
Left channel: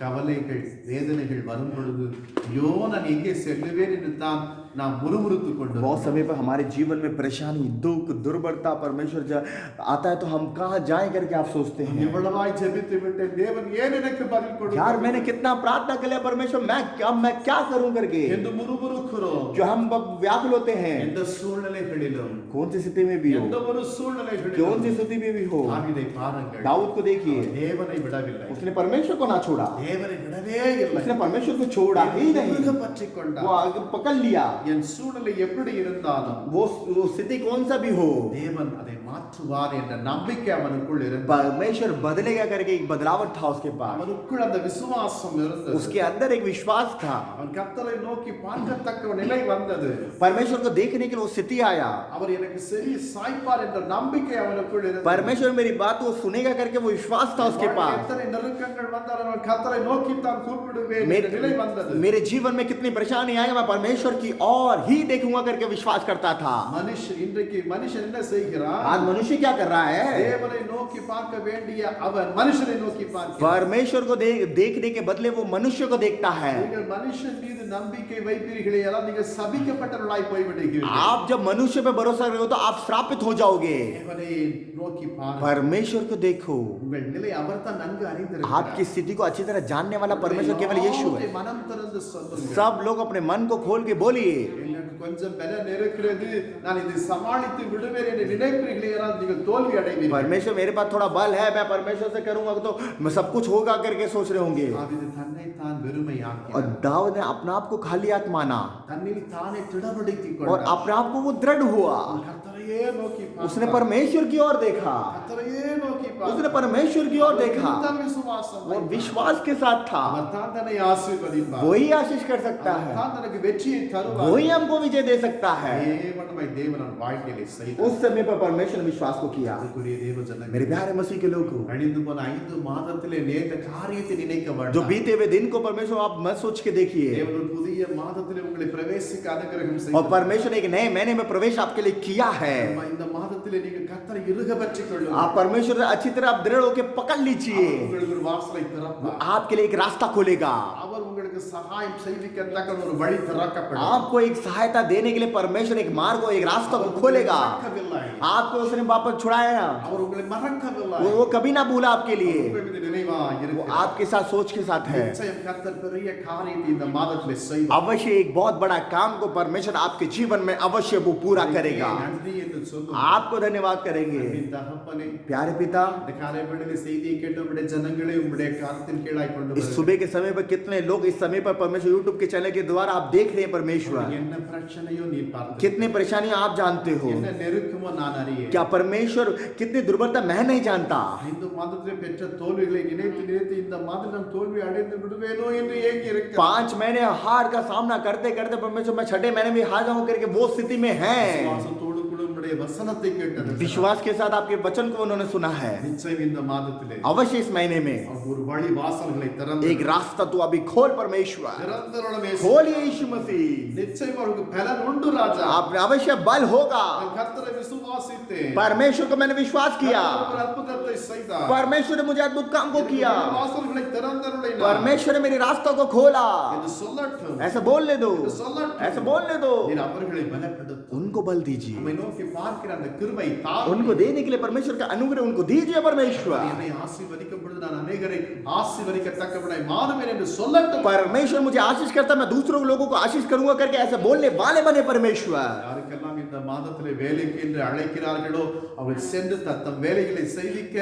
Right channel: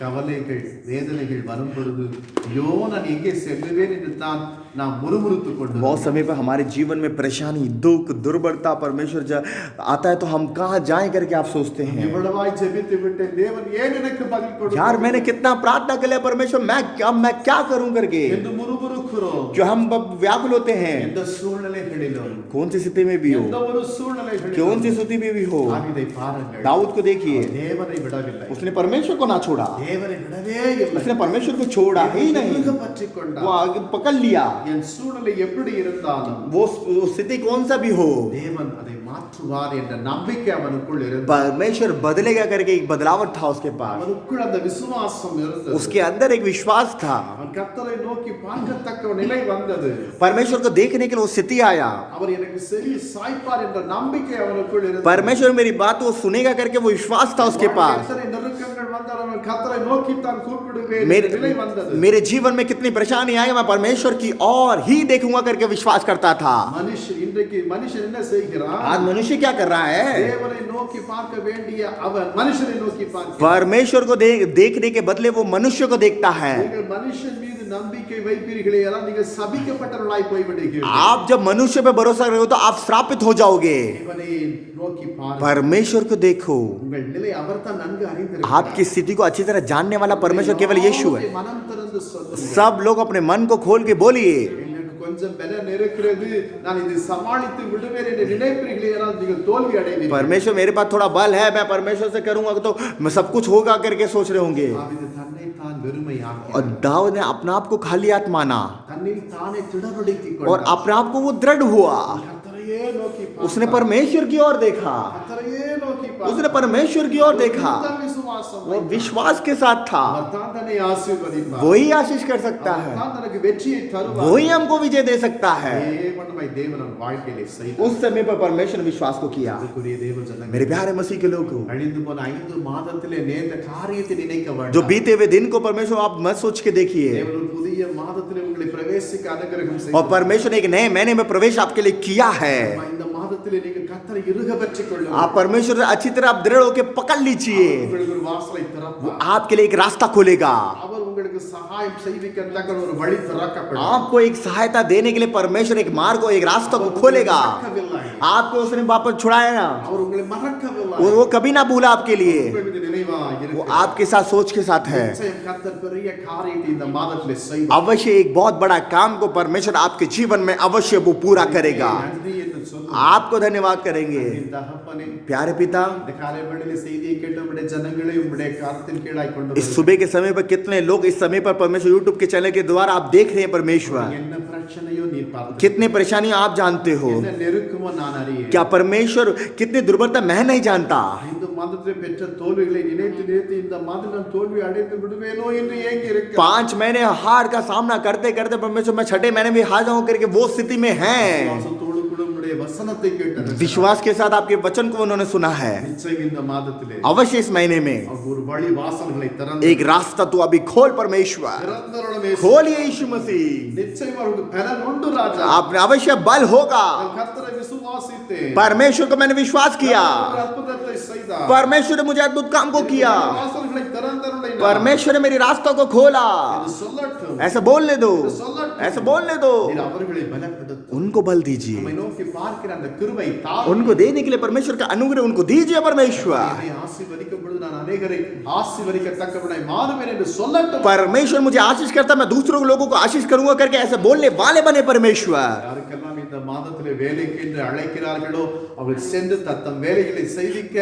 கவலைகள் வேதனைகள் வரும் பொழுது ஐயோ நான் எங்கே செல்லுவேன் என்று தான் நாம் முறுமுறுத்துக் கொண்டு बहुत समय पर हमारे जीवन में परेशानी, दुख, दुर्बलता परमेश्वर आता है तो हम कहाँ जाएं करके आप सोचते हैं, இவ்வளவாய் ஜெபித்து விட்டேன் தேவன் ஏன் எனக்கு பதில் यार கொடுத்தார் मैंने कितना प्रार्थना कर लिया परमेश्वर, मैं क्या करूं करके, என்று முறுமுறுக்கிறோம். जो हम व्याकुल होते हैं। எந்த சூழ்நிலைகளிலும் कौन सी स्थिति में भी எந்த हो, ஒரு कौन சூழ்நிலைகளிலும் सी स्थिति में भी हो, தாவீதை பாருங்கள். दाऊद को देखिए, அவர் தேவனை விடவில்லை. उसने परमेश्वर को ना छोड़ा, தேவனை விடவே இல்லை. उसने परमेश्वर को छोड़ा ही नहीं, முருக பற்றிக் वो கொண்டார். आगे पकड़ लिया। என் சூழ்நிலை எப்படி இருந்தாலும் वो स्थिति कौन सा भी हो, தேவன் அதை மாற்றுவார் என்ற நம்பிக்கை அவனுக்குள் இருந்தது. परमेश्वर बदलेगा करके एक बदलावट था उसके पास, அவனுக்குள் அந்த விசுவாசம் இருந்தது. उसके अंदर एक विश्वास था। அவன் கர்த்தரை நோக்கி பார்க்கத்தக்க நிலை வந்தது. परमेश्वर को देखने के लिए वो स्थिति आया, அவர் எனக்கு செவி சாய்ப்பார் என்ற நம்பிக்கை அவனுக்குள் இருந்தது. परमेश्वर मेरी बात वो सुनेगा करके वो विश्वास था उसके पास। எத்தனை நெருக்கங்கள் வந்தாலும் அவன் கர்த்தரை நோக்கி தான் கூப்பிடுவேன் என்ற நிலை வந்தது. मेरे जीवन में कितनी परेशानी आई, मैं परमेश्वर की और ही देखूंगा करके विश्वास करता था। மனுஷன் இன்றைக்கு மனுஷன் என்ன செய்கிறான்? आज मनुष्य क्या कर रहा है? தேவனை நோக்கி பார்க்க வேண்டிய அவன் மனுஷனை நோக்கி பார்க்கிறான். परमेश्वर को देखने के बदले वो मनुष्य को देखता है। நீங்கள் மனுஷன் மீது நம்பிக்கை வைப்பீர்களே ஆனால் நீங்கள் சபிக்கப்பட்டவர்களாய் போய்விடுவீர்கள். आप जब मनुष्य पे भरोसा रहे हो तो आप श्रापित हो जाओगे। தேவனை நோக்கி பாருங்கள். परमेश्वर को देखो। உங்கள் நிலை அவர்தான் நன்கு அறிந்திருக்கிறார். आपकी स्थिति को अच्छी तरह जानने वाला परमेश्वर केवल यीशु है। மனம் திறந்து சொல்லுங்கள். सब लोग अपने मन को खोल के बोलिए, எனக்கு கொஞ்சம் பலம் இருக்கிறது, நான் இதை சமாளித்து விடுவேன் என்று நினைப்பீர்களே ஆனால் நீங்கள் தோல்வி அடைவீர்கள். परमेश्वर मेरे पास थोड़ा बल है, मैं परमेश्वर से करूंगा तो मैं सब कुछ होगा करके सोच रहे होंगे। தாவீது தன்னை தான் வெறுமையாக்கினார். और दाऊद ने अपने आप को खाली हाथ माना தன்னில் தானே திடப்படுத்திக் और கொண்டார். अपने आप को वो दृढ़ हुआ। கர்த்தரையே நோக்கி उसने பார்த்தார். परमेश्वर की ओर देखा, கர்த்தரையே நோக்கி उसने பார்த்தார். परमेश्वर की ओर देखा, அவர்தான் விசுவாசம் वो வைத்தார். विश्वास के साथ था। அவர்தான் தன்னை ஆசீர்வதிப்பார். वही आशीष कर सकता है, அவர்தான் தனக்கு வெற்றியை தருவார். वही हमको विजय दे सकता है। தேவனமாய் தேவன் அவன் வாழ்க்கையிலே செய்தார். उस समय पर परमेश्वर विश्वास को किया। அன்புக்குரிய தேவ ஜனங்களே, मेरे प्यारे मसीह के लोगों, கழிந்து போன 5 மாதத்திலே நேர்ந்த காரியத்தை நினைக்க जो வேண்டாம். बीते हुए दिन को परमेश्वर आप मत सोच के देखिए, தேவன் ஒரு புதிய மாதத்திலே உங்களை பிரவேசிக்க அனுகிரகம் और செய்தார். परमेश्वर ने एक नए महीने में प्रवेश आपके लिए किया है। இந்த மாதத்திலே நீங்க கர்த்தரை இறுக பற்றிக் கொள்ளுங்கள். आप परमेश्वर से अच्छी तरह आप दृढ़ होकर पकड़ लीजिए, உங்களுக்கு ஒரு வாசலை वो திறப்பார். आपके लिए एक रास्ता खोलेगा। அவர் உங்களுக்கு சகாயம் செய்விக்கத்தக்க ஒரு வழி திறக்கப்படும். आपको एक सहायता देने के लिए परमेश्वर एक मार्ग को एक रास्ता को खोलेगा। மறக்கவில்லை. आपको उसने वापस छुड़ाया ना, அவர் உங்களை மறக்கவில்லை. वो कभी ना भूला आपके लिए, உங்கள் மீது நினைவா वो இருக்கிறார். आपके साथ सोच के साथ है। நிச்சயம் கர்த்தர் பெரிய காரியத்தை இந்த மாதத்திலே செய்வார். अवश्य एक बहुत बड़ा काम को परमेश्वर आपके जीवन में अवश्य वो पूरा करेगा। நன்றி என்று சொல்லுங்கள். आपको धन्यवाद करेंगे। அன்பின் தகப்பனே, प्यारे पिता, இந்த காலை வேளையிலே செய்தியை கேட்டு உம்முடைய ஜனங்களை உம்முடைய கரத்தின் கீழாய் கொண்டு इस सुबह के समय पर कितने लोग इस समय पर परमेश्वर यूट्यूब के चैनल के द्वारा आप देख रहे हैं। परमेश्वर என்ன பிரச்சனையோ நீர் பார்த்து कितने परेशानी आप जानते हो, என்ன நெருக்கமோ நான் அறியேன். क्या परमेश्वर कितनी दुर्बलता मैं नहीं जानता। இந்த மாதத்திலே பெற்ற தோல்விகளை நினைத்து நினைத்து இந்த மாதம் நான் தோல்வி அடைந்து விடுவேனோ என்று ஏங்கி இருக்கிறேன். 5 महीने हार का सामना करते करते परमेश्वर मैं 6ठे महीने में हार जाऊं करके वो स्थिति में है। விசுவாசத்தோடு கூட உம்முடைய வசனத்தை கேட்டு विश्वास के साथ आपके वचन को उन्होंने सुना है। நிச்சயம் இந்த மாதத்திலே अवश्य इस महीने में அவர் ஒரு வழி வாசல்களை திறந்து एक रास्ता तू अभी खोल परमेश्वर, திறந்தருளவே खोलिए यीशु मसीह। நிச்சயம் அவருக்கு பலன் உண்டு ராஜா. आप अवश्य बल होगा। நான் கர்த்தரை விசுவாசித்தேன். परमेश्वर को मैंने विश्वास किया, ஒரு அற்புதத்தை செய்தார். परमेश्वर ने मुझे अद्भुत काम को किया, வாசல்களை திறந்தருளினார் परमेश्वर ने मेरी रास्ता को खोला। என்று சொல்லட்டும். ऐसे बोलने दो, சொல்லட்டும். ऐसे बोलने दो, நீர் அவர்களை பலப்படுத்தும். उनको बल दीजिए, நம்மை நோக்கி பார்க்கிற அந்த கிருபை தாரும். उनको देने के लिए परमेश्वर का अनुग्रह उनको दीजिए परमेश्वर। என்னை ஆசீர்வதிக்கும் பொழுது நான் அநேகரை ஆசீர்வதிக்கத்தக்கவனாய் மாறுவேன் என்று சொல்லட்டும். परमेश्वर मुझे आशीष करता, मैं दूसरों लोगों को आशीष करूंगा करके ऐसे बोलने वाले बने परमेश्वर। யாருக்கெல்லாம் இந்த மாதத்திலே வேலைக்கு என்று அழைக்கிறார்களோ அவர்கள் சென்று தத்தம் வேலைகளை செய்விக்க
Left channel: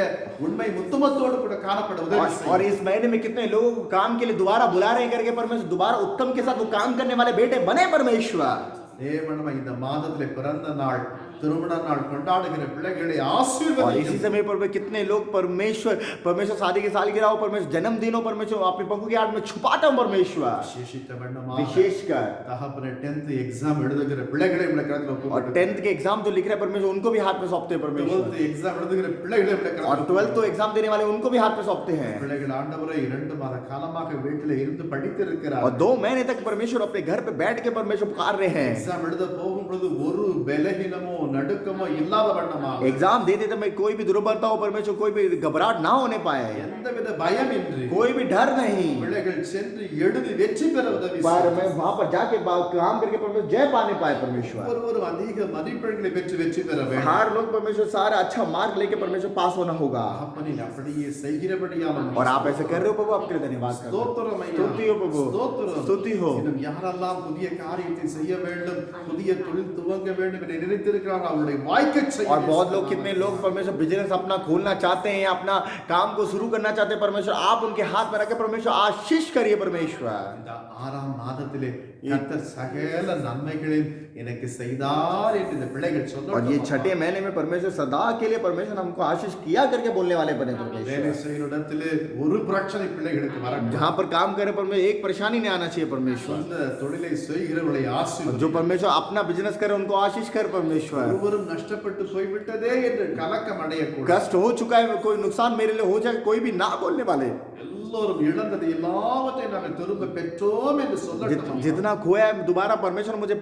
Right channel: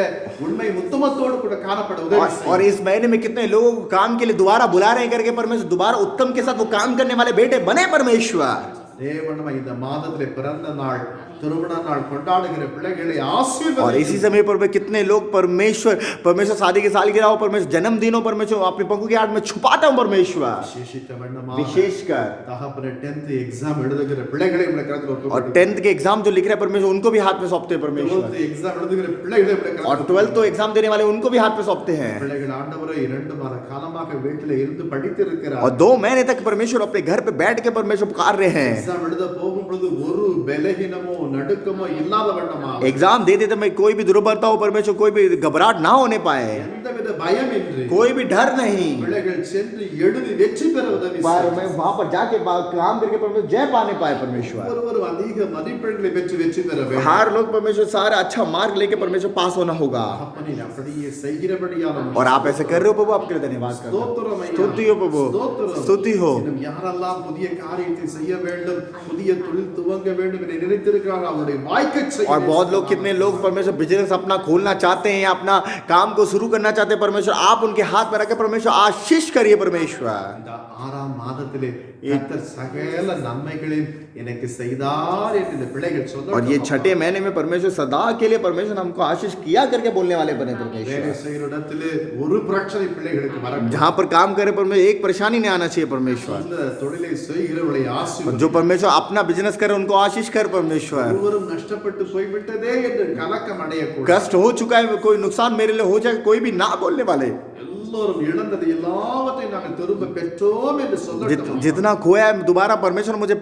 உண்மை உத்தமத்தோடு கூட காணப்பட உதவி और செய்யும். इस महीने में कितने लोग काम के लिए दोबारा बुला रहे हैं करके परमेश्वर दोबारा उत्तम के साथ वो काम करने वाले बेटे बने परमेश्वर। தேவனமே இந்த மாதத்திலே பிறந்த நாள் திருமண நாள் கொண்டாடுகிற பிள்ளைகளை और इसी ஆசீர்வதிக்கும். समय पर कितने लोग परमेश्वर शादी के सालगिरह हो, परमेश्वर जन्मदिन हो, परमेश्वर अपने पंखों की आड़ में छुपाता हूं परमेश्वर। விசேஷித்த வண்ணமாக विशेषकर தகப்பனே 10th எக்ஸாம் எழுதுகிற பிள்ளைகளை உம்முடைய கரத்தில் और ஒப்புக்கொடுக்கிறோம். 10th के एग्जाम जो लिख रहे हैं परमेश्वर उनको भी हाथ में सौंपते हैं परमेश्वर। 12th எக்ஸாம் எழுதுகிற பிள்ளைகளை உம்முடைய और கரத்தில் 12th तो एग्जाम देने वाले उनको भी हाथ में सौंपते हैं। பிள்ளைகள் ஆண்டவரை 2 மாத காலமாக வீட்டிலே இருந்து படித்திருக்கிறார். और 2 महीने तक परमेश्वर अपने घर पे बैठ के परमेश्वर पुकार रहे हैं। எக்ஸாம் எழுத போகும் பொழுது ஒரு பலகீனமோ நடுக்கமோ இல்லாத வண்ணமாக एग्जाम दे देते में कोई भी दुर्बलता हो परमेश्वर, कोई भी घबराहट ना होने पाए, எந்தவித பயமின்றி कोई भी डर नहीं, பிள்ளைகள் சென்று எழுதி வெற்றி பெற உதவி पर செய்யும். मैं वहां पर जाके काम करके परमेश्वर जय पाने पाए परमेश्वर। ஒருவரும் அதிக மதிப்பெண்களை பெற்று வெற்றி பெற வேண்டும். हर लोग परमेश्वर सारा अच्छा मार्क लेके परमेश्वर पास होना होगा। அப்பனே அப்படியே செய்கிறபடியால் और आप ऐसे कर रहे हो प्रभु, आपके लिए धन्यवाद करता हूं। ஸ்தோத்திரம் ஐயா. स्तुति हो प्रभु, ஸ்தோத்திரம். स्तुति हो। இன்னும் யாரெல்லாம் புதிய காரியத்தை செய்ய வேண்டும், புதிய தொழில் துவங்க வேண்டும் என்று நினைத்திருக்கிறார்கள் அவருடைய வாய்க்கச் செய்ய और बहुत लोग कितने लोग परमेश्वर बिजनेस अपना खोलना चाहते हैं, अपना काम को शुरू करना चाहते हैं। परमेश्वर आप उनके हाथ में रखे, परमेश्वर आशीष करिए परमेश्वर। இந்த 6ஆம் மாதத்திலே கர்த்தர் சகல நன்மைகளையும் எனக்கு செய்தார் என்று இந்த பிள்ளைகள் और ये சொல்லட்டும். छठे महीने में परमेश्वर सदा के लिए परमेश्वर हमको आशीष किया करके बोलने वाले बने வேலை परमेश्वर। செய்கிற இடத்திலே ஒரு பிரச்சனை பிள்ளைகளுக்கு வரக்கூடாது. जहाँ पर काम करे परमेश्वर एक परेशानी नहीं आना चाहिए परमेश्वर। இந்த தொழிலை செய்கிறவர்களை और जो ஆசீர்வதி. परमेश्वर अपना बिजनेस करे उनको आशीष कर परमेश्वर। ஒருவரும் நஷ்டப்பட்டு போய்விட்டதே என்று கலக்கம் அடையக்கூடாது. कष्ट हो चुका है, कोई नुकसान मेरे लिए हो जाए, कोई भी ना बोलने वाले। எல்லோரும் இழந்தது எல்லாவற்றையும் நாங்கள் திரும்ப பெற்றோம் என்று சொல்லட்டும். जितना खोया है दोबारा परमेश्वर मुझे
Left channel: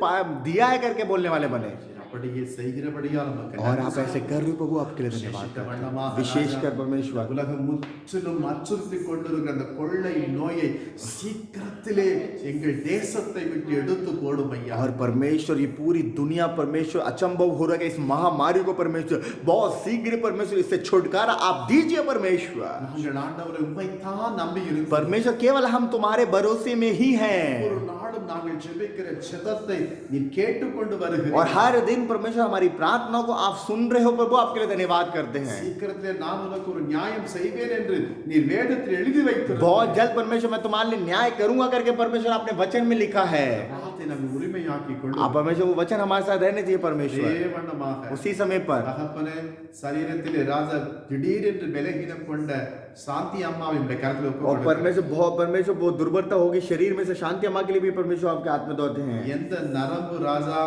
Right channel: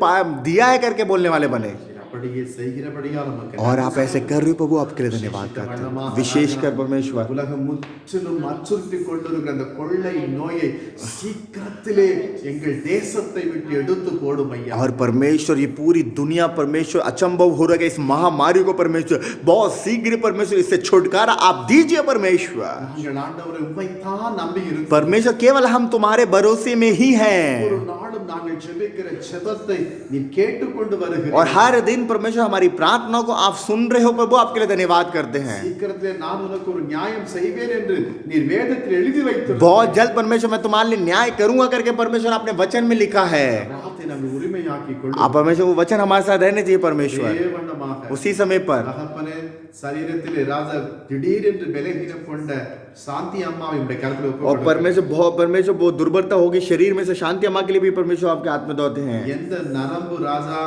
दिया है करके बोलने वाले बने। அப்படியே செய்கிறபடியால் நமக்கு और आप ऐसे कर रहे हो प्रभु, आपके लिए धन्यवाद करते हैं। विशेषकर परमेश्वर உலகம் முற்றிலும் அச்சுறுத்தி கொண்டிருக்கிற அந்த கொள்ளை நோயை சீக்கிரத்திலே எங்கள் தேசத்தை விட்டு எடுத்து போடும் ஐயா. और परमेश्वर ये पूरी दुनिया परमेश्वर अचंभव हो रहा है इस महामारी को परमेश्वर बहुत शीघ्र परमेश्वर इससे छुटकारा आप दीजिए परमेश्वर। நாங்கள் ஆண்டவரை உம்மைத்தான் நம்பி இருக்கிறோம். परमेश्वर केवल हम तुम्हारे भरोसे में ही हैं ஒரு நாளும் நாங்கள் ஜெபிக்கிற ஜெபத்தை நீர் கேட்டுக்கொண்டு और வருகிறீர். हर दिन परमेश्वर हमारी प्रार्थना को आप सुन रहे हो प्रभु, आपके लिए धन्यवाद करते हैं। சீக்கிரத்திலே நான் உனக்கு ஒரு நியாயம் செய்வேன் என்று நீர் வேதத்தில் எழுதி வைத்திருக்கிறீர். बहुत जल्द परमेश्वर मैं तुम्हारे लिए न्याय करूंगा करके परमेश्वर आपने वचन में लिखा है। வார்த்தை நாங்கள் உரிமையாக்கிக் आप கொள்ளும். परमेश्वर वो वचन हमारे साथ रहने चाहिए परमेश्वर। தேவனமாக उसी समय पर தகப்பனே சரீரத்திலே ராஜா திடீரென்று பலகீனம் கொண்ட சாந்தி அம்மாவை உடைய கரத்தில் और ஒப்புக்கொடுக்கிறேன். परमेश्वर बहुत दुर्बलता होगी शरीर में से, शांति अम्मा के लिए भी परमेश्वर आपके हाथ में दौड़ते हैं। எந்த நரம்பு ராஜா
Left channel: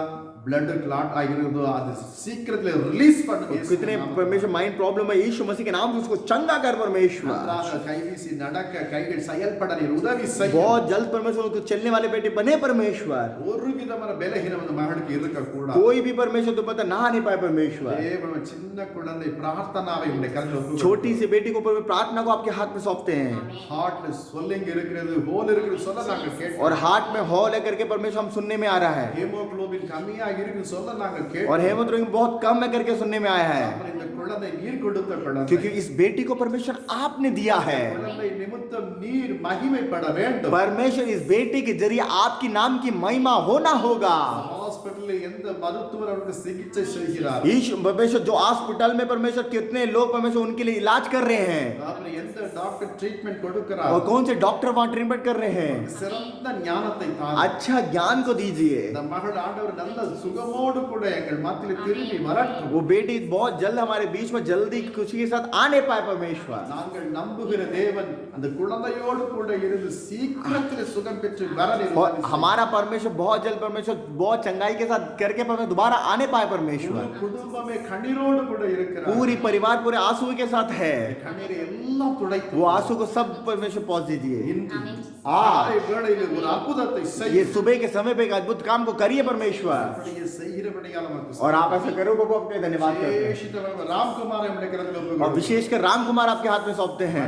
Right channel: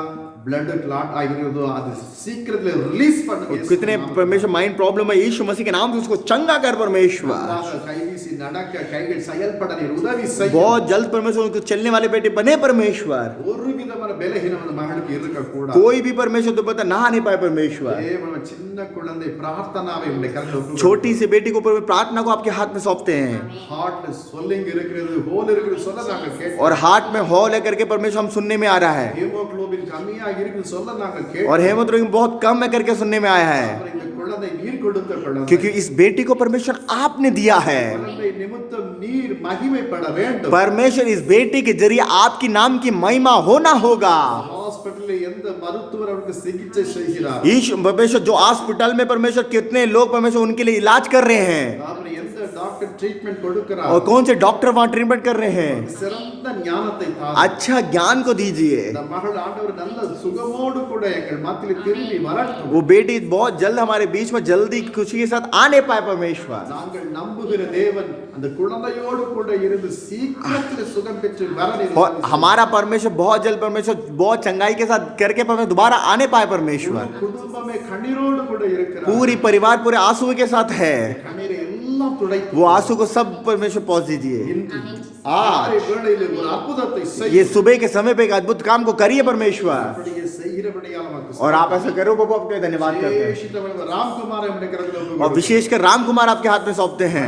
blood clot ஆகிறதோ அது சீக்கிரத்திலே ரிலீஸ் பண்ணுங்க. कितने परमेश्वर माइंड प्रॉब्लम है यीशु मसीह के नाम से उसको चंगा कर परमेश्वर। நன்றாக கைவீசி நடக்க கைகள் செயல்பட நீர் உதவி செய்யும். बहुत जल्द परमेश्वर उनको चलने वाले बेटे बने परमेश्वर। ஒரு விதமான பலகீனம் அந்த மகளுக்கு இருக்க கூடாது. कोई भी परमेश्वर तो पता नहा नहीं पाए परमेश्वर। தேவன் சின்ன குழந்தை பிரார்த்தனாவை உடைய கரத்தில் ஒப்புக்கொடுக்கிறேன். छोटी सी बेटी को प्रार्थना को आपके हाथ में सौंपते हैं ஹார்ட்ல ஸ்வெல்லிங் இருக்கிறது, ஹோல் இருக்கிறது சொல்ல நாங்க கேட்டோம். और हार्ट में हॉल है करके परमेश्वर हम सुनने में आ रहा है ஹீமோகுளோபின் கம்மியா இருக்குன்னு சொல்ல நாங்க கேட்டோம். और हेमोग्लोबिन बहुत कम है करके सुनने में आया है அப்புறம் இந்த குழந்தை நீர் கொடுத்த குழந்தை. क्योंकि इस बेटी को परमेश्वर आपने दिया है। குழந்தை நிமித்தம் நீர் மகிமைப்பட வேண்டும். परमेश्वर इस बेटी के जरिए आपकी नाम की महिमा होना होगा। ஹாஸ்பிடல்ல எந்த மருத்துவர் அவருக்கு சிகிச்சை செய்கிறார், ईश परमेश्वर जो हॉस्पिटल में परमेश्वर कितने लोग परमेश्वर उनके लिए इलाज कर रहे हैं அப்புறம் எந்த டாக்டர் ட்ரீட்மெண்ட் கொடுக்கிறார், और कौन से डॉक्टर वहां ट्रीटमेंट कर रहे हैं, சிறந்த ஞானத்தை தாரும். अच्छा ज्ञान को दीजिए। இந்த மகள் ஆண்டவர் நல்ல சுகமோடு கூட எங்கள் மத்தியில் திரும்பி வரட்டும். वो बेटी बहुत जल्द हमारे बीच में जल्दी खुशी के साथ आने पाए परमेश्वर। நாங்கள் நம்புகிற தேவன் அந்த குழந்தையோடு கூட இருந்து சீக்கிரத்தில் சுகம் பெற்று வர நீர் और உதவி செய்யும். हमारा परमेश्वर बहुत जल्द परमेश्वर बहुत चंगाई के साथ करके परमेश्वर दोबारा आने पाए परमेश्वर। முழு குடும்பமே கண்ணீரோடு கூட இருக்கிறார். पूरी परिवार पूरे आंसू के साथ है, கண்ணீரை எல்லாம் துடைத்து वो आंसू को सब परमेश्वर पहुंच दीजिए। இன்று காலை வேளையில் ஒரு அற்புதத்தை ये செய்யும். सुबह के समय पे एक अद्भुत काम को करिए परमेश्वर அப்படியே செய்கிறபடியால் நமக்கு और आप ऐसा करो प्रभु, आपके धन्यवाद करते हैं। விசேஷித்தவன் ராம்குமாரை உம்முடைய கரத்தில் और ஒப்புக்கொடுக்கிறோம். विशेषकर राम कुमार आपके हाथ में सौंपते हैं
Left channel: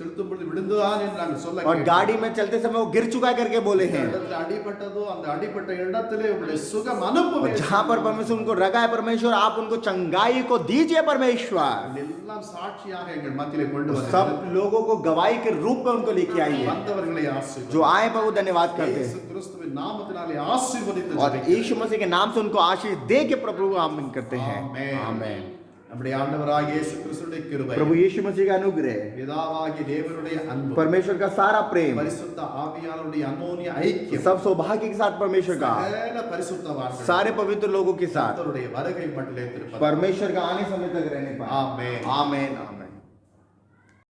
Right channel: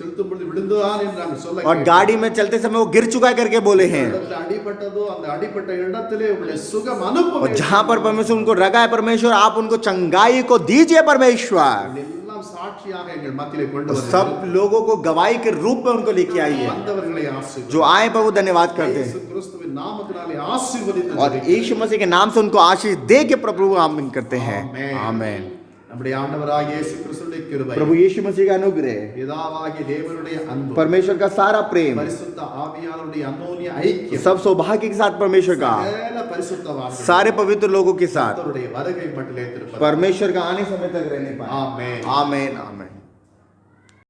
செலுத்தும் பொழுது விழுந்தான் என்று நாங்கள் சொல்ல और கேட்டோம். गाड़ी में चलते समय वो गिर चुका है करके बोले हैं இடத்துல அடிபட்டதோ அந்த அடிபட்ட இடத்திலே உங்களுடைய சுகம் அனுப்பும். और जहां पर परमेश्वर उनको रगा है परमेश्वर आप उनको चंगाई को दीजिए परमेश्वर। எல்லாம் சாட்சியாக எங்கள் மத்தியிலே கொண்டு வர सब लोगों को गवाही के रूप में उनको लेके आइए। வந்தவர்களை ஆசீர்வதியும். जो आए प्रभु धन्यवाद करते இயேசு हैं கிறிஸ்துவின் நாமத்தினாலே ஆசீர்வதித்து और ஜெபிக்கிறேன். यीशु मसीह के नाम से उनको आशीष दे के प्रभु आमीन करते हैं। ஆமென். आमेन। நம்முடைய ஆண்டவராகிய இயேசு கிறிஸ்துவின் கிருபை, प्रभु यीशु मसीह का अनुग्रह, பிதாவாகிய தேவனுடைய அன்பு, परमेश्वर का सारा प्रेम, பரிசுத்த ஆவியானவருடைய அந்யோன்ய ஐக்கியம், सब सौभाग्य के साथ परमेश्वर का சகல பரிசுத்தவான்கள் सारे पवित्र लोगों के साथ கர்த்தருடைய வருகை மட்டும் இருப்பதாக. परमेश्वर का आने समय तक रहने पाए। ஆமென். आमेन आमेन।